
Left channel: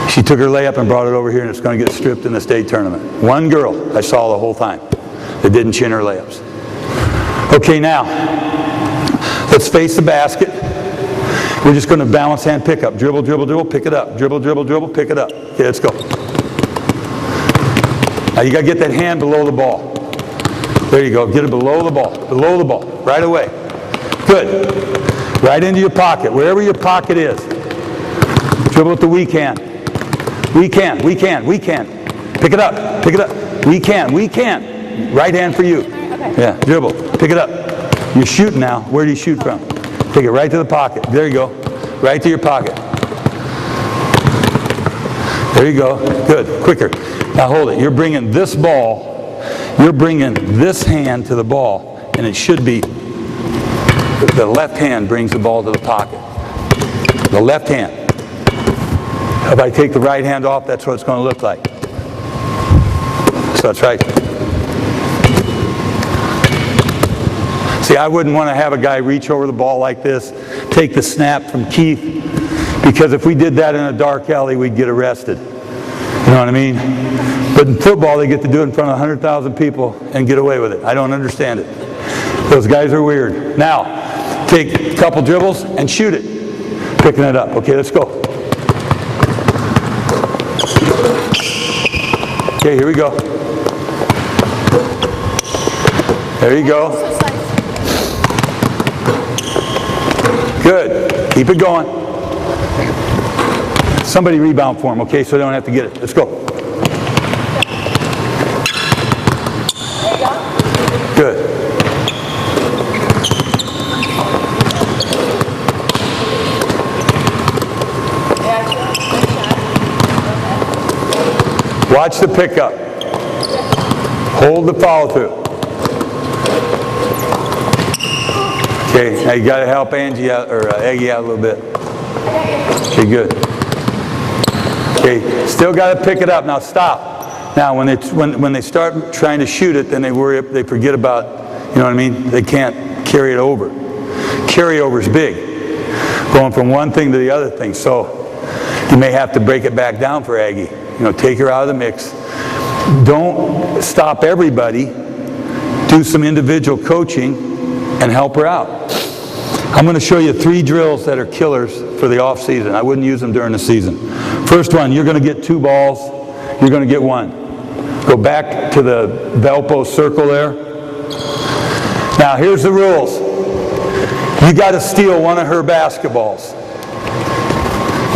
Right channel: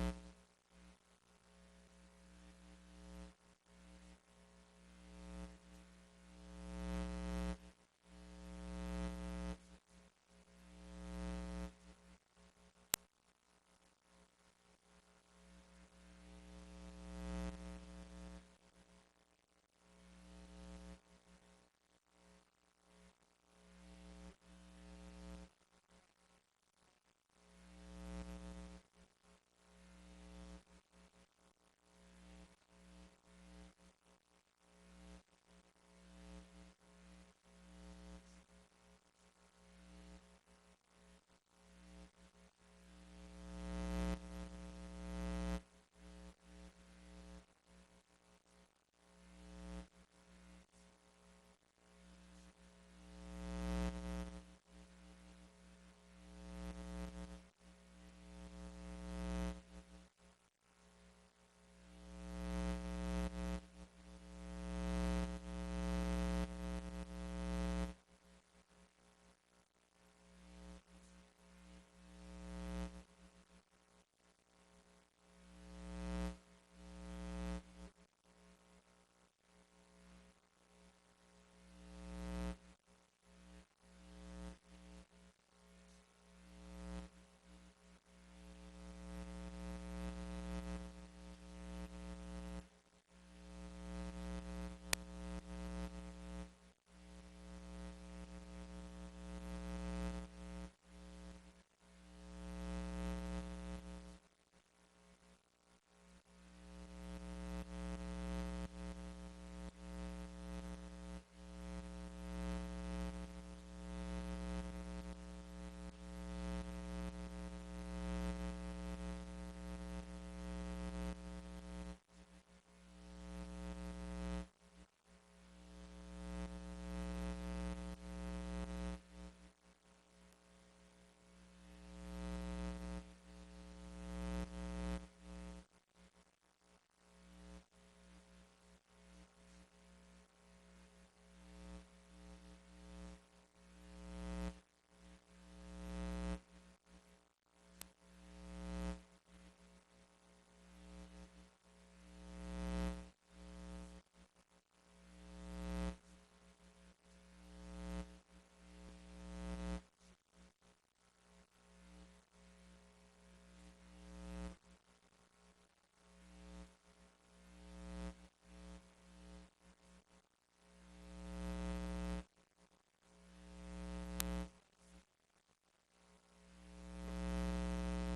She took her layup and brought it over here and it's going to get stripped in the state tournament. One girl I saw the whole time that didn't chin her layups. Okay, now, let's face the basket. We're just going to balance hand pick up. Dribble, pick it up. Dribble, pick it up. Okay, let's go. Now you got to get that hand below the ball. There you go. Get it below the ball, right away. Good. Right into your pocket, wherever your pocket is. Dribble with the weak hand. We can. Pick it up. We can. Right hand for you. Okay. Yeah, dribble. Pick it up. You're shooting now. Where do you shoot from? Take it right to the pocket. There you go. Right to your pocket. There you go. Good. Quicker. Now hold it. You're bringing this hand to the ball, and it should be the left hand brings the ball to the pocket. The left hand. If I take the right hand off, that's what it's going to look like. So that's right. See, I wouldn't want to have a guy reach over the ball like this, take the snap from Keith, because if we did that in a dark alley, we'd get arrested. You know what I mean? But in football, they get to do it in front of 100,000 people and get away with it. I don't understand it. Those guys are weird. Now, take a couple dribbles and shoot it. Picking it up. Okay, let's go. Okay, here we go. There you go. Good. Keep it going. Somebody rebound for him, okay, so they don't have to get it. Let's go. Good. Watch the pickup. Hold the follow through. Okay, now you got to help Angie out, or Aggie out a little bit. Okay, good. Okay, still got to pick it up. Now stop. Now when they start trying to shoot it, then they forget about, you know what I mean? They can't carry it over. Carryover's big. going from one thing to the other thing. So you may have to break it back down for Aggie. Take her out of the mix. Don't stop everybody. Do some individual coaching and help her out. I'm going to show you 3 drills that are killers for the off season. I wouldn't use them during the season. First one, you're going to get 2 balls. You're going to get 1. Go back to the Valpo circle there. Now here's the rules. You got to steal one of her basketballs.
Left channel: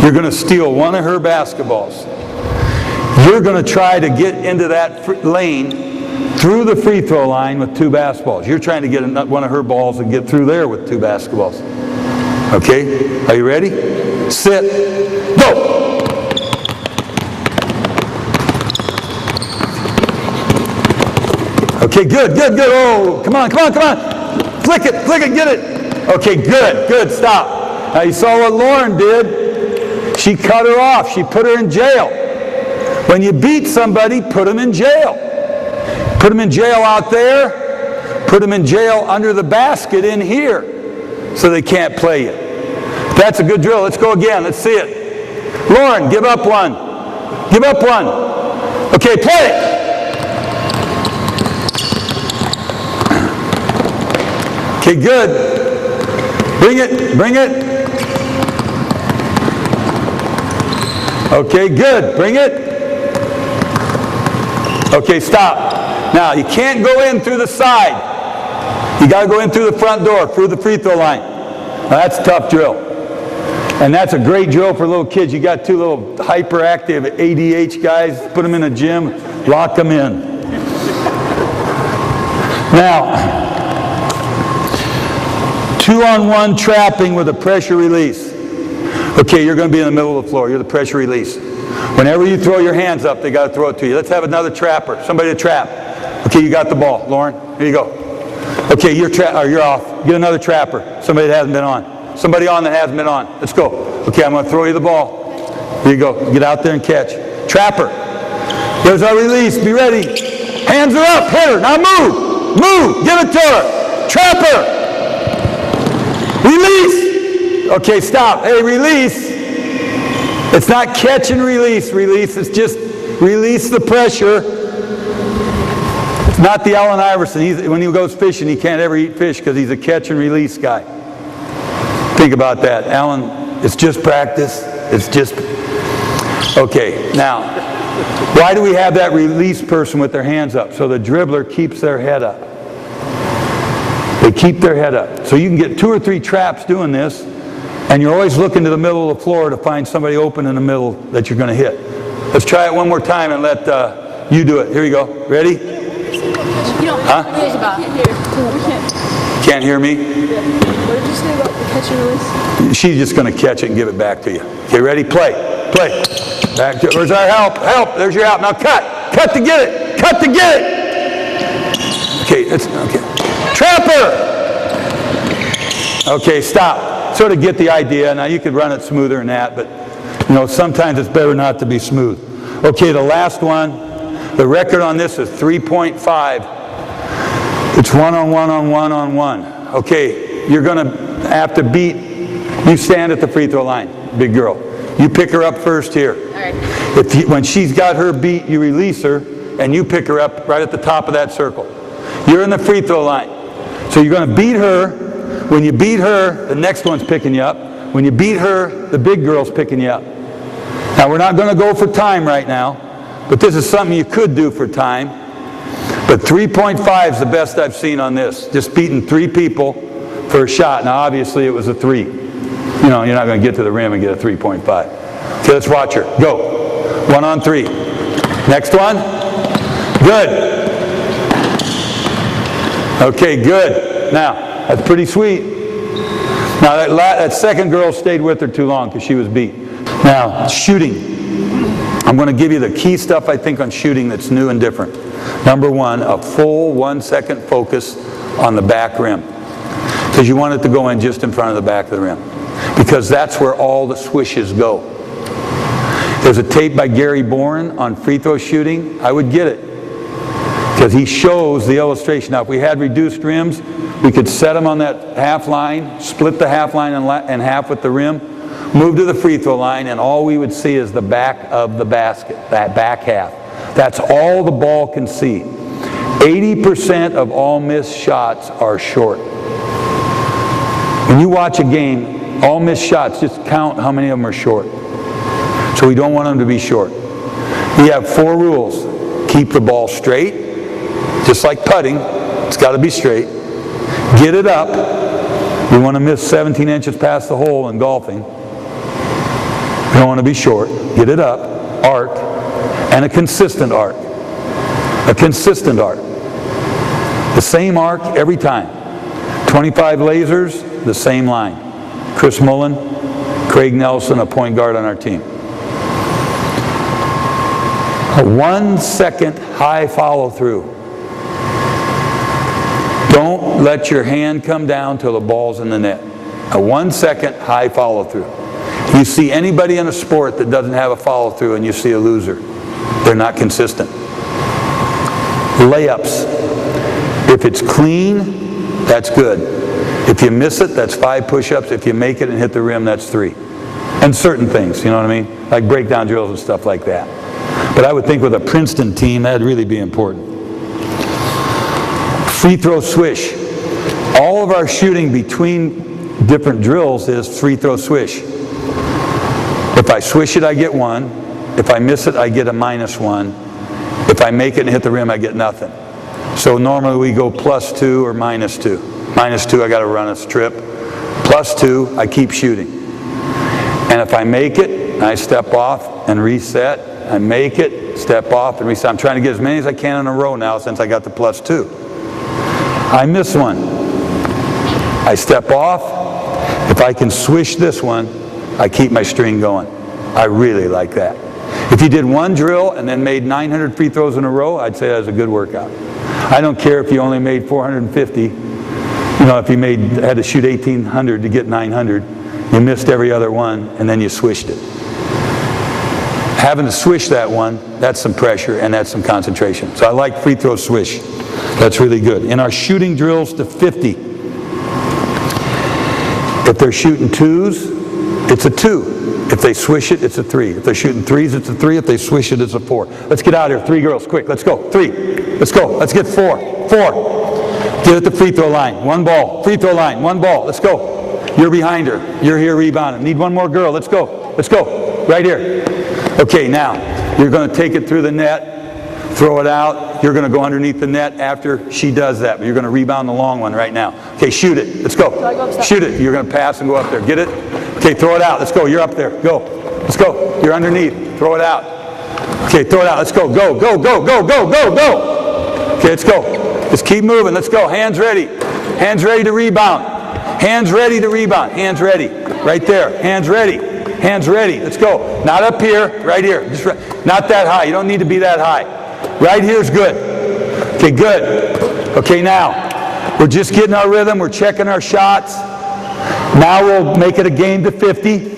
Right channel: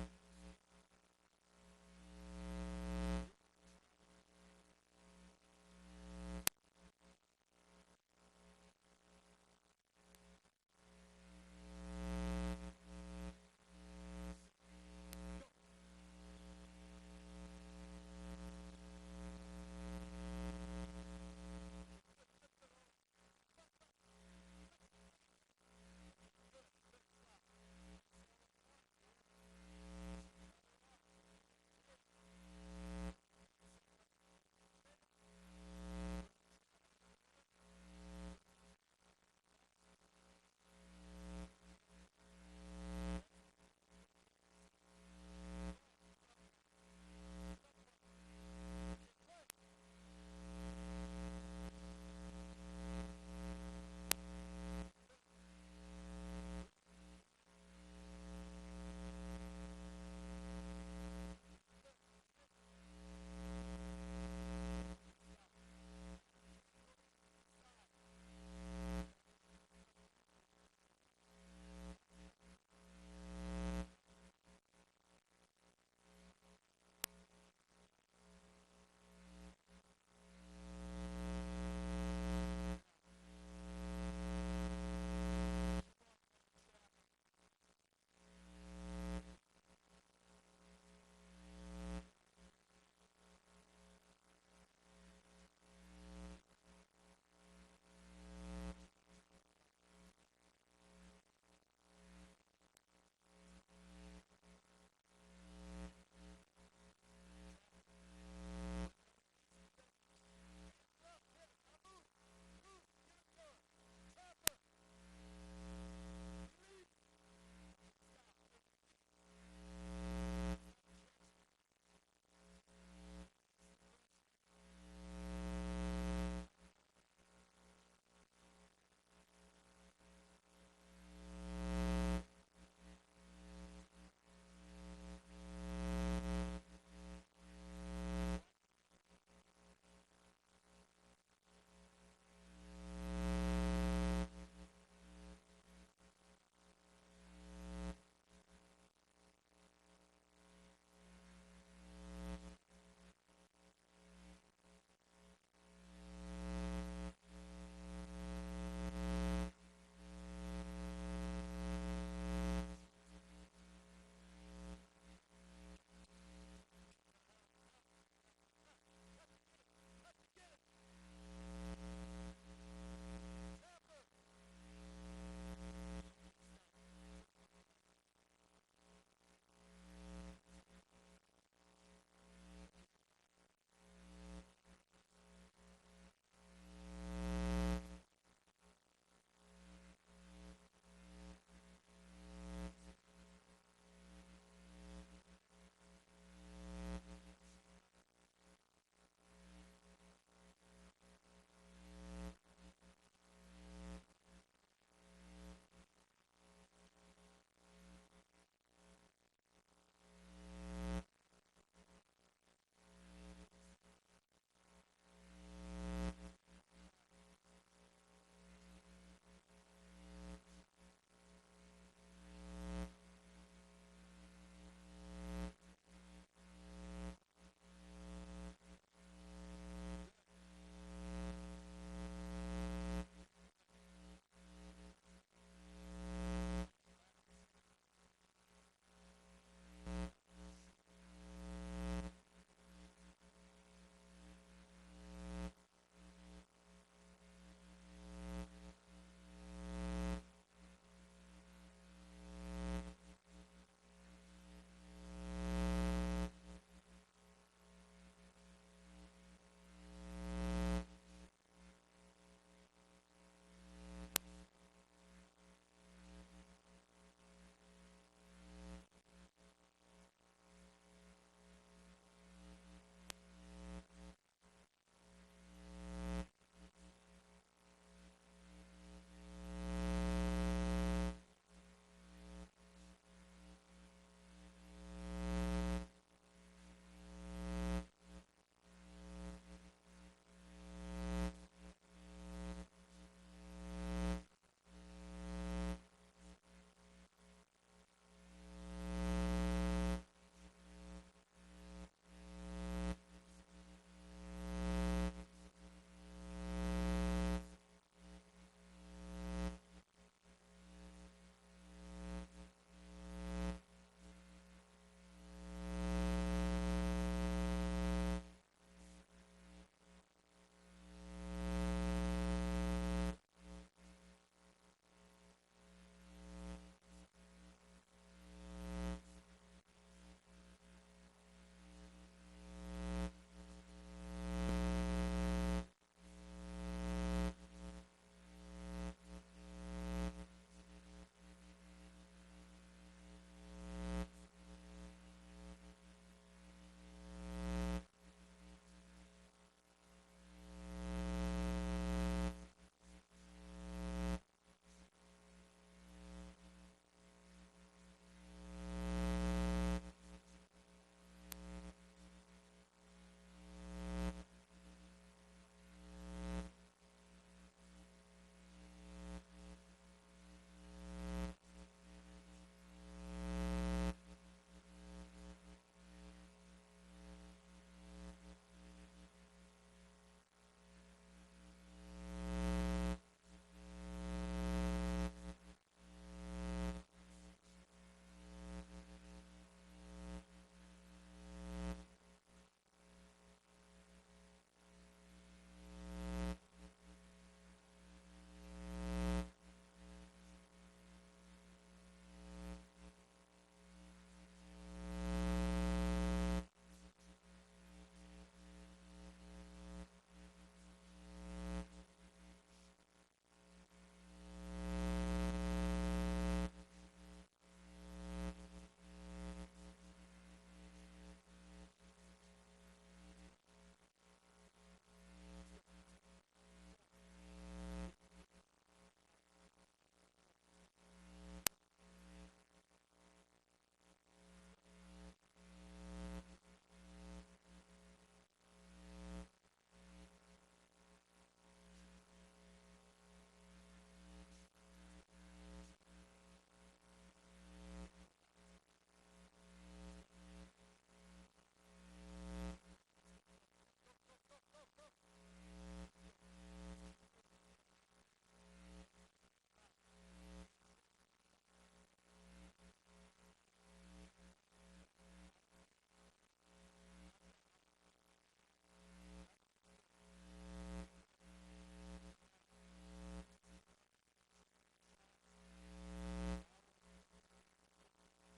You're going to steal one of her basketballs. You're going to try to get into that lane through the free throw line with 2 basketballs. You're trying to get one of her balls and get through there with 2 basketballs. Okay? Are you ready? Sit. Go! Okay, good. Oh, come on. Flick it, get it. Okay, good, stop. Now you saw what Lauren did. She cut her off. She put her in jail. When you beat somebody, put them in jail. Put them in jail out there. Put them in jail under the basket in here so they can't play you. That's a good drill. Let's go again. Let's see it. Lauren, give up one. Okay, play it. Okay, good. Bring it. Okay, good. Bring it. Okay, stop. Now, you can't go in through the side. You got to go in through the front door, through the free throw line. Now, that's a tough drill. And that's a great drill for little kids. You got 2 little hyperactive ADH guys, put them in a gym, lock them in. Now, 2-on-1 trapping with a pressure release. Okay, you're going to be in the middle of the floor. You're the pressure release. Whenever you throw your hands up, they got to throw it to you. Let's have another trapper. Somebody to trap. Okay, you got the ball. Lauren, here you go. Okay, you're off. Get another trapper. Somebody that hasn't been on. Somebody on that hasn't been on. Let's go. Okay, I'm going to throw you the ball. Here you go. Get out there and catch. Trapper. There's our release. Be ready. Hands are up. Hit her. Now move. Give it to her. Trapper. Release. Okay, stop. Hey, release. It's not catch and release. It's just release the pressure. It's not the Allen Iverson. When he goes fishing, he can't ever eat fish because he's a catch and release guy. Think about that. Allen, it's just practice. Okay, now, why do we have that release person with their hands up? So the dribbler keeps their head up. They keep their head up. So you can get 2 or 3 traps doing this, and you're always looking to the middle of the floor to find somebody open in the middle that you're going to hit. Let's try it one more time and let you do it. Here you go. Ready? Huh? Can't hear me? What did you say about the catch and release? She's just going to catch it and give it back to you. Okay, ready? Play. Back to, where's our help? There's your help. Now cut to get it. Okay. Trapper. Okay, stop. Sort of get the idea. Now you could run it smoother than that, but sometimes it's better not to be smooth. Okay, the last one. The record on this is 3.5. It's 1-on-1. Okay, you're going to have to beat. You stand at the free throw line, big girl. You pick her up first here. All right. When she's got her beat, you release her, and you pick her up right at the top of that circle. You're in the free throw line. So you're going to beat her. When you beat her, the next one's picking you up. When you beat her, the big girl's picking you up. Now, we're not going to go for time right now, but this is something you could do for time. But 3.5 is the best I've seen on this. Just beating 3 people for a shot. Now, obviously, it was a 3. You're not going to get to the rim and get a 3.5. Okay, let's watch her. Go. 1-on-3. Next one. Good. Okay, good. Now, that's pretty sweet. Now, that second girl stayed with her too long because she was beat. Now, shooting. I'm going to give you the key stuff I think on shooting that's new and different. Number 1, a full 1-second focus on the back rim. Because you want it to go in just in front of the back of the rim. Because that's where all the swishes go. There's a tape by Gary Bourne on free throw shooting. I would get it. Because he shows the illustration. Now, if we had reduced rims, We could set them on that half line, split the half line in half with the rim, move to the free throw line, and all we would see is the back of the basket, that back half. That's all the ball can see. 80% of all missed shots are short. When you watch a game, all missed shots, just count how many of them are short. So we don't want them to be short. We have 4 rules. Keep the ball straight, just like putting. It's got to be straight. Get it up. We want to miss 17 inches past the hole in golfing. We don't want to be short. Get it up. Arc. And a consistent arc. A consistent arc. The same arc every time. 25 lasers, the same line. Chris Mullen, Craig Nelson, a point guard on our team. A 1 second high follow through. Don't let your hand come down till the ball's in the net. A 1 second high follow through. You see anybody in a sport that doesn't have a follow through and you see a loser. They're not consistent. Layups. If it's clean, that's good. If you miss it, that's 5 push-ups. If you make it and hit the rim, that's 3. And certain things, you know what I mean? Like breakdown drills and stuff like that. But I would think with a Princeton team, that'd really be important. Free throw swish. All of our shooting between different drills is free throw swish. If I swish it, I get 1. If I miss it, I get a -1. If I make it and hit the rim, I get nothing. So normally we go +2 or -2. -2, I got to run a strip. +2, I keep shooting. And if I make it, I step off and reset. I make it, step off, and reset. I'm trying to get as many as I can in a row now since I got the +2. I miss one. I step off. If I can swish this one, I keep my string going. I really like that. If you did one drill and then made 900 free throws in a row, I'd say that was a good workout. I don't care if you only made 450. You know, if you had to shoot 1,800 to get 900, you missed every other one, and then you swished it. Having to swish that one, that's some pressure and that's some concentration. So I like free throw swish. That's really good. In our shooting drills to 50, if they're shooting 2s, it's a 2. If they swish it, it's a 3. If they're shooting 3s, it's a 3. If they swish it, it's a 4. Let's get out of here. 3 girls, quick. Let's go. 3. Let's go. Let's get 4. 4. Get at the free throw line. 1 ball. Free throw line. 1 ball. Let's go. You're behind her. You're here rebounding. Need 1 more girl. Let's go. Let's go. Right here. Okay, now, you're going to take it through the net, throw it out. You're going to go underneath the net after she does that. But you're going to rebound the long one right now. Okay, shoot it. Let's go. Shoot it. You're going to pass and go up there. Get it? Okay, throw it out. Let's go. You're up there. Go. Let's go. You're underneath. Throw it out. Okay, throw it out. Let's go. Go, go, go, go, go, go, go. Okay, let's go. Just keep moving. Let's go. Hands ready. Hands ready to rebound. Hands ready to rebound. Hands ready. Right there. Hands ready. Hands ready. Let's go. Not up here. Right here. Just not that high. You don't need to be that high. Right here is good. Okay, good. Okay, now, we're just getting our rhythm. We're checking our shots. Now we'll make it a game to 50.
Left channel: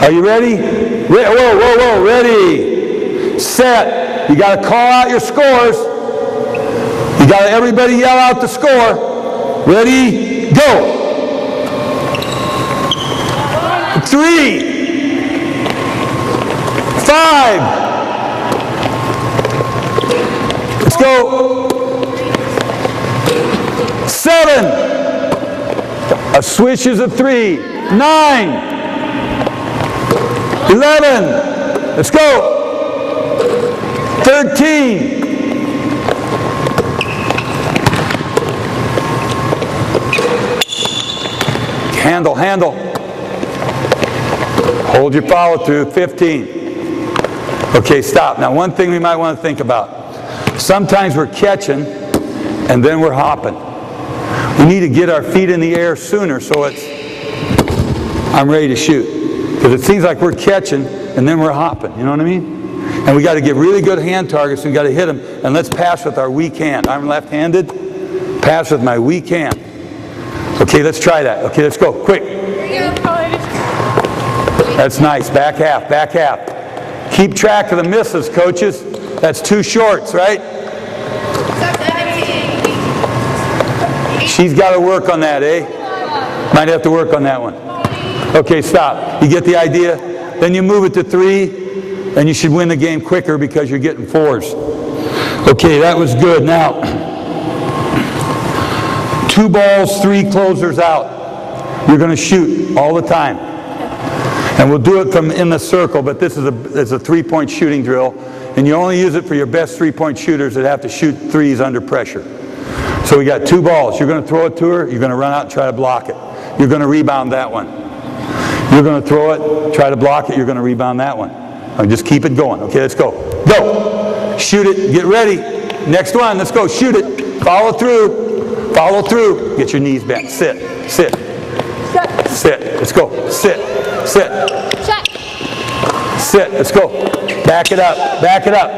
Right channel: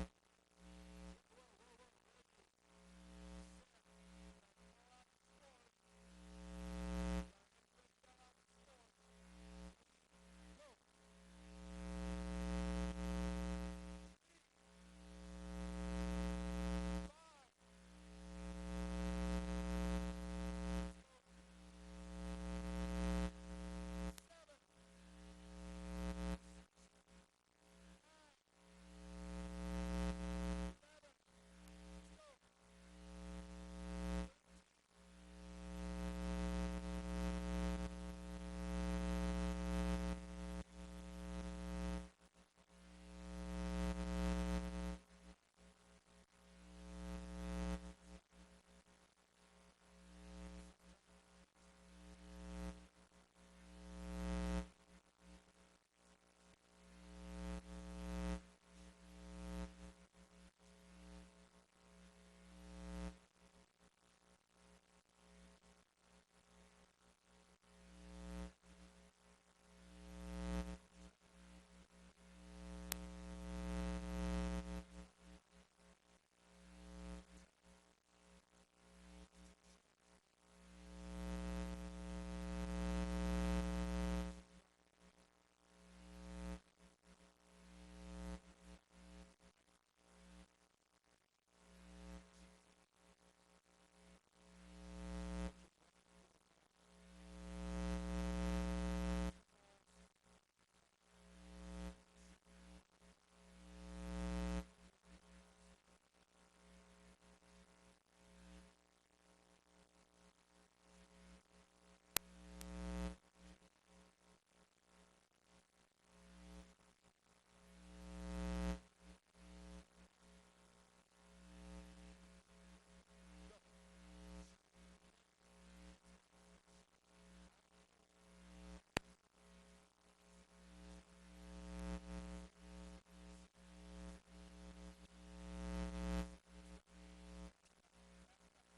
Are you ready? Whoa, whoa, whoa. Ready. Set. You got to call out your scores. You got to everybody yell out the score. Ready? Go. 3, 5. Let's go. 7. A swish is a 3. 9. 11. Let's go. 13. Handle, handle. Hold your follow through. 15. Okay, stop. Now, one thing we might want to think about. Sometimes we're catching and then we're hopping. We need to get our feet in the air sooner so it's, I'm ready to shoot. Because it seems like we're catching and then we're hopping. You know what I mean? And we got to get really good hand targets. We got to hit them. And let's pass with our weak hand. I'm left-handed. Pass with my weak hand. Okay, let's try that. Okay, let's go. Quick. That's nice. Back half, back half. Keep track of the misses, coaches. That's 2 shorts, right? She's got to work on that, eh? Might have to work on that one. Okay, stop. You get the idea? Then you move it to 3, and you should win the game quicker because you're getting 4s. Okay, that was good. Now, 2 balls, 3 closers out. You're going to shoot all the time. And we'll do it from in the circle, but this is a 3-point shooting drill. And you only use it for your best 3-point shooters that have to shoot 3s under pressure. So we got 2 balls. You're going to throw it to her. You're going to run out and try to block it. You're going to rebound that one. You're going to throw it, try to block it. You're going to rebound that one. Now just keep it going. Okay, let's go. Go. Shoot it. Get ready. Next one. Let's go. Shoot it. Follow through. Follow through. Get your knees bent. Sit. Sit. Sit. Let's go. Sit. Sit. Sit. Let's go. Back it up. Back it up.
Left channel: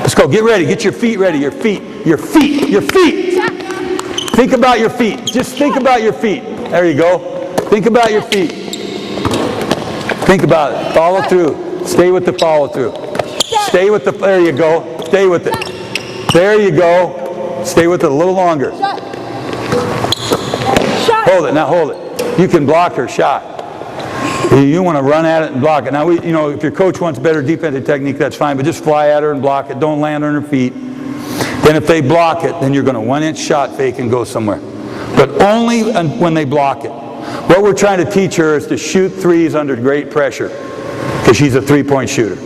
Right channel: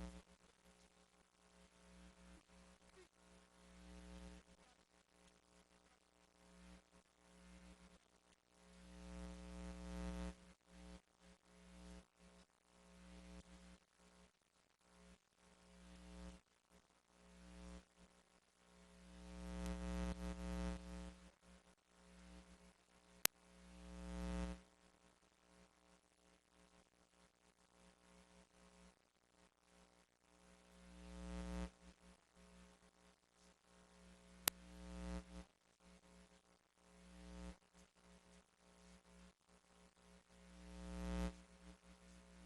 Let's go. Get ready. Get your feet ready. Your feet. Your feet. Your feet. Think about your feet. Just think about your feet. There you go. Think about your feet. Think about it. Follow through. Stay with the follow through. Stay with the, there you go. Stay with it. There you go. Stay with it a little longer. Hold it. Now hold it. You can block her shot. You want to run at it and block it. Now, if your coach wants better defensive technique, that's fine, but just fly at her and block it. Don't land on her feet. Then if they block it, then you're going to 1-inch shot fake and go somewhere. But only when they block it. What we're trying to teach her is to shoot 3s under great pressure, because she's a 3-point shooter.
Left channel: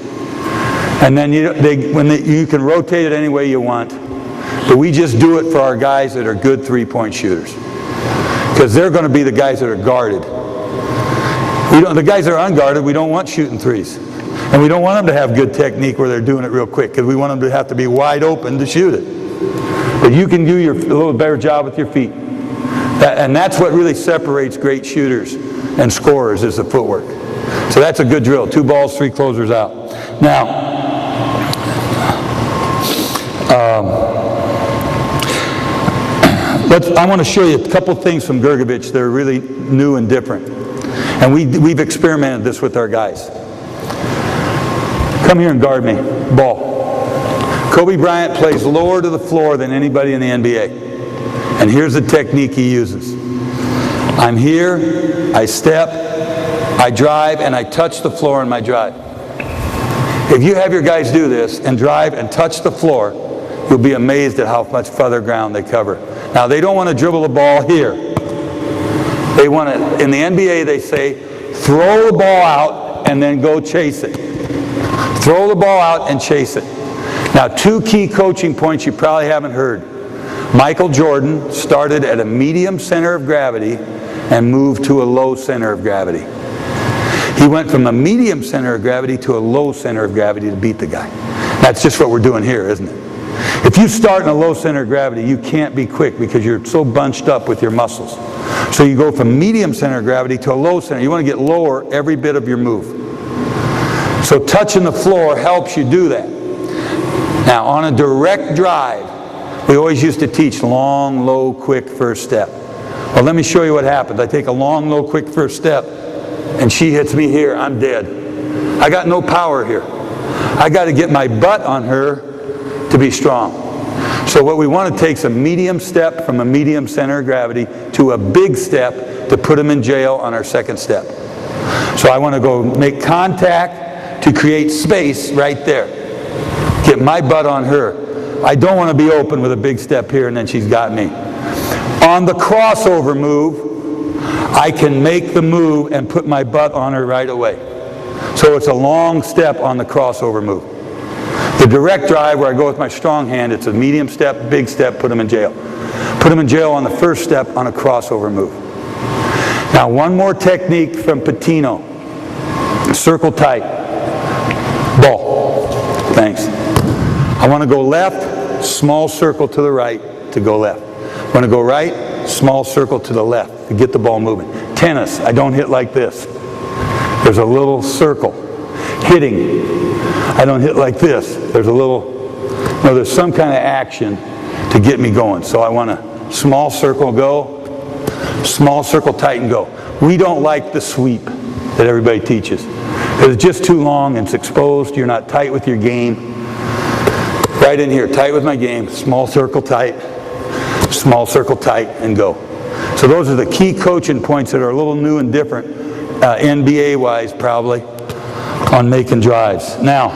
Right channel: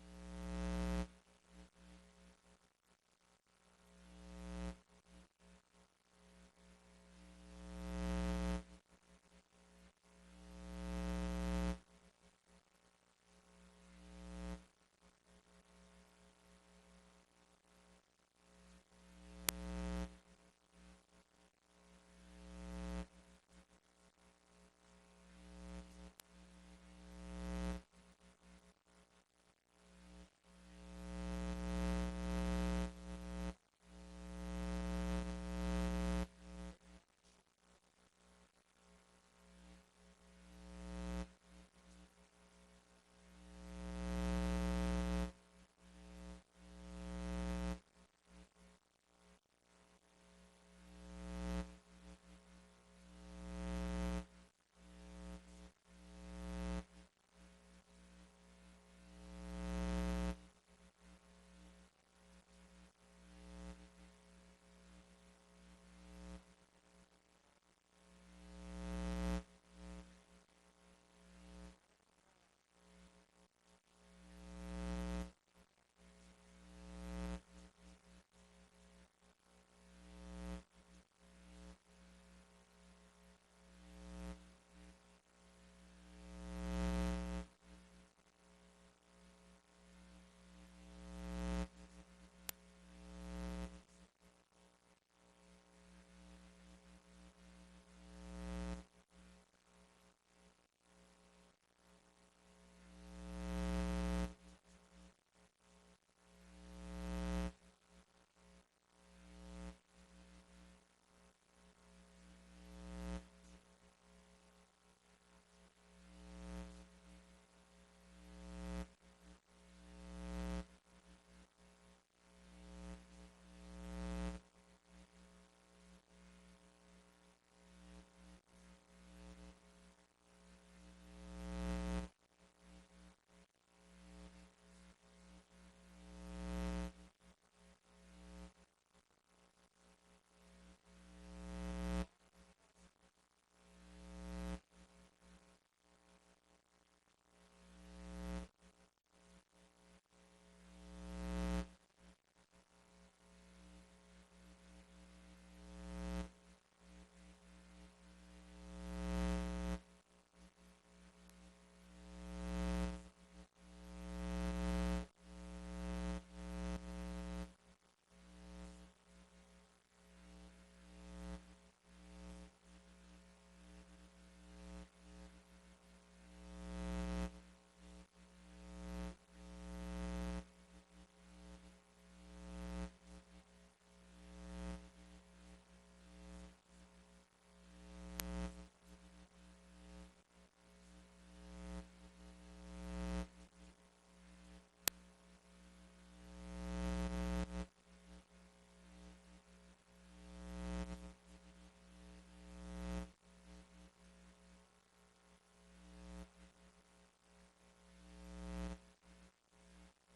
And then you can rotate it any way you want, but we just do it for our guys that are good 3-point shooters, because they're going to be the guys that are guarded. The guys that are unguarded, we don't want shooting 3s. And we don't want them to have good technique where they're doing it real quick, because we want them to have to be wide open to shoot it. But you can do a little better job with your feet. And that's what really separates great shooters and scorers, is the footwork. So that's a good drill. 2 balls, 3 closers out. Now, I want to show you a couple things from Gergovich that are really new and different. And we've experimented this with our guys. Come here and guard me. Ball. Kobe Bryant plays lower to the floor than anybody in the NBA. And here's the technique he uses. I'm here, I step, I drive, and I touch the floor in my drive. If you have your guys do this and drive and touch the floor, you'll be amazed at how much further ground they cover. Now, they don't want to dribble the ball here. They want to, in the NBA, they say, throw the ball out and then go chase it. Throw the ball out and chase it. Now, 2 key coaching points you probably haven't heard. Michael Jordan started at a medium center of gravity and moved to a low center of gravity. He went from a medium center of gravity to a low center of gravity to beat the guy. That's just what we're doing here, isn't it? If you start in a low center of gravity, you can't be quick because you're so bunched up with your muscles. So you go from medium center of gravity to a low center. You want to get lower every bit of your move. So touching the floor helps you do that. Now, on a direct drive, we always used to teach long, low, quick first step. Well, let me show you what happens. I take a long, low, quick first step, and she hits me here. I'm dead. I got no power here. I got to get my butt on her to be strong. So what we want to take is a medium step from a medium center of gravity to a big step to put them in jail on our second step. So I want to go make contact to create space right there. Get my butt on her. I don't want to be open with a big step here and then she's got me. On the crossover move, I can make the move and put my butt on her right away. So it's a long step on the crossover move. The direct drive, where I go with my strong hand, it's a medium step, big step, put them in jail. Put them in jail on the first step on a crossover move. Now, one more technique from Patino. Circle tight. Ball. Thanks. I want to go left, small circle to the right to go left. I want to go right, small circle to the left to get the ball moving. Tennis, I don't hit like this. There's a little circle. Hitting, I don't hit like this. There's a little, there's some kind of action to get me going. So I want to small circle, go, small circle, tight, and go. We don't like the sweep that everybody teaches. It's just too long, it's exposed, you're not tight with your game. Right in here, tight with my game, small circle, tight. Small circle tight and go. So those are the key coaching points that are a little new and different, NBA-wise probably, on making drives. Now,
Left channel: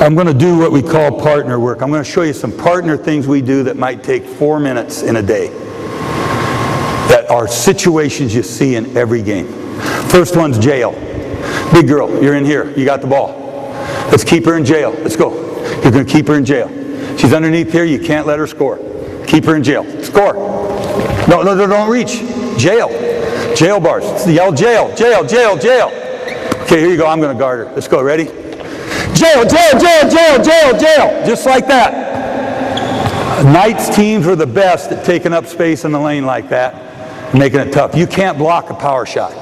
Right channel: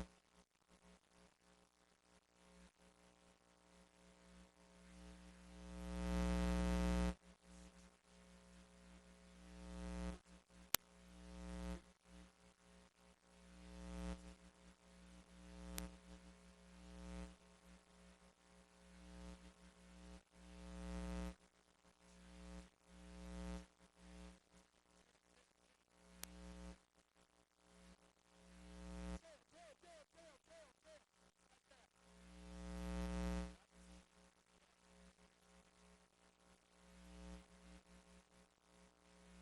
I'm going to do what we call partner work. I'm going to show you some partner things we do that might take 4 minutes in a day, that are situations you see in every game. First one's jail. Big girl, you're in here. You got the ball. Let's keep her in jail. Let's go. You're going to keep her in jail. She's underneath here. You can't let her score. Keep her in jail. Score. No, don't reach. Jail. Jail bars. Yell jail, jail, jail, jail. Okay, here you go. I'm going to guard her. Let's go. Ready? Jail, jail, jail, jail, jail, jail. Just like that. Knights teams were the best at taking up space in the lane like that and making it tough. You can't block a power shot.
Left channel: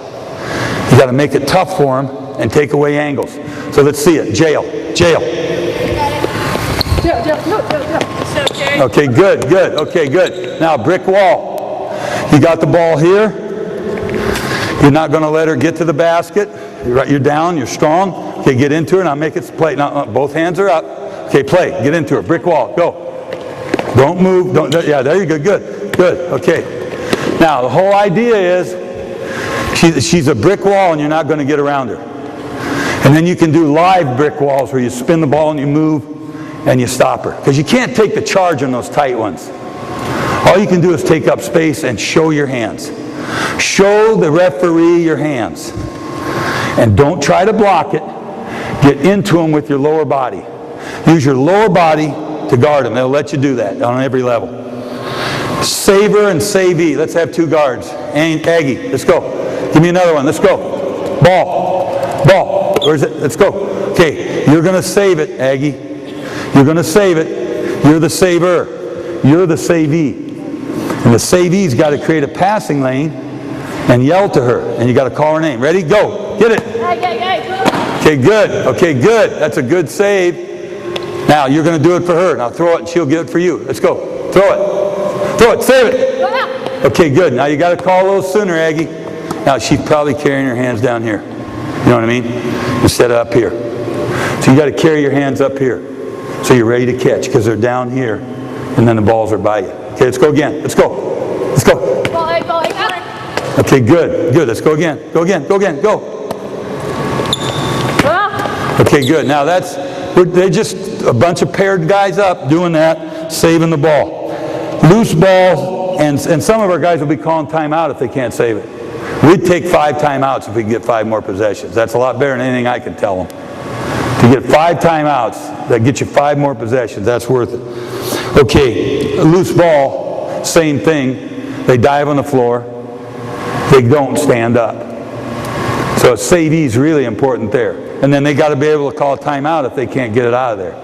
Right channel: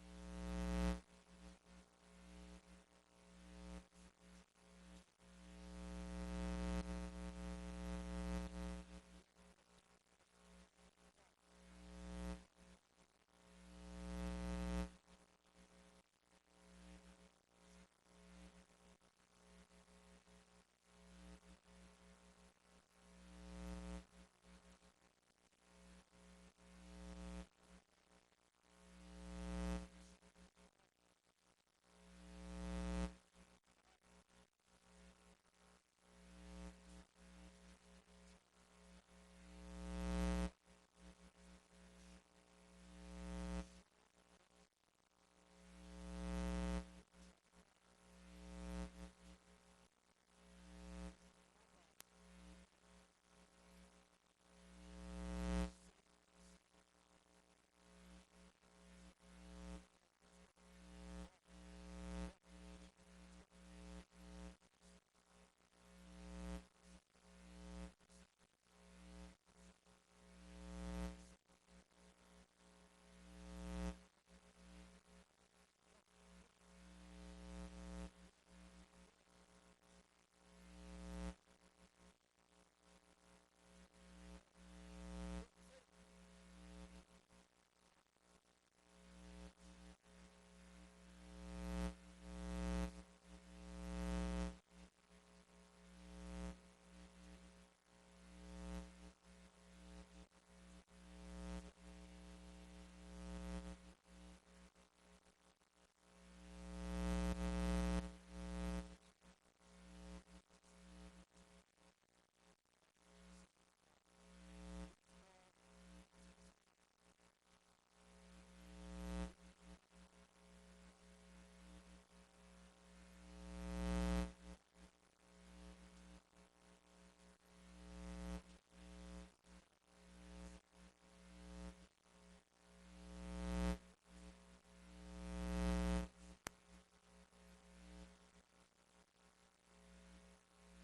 You got to make it tough for them and take away angles. So let's see it. Jail, jail. Jail, jail, no, jail, jail. Okay, good, good. Okay, good. Now, brick wall. You got the ball here. You're not going to let her get to the basket. You're down. You're strong. Okay, get into her. Now make it play. Now, both hands are up. Okay, play. Get into her. Brick wall. Go. Don't move. Don't. Yeah, there you go. Good. Good. Okay. Now, the whole idea is she's a brick wall and you're not going to get around her. And then you can do live brick walls where you spin the ball and you move and you stop her. Because you can't take the charge on those tight ones. All you can do is take up space and show your hands. Show the referee your hands. And don't try to block it. Get into them with your lower body. Use your lower body to guard them. They'll let you do that on every level. Saver and savee. Let's have two guards. Aggie, let's go. Give me another one. Let's go. Ball. Ball. Where's it? Let's go. Okay, you're going to save it, Aggie. You're going to save it. You're the saver. You're the savee. And the savee's got to create a passing lane and yell to her. And you got to call her name. Ready? Go. Get it. Okay, good. Okay, good. That's a good save. Now, you're going to do it for her. Now, throw it and she'll get it for you. Let's go. Throw it. Throw it. Save it. Okay, good. Now, you got to call a little sooner, Aggie. Now, she's probably carrying her hands down here. You know what I mean? Instead of up here. So you got to carry your hands up here. So you're ready to catch because they're down here and then the balls are by you. Okay, let's go again. Let's go. Let's go. Okay, good. Good. Let's go again. Go again. Go again. Go. Okay, good. Now they're just a bunch of paired guys up doing that, saving the ball. Loose ball, and some of our guys will be calling timeout if they can't save it. We'd take 5 timeouts if we could get 5 more possessions. That's a lot better than anything I can tell them. To get 5 timeouts, that gets you 5 more possessions. That's worth it. Okay, loose ball, same thing. They dive on the floor. They don't stand up. So savee is really important there. And then they got to be able to call a timeout if they can't get it out of there.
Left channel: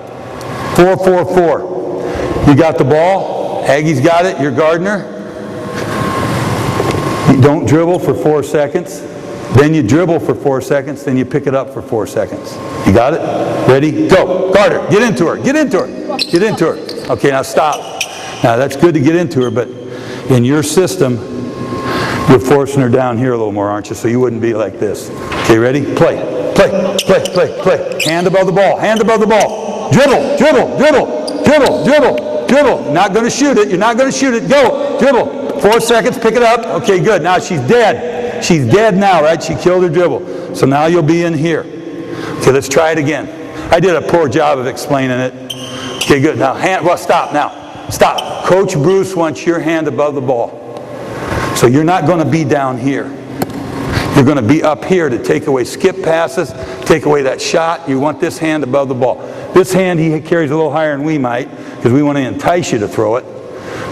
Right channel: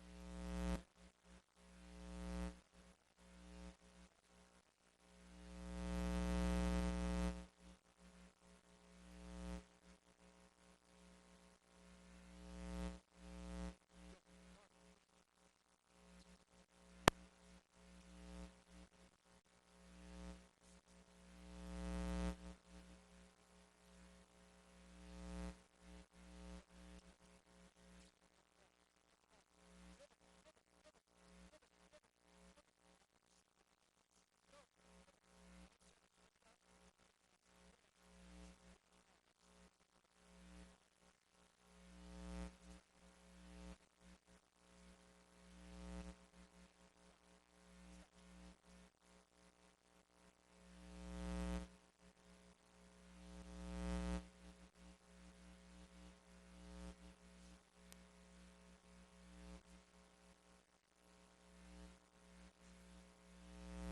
4-4-4. You got the ball. Aggie's got it. You're guarding her. You don't dribble for 4 seconds. Then you dribble for 4 seconds. Then you pick it up for 4 seconds. You got it? Ready? Go. Guard her. Get into her. Get into her. Get into her. Okay, now stop. Now that's good to get into her, but in your system, you're forcing her down here a little more, aren't you? So you wouldn't be like this. Okay, ready? Play. Play, play, play, play. Hand above the ball, hand above the ball. Dribble, dribble, dribble, dribble, dribble, dribble. Not going to shoot it. You're not going to shoot it. Go, dribble. 4 seconds, pick it up. Okay, good. Now she's dead. She's dead now, right? She killed her dribble. So now you'll be in here. Okay, let's try it again. I did a poor job of explaining it. Okay, good. Now, stop now. Stop. Coach Bruce wants your hand above the ball. So you're not going to be down here. You're going to be up here to take away skip passes, take away that shot. You want this hand above the ball. This hand he carries a little higher than we might because we want to entice you to throw it.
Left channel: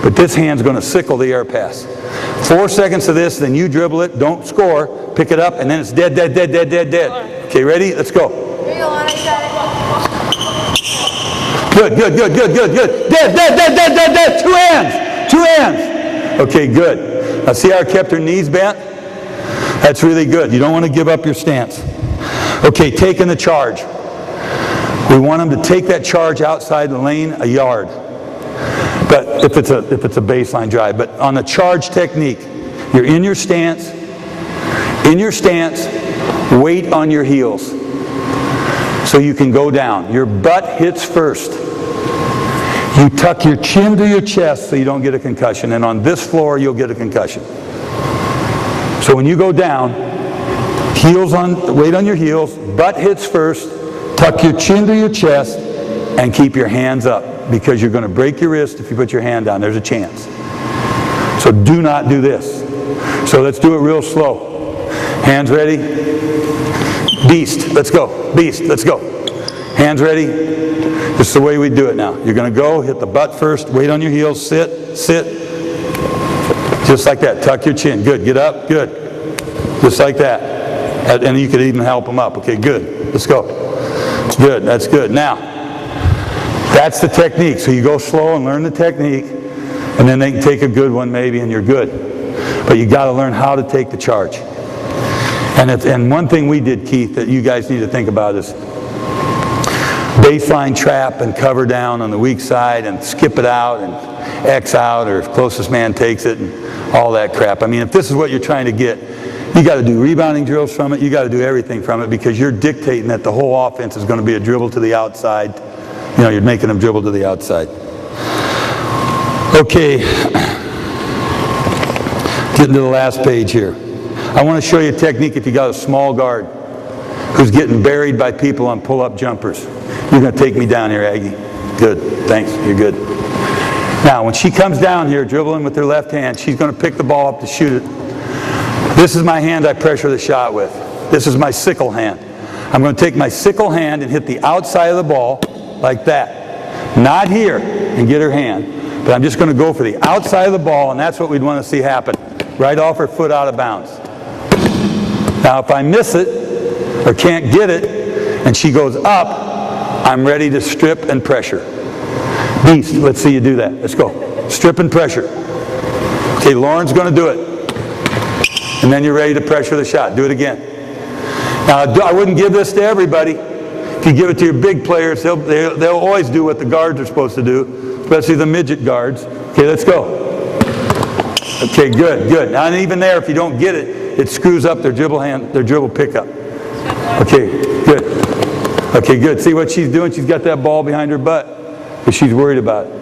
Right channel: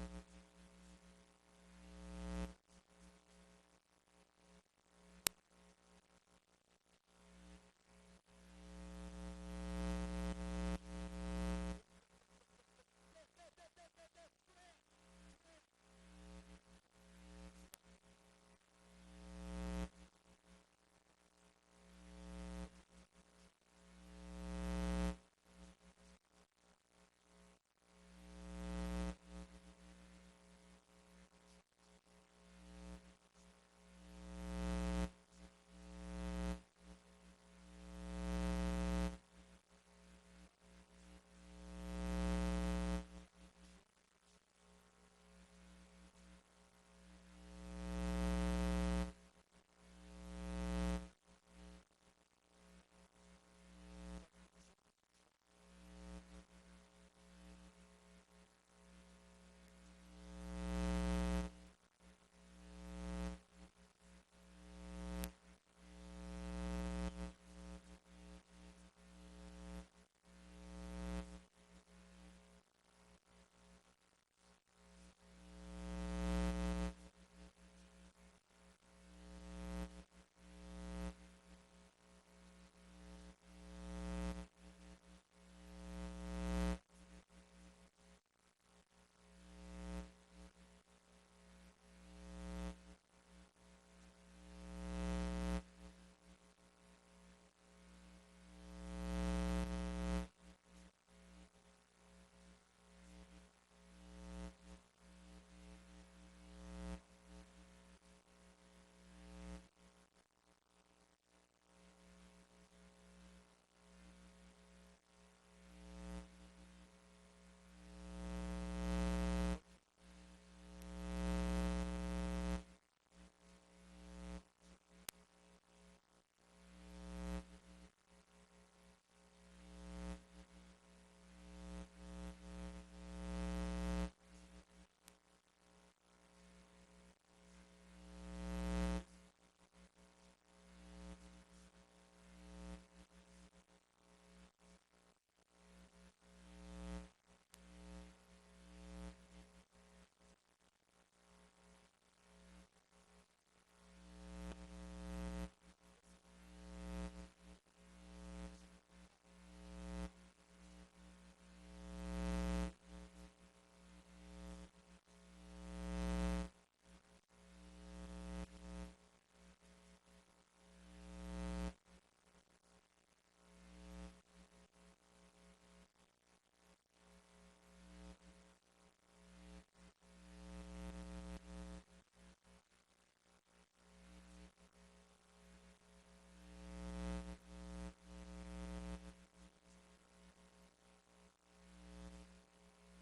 But this hand's going to sickle the air pass. 4 seconds of this, then you dribble it, don't score, pick it up, and then it's dead, dead, dead, dead, dead, dead. Okay, ready? Let's go. Good, good, good, good, good, good. Dead, dead, dead, dead, dead, dead. 2 hands. 2 hands. Okay, good. Now see how I kept her knees bent? That's really good. You don't want to give up your stance. Okay, taking the charge. We want them to take that charge outside the lane a yard. But if it's a baseline drive. But on the charge technique, you're in your stance, weight on your heels. so you can go down. Your butt hits first. You tuck your chin to your chest so you don't get a concussion. And on this floor, you'll get a concussion. So when you go down, weight on your heels, butt hits first, tuck your chin to your chest, and keep your hands up, because you're going to break your wrist if you put your hand down. There's a chance. So do not do this. So let's do it real slow. Hands ready? Beast, let's go. Beast, let's go. Hands ready? This is the way we do it now. You're going to go, hit the butt first, weight on your heels, sit, sit. Just like that. Tuck your chin. Good. Get up. Good. Just like that. And you could even help them up. Okay, good. Let's go. Good. That's good. Now, that's the technique. So you go slow and learn the technique, and then they can take a good one maybe, and you're good. But you got to learn how to take the charge. And one thing we did, Keith, that you guys need to think about is baseline trap and cover down on the weak side and skip it out and X out, or if closest man takes it and all that crap. I mean, if this is what you're trying to get, you got to do rebounding drills from it. You got to do everything from it, because you're dictating that the whole offense is going to be a dribble to the outside. You know, you're making them dribble to the outside. Okay, getting to the last page here. I want to show you a technique if you got a small guard who's getting buried by people on pull-up jumpers. You're going to take me down here, Aggie. Good. Thanks. You're good. Now, when she comes down here, dribbling with her left hand, she's going to pick the ball up to shoot it. This is my hand I pressure the shot with. This is my sickle hand. I'm going to take my sickle hand and hit the outside of the ball like that. Not here and get her hand, but I'm just going to go for the outside of the ball, and that's what we'd want to see happen. Right off her foot out of bounds. Now, if I miss it or can't get it and she goes up, I'm ready to strip and pressure. Beast, let's see you do that. Let's go. Strip and pressure. Okay, Lauren's going to do it. And then you're ready to pressure the shot. Do it again. Now, I wouldn't give this to everybody. If you give it to your big players, they'll always do what the guards are supposed to do, especially the midget guards. Okay, let's go. Okay, good, good. Now, and even there, if you don't get it, it screws up their dribble pickup. Okay, good. Okay, good. See what she's doing? She's got that ball behind her butt because she's worried about it.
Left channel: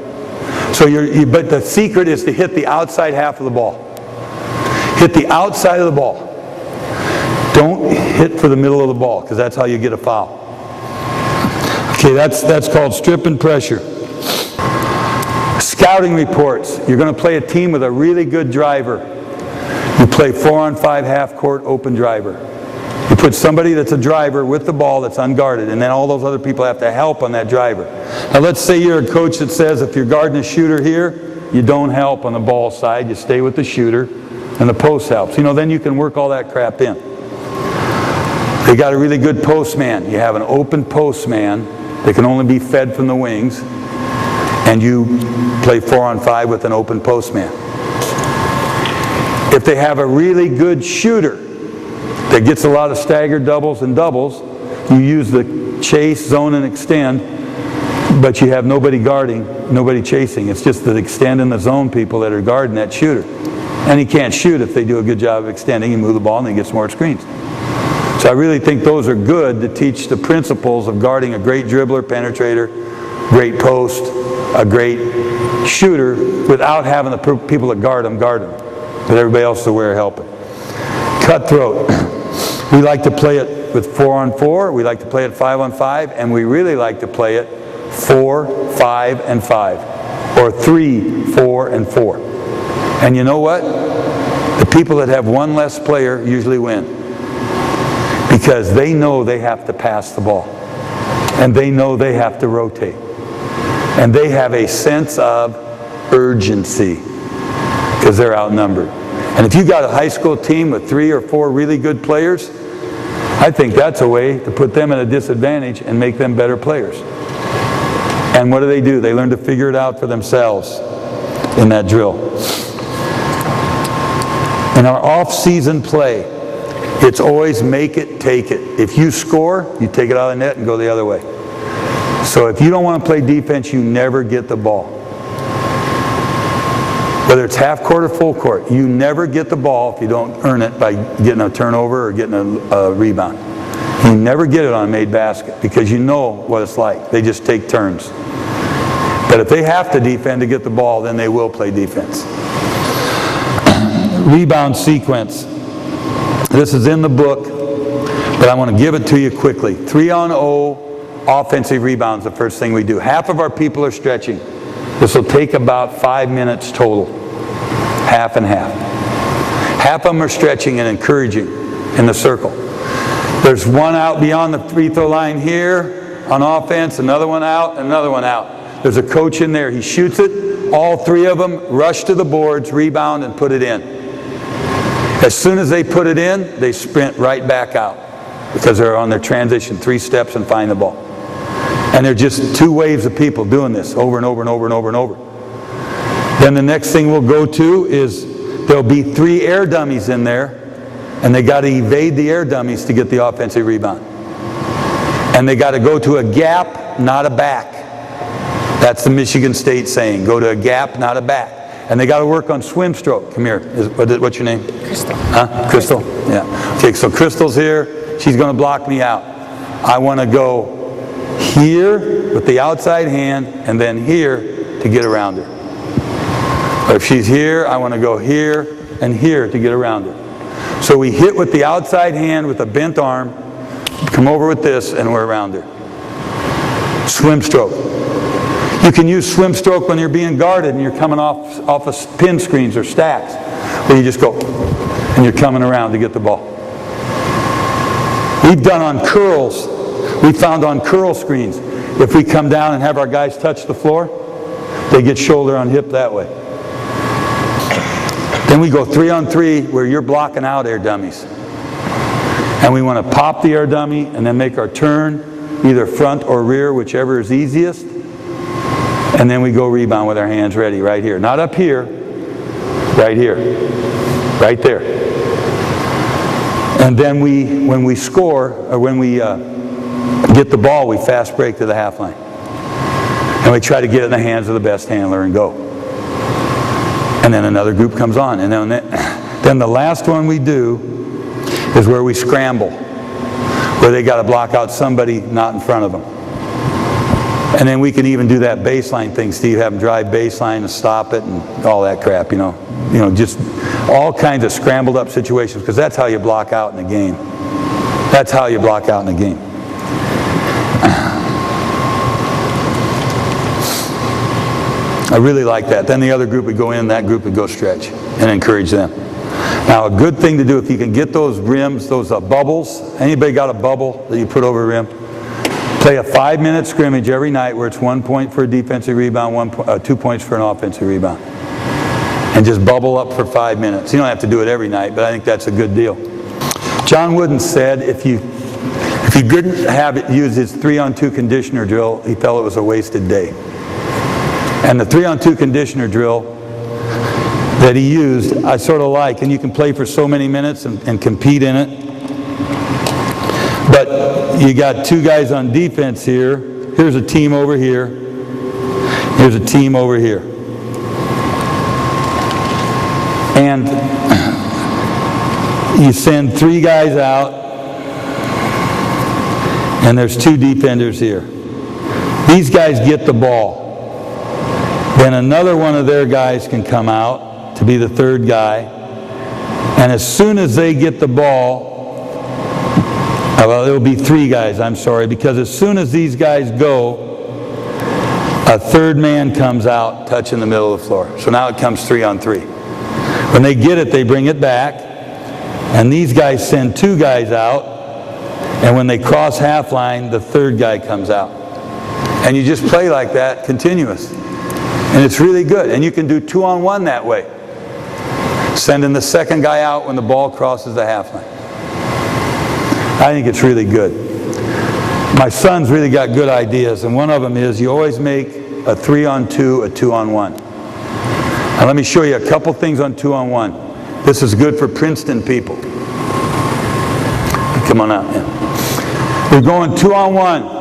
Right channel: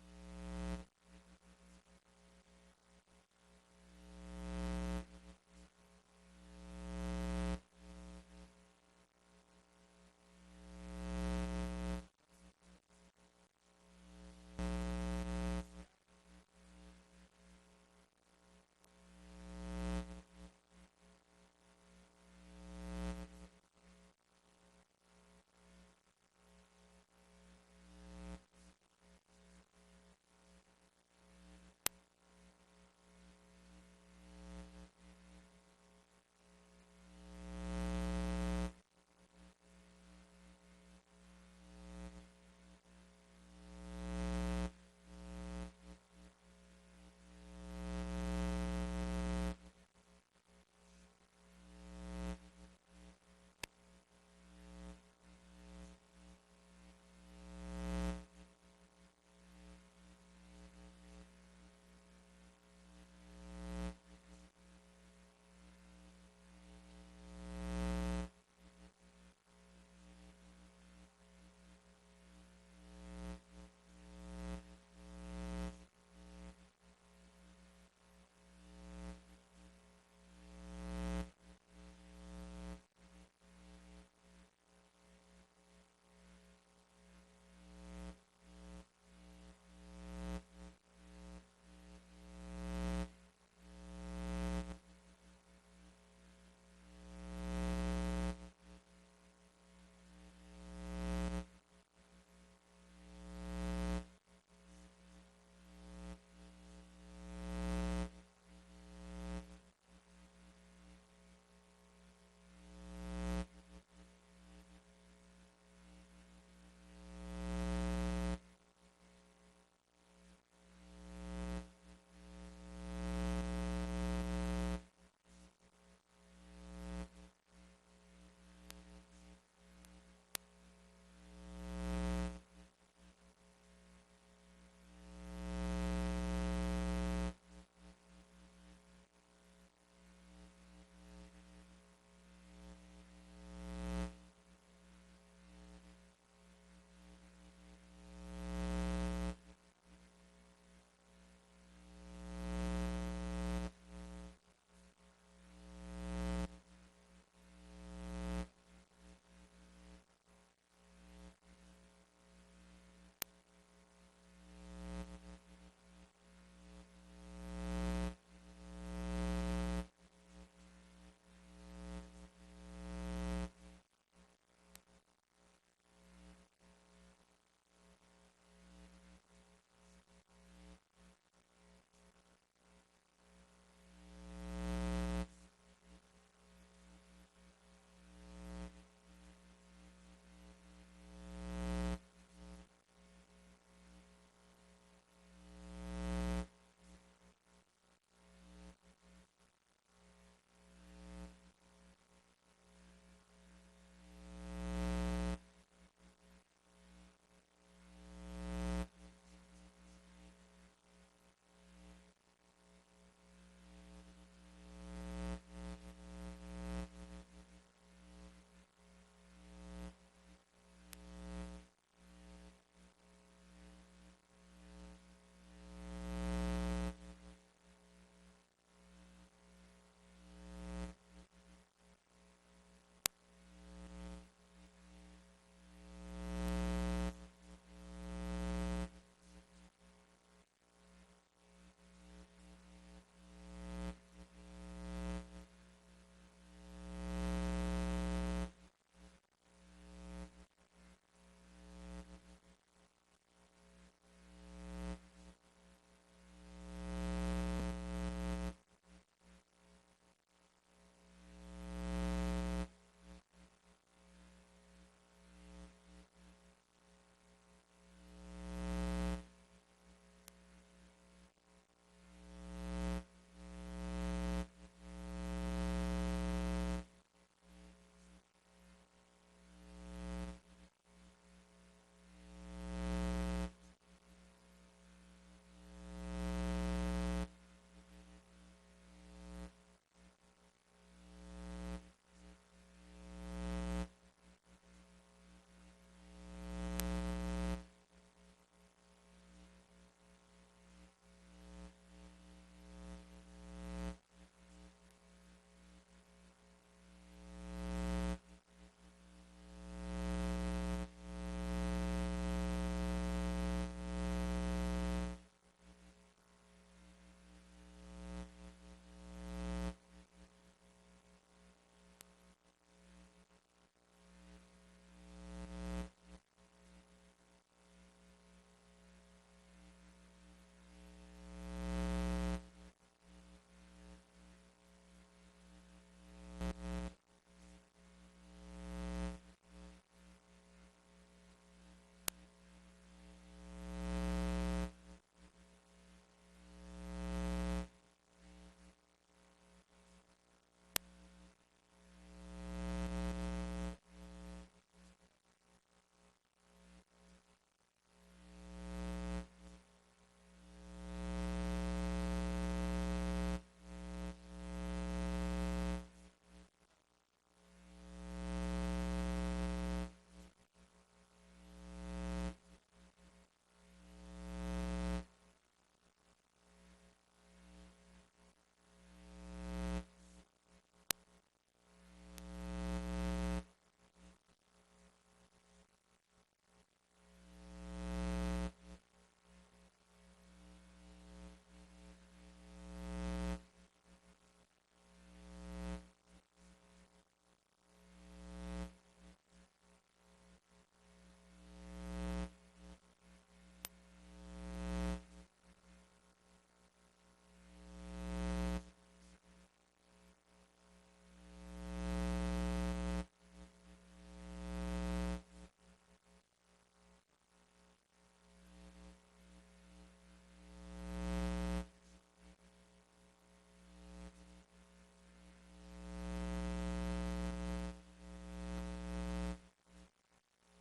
So but the secret is to hit the outside half of the ball. Hit the outside of the ball. Don't hit for the middle of the ball, because that's how you get a foul. Okay, that's called strip and pressure. Scouting reports. You're going to play a team with a really good driver. You play 4-on-5 half-court open driver. You put somebody that's a driver with the ball that's unguarded, and then all those other people have to help on that driver. Now let's say you're a coach that says if you're guarding a shooter here, you don't help on the ball side. You stay with the shooter, and the post helps. You know, then you can work all that crap in. They got a really good postman. You have an open postman that can only be fed from the wings, and you play 4-on-5 with an open postman. If they have a really good shooter that gets a lot of staggered doubles and doubles, you use the chase, zone, and extend, but you have nobody guarding, nobody chasing. It's just the extend and the zone people that are guarding that shooter. And he can't shoot if they do a good job of extending. You move the ball and he gets more screens. So I really think those are good to teach the principles of guarding a great dribbler, penetrator, great post, a great shooter, without having the people that guard them, but everybody else is aware helping. Cutthroat. We like to play it with 4-on-4. We like to play it 5-on-5, and we really like to play it 4-5-5, or 3-4-4. And you know what? The people that have one less player usually win, because they know they have to pass the ball, and they know they have to rotate, and they have a sense of urgency because they're outnumbered. And if you got a high school team with 3 or 4 really good players, I think that's a way to put them at a disadvantage and make them better players. And what do? They learn to figure it out for themselves in that drill. In our off-season play, it's always make it, take it. If you score, you take it out of the net and go the other way. So if you don't want to play defense, you never get the ball. Whether it's half court or full court, you never get the ball if you don't earn it by getting a turnover or getting a rebound. You never get it on a made basket because you know what it's like. They just take turns. But if they have to defend to get the ball, then they will play defense. Rebound sequence. This is in the book, but I want to give it to you quickly. 3-on-0 offensive rebounds, the first thing we do. Half of our people are stretching. This will take about 5 minutes total. Half and half. Half of them are stretching and encouraging in the circle. There's one out beyond the free throw line here on offense, another one out, another one out. There's a coach in there. He shoots it. All three of them rush to the boards, rebound, and put it in. As soon as they put it in, they sprint right back out because they're on their transition 3 steps and find the ball. And they're just 2 waves of people doing this over and over and over and over and over. Then the next thing we'll go to is there'll be 3 air dummies in there, and they got to evade the air dummies to get the offensive rebound. And they got to go to a gap, not a back. That's the Michigan State saying, go to a gap, not a back. And they got to work on swim stroke. Come here. What's your name? Crystal. Huh? Crystal? Yeah. Okay, so Crystal's here. She's going to block me out. I want to go here with the outside hand and then here to get around her. Or if she's here, I want to go here and here to get around her. So we hit with the outside hand with a bent arm, come over with this, and we're around her. Swim stroke. You can use swim stroke when you're being guarded and you're coming off of pin screens or stacks. Where you just go and you're coming around to get the ball. We've done on curls. We found on curl screens, if we come down and have our guys touch the floor, they get shoulder on hip that way. Then we go 3-on-3 where you're blocking out air dummies. And we want to pop the air dummy and then make our turn, either front or rear, whichever is easiest. And then we go rebound with our hands ready right here. Not up here, right here, right there. And then when we score, or when we get the ball, we fast break to the half line. And we try to get it in the hands of the best handler and go. And then another group comes on. And then the last one we do is where we scramble, where they got to block out somebody not in front of them. And then we can even do that baseline thing, Steve, have them drive baseline and stop it and all that crap, you know, just all kinds of scrambled up situations, because that's how you block out in a game. That's how you block out in a game. I really like that. Then the other group would go in, that group would go stretch and encourage them. Now, a good thing to do, if you can get those rims, those bubbles, anybody got a bubble that you put over a rim? Play a 5-minute scrimmage every night where it's 1 point for a defensive rebound, 2 points for an offensive rebound. And just bubble up for 5 minutes. You don't have to do it every night, but I think that's a good deal. John Wooden said if he didn't have it use his 3-on-2 conditioner drill, he felt it was a wasted day. And the 3-on-2 conditioner drill that he used, I sort of like, and you can play for so many minutes and compete in it. But you got 2 guys on defense here. Here's a team over here. Here's a team over here. And you send 3 guys out, and there's 2 defenders here. These guys get the ball. Then another one of their guys can come out to be the 3rd guy. And as soon as they get the ball, well, it'll be 3 guys, I'm sorry, because as soon as these guys go, a 3rd man comes out touching the middle of the floor. So now it comes 3-on-3. When they get it, they bring it back, and these guys send 2 guys out, and when they cross half line, the 3rd guy comes out. And you just play like that, continuous. And it's really good. And you can do 2-on-1 that way. Sending the 2nd guy out when the ball crosses the half line. I think it's really good. My son's really got good ideas, and one of them is you always make a 3-on-2 a 2-on-1. Now let me show you a couple things on 2-on-1. This is good for Princeton people. Come on out. Yeah. We're going 2-on-1.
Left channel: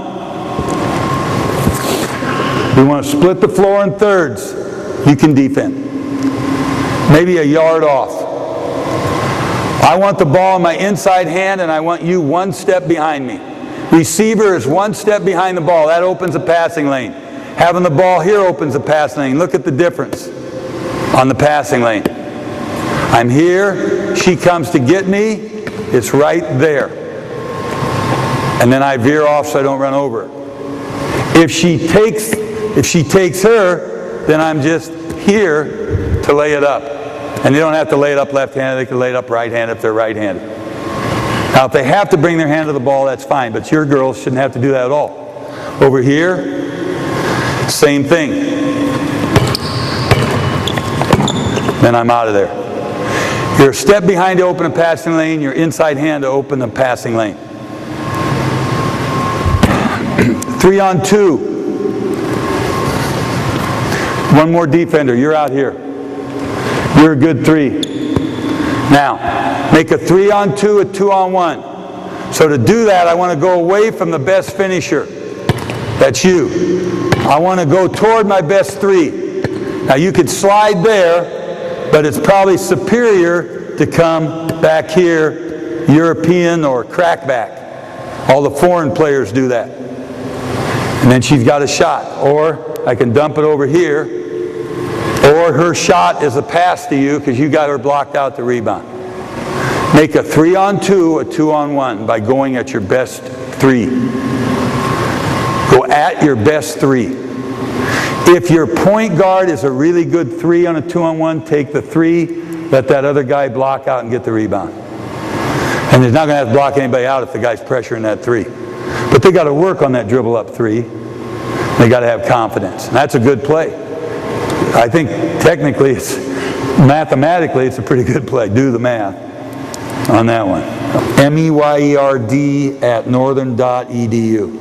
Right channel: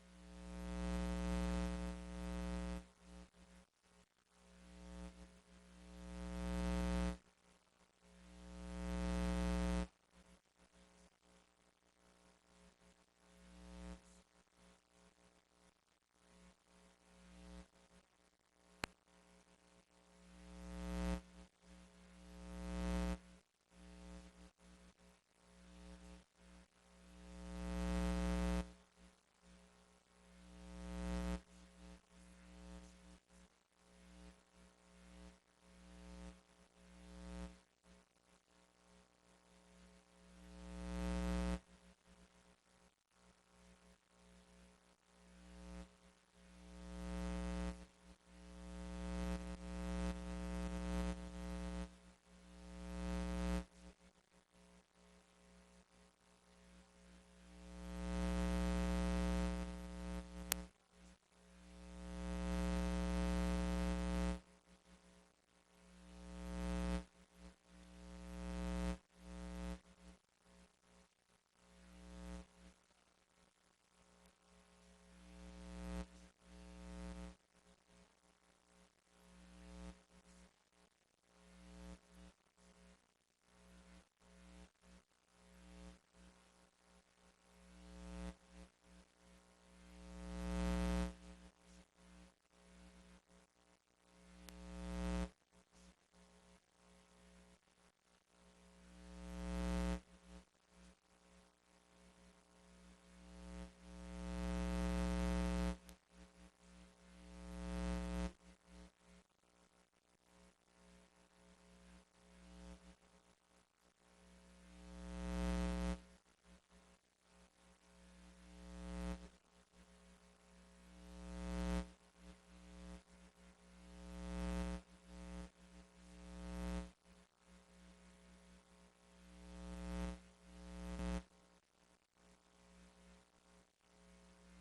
We want to split the floor in thirds. You can defend. Maybe a yard off. I want the ball in my inside hand, and I want you one step behind me. Receiver is one step behind the ball. That opens a passing lane. Having the ball here opens a passing lane. Look at the difference on the passing lane. I'm here. She comes to get me. It's right there. And then I veer off so I don't run over her. If she takes her, then I'm just here to lay it up. And they don't have to lay it up left-handed. They can lay it up right-handed if they're right-handed. Now, if they have to bring their hand to the ball, that's fine. But your girls shouldn't have to do that at all. Over here, same thing. Then I'm out of there. You're a step behind to open a passing lane. Your inside hand to open the passing lane. 3-on-2. One more defender. You're out here. You're a good 3. Now, make a 3-on-2, a 2-on-1. So to do that, I want to go away from the best finisher. That's you. I want to go toward my best 3. Now, you could slide there, but it's probably superior to come back here, European or crackback. All the foreign players do that. And then she's got a shot. Or I can dump it over here. Or her shot is a pass to you because you got her blocked out the rebound. Make a 3-on-2, a 2-on-1 by going at your best 3. Go at your best 3. If your point guard is a really good 3 on a 2-on-1, take the 3, let that other guy block out and get the rebound. And he's not going to have to block anybody out if the guy's pressuring that 3. But they got to work on that dribble up 3. They got to have confidence. And that's a good play. I think technically, mathematically, it's a pretty good play. Do the math on that one. Meyerd at northern.edu.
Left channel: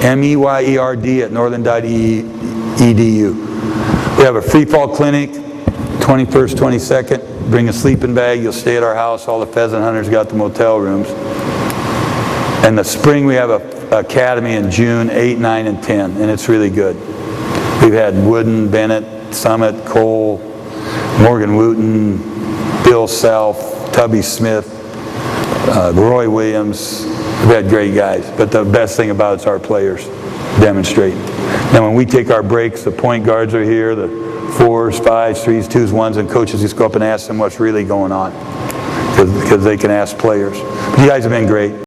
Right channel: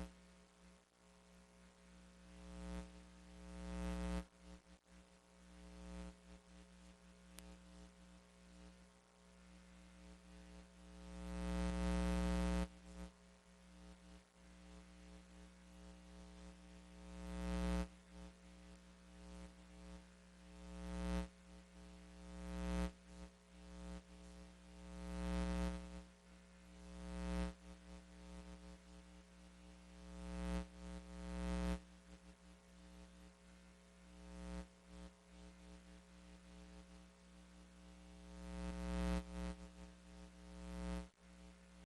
Meyerd at northern.edu. We have a free fall clinic, 21st, 22nd. Bring a sleeping bag. You'll stay at our house. All the pheasant hunters got the motel rooms. And the spring, we have an academy in June, 8, 9, and 10. And it's really good. We've had Wooden, Bennett, Summit, Cole, Morgan Wooten, Bill Self, Tubby Smith, Roy Williams. We've had great guys. But the best thing about it's our players demonstrating. Now when we take our breaks, the point guards are here, the 4s, 5s, 3s, 2s, 1s, and coaches just go up and ask them what's really going on. Because they can ask players. You guys have been great.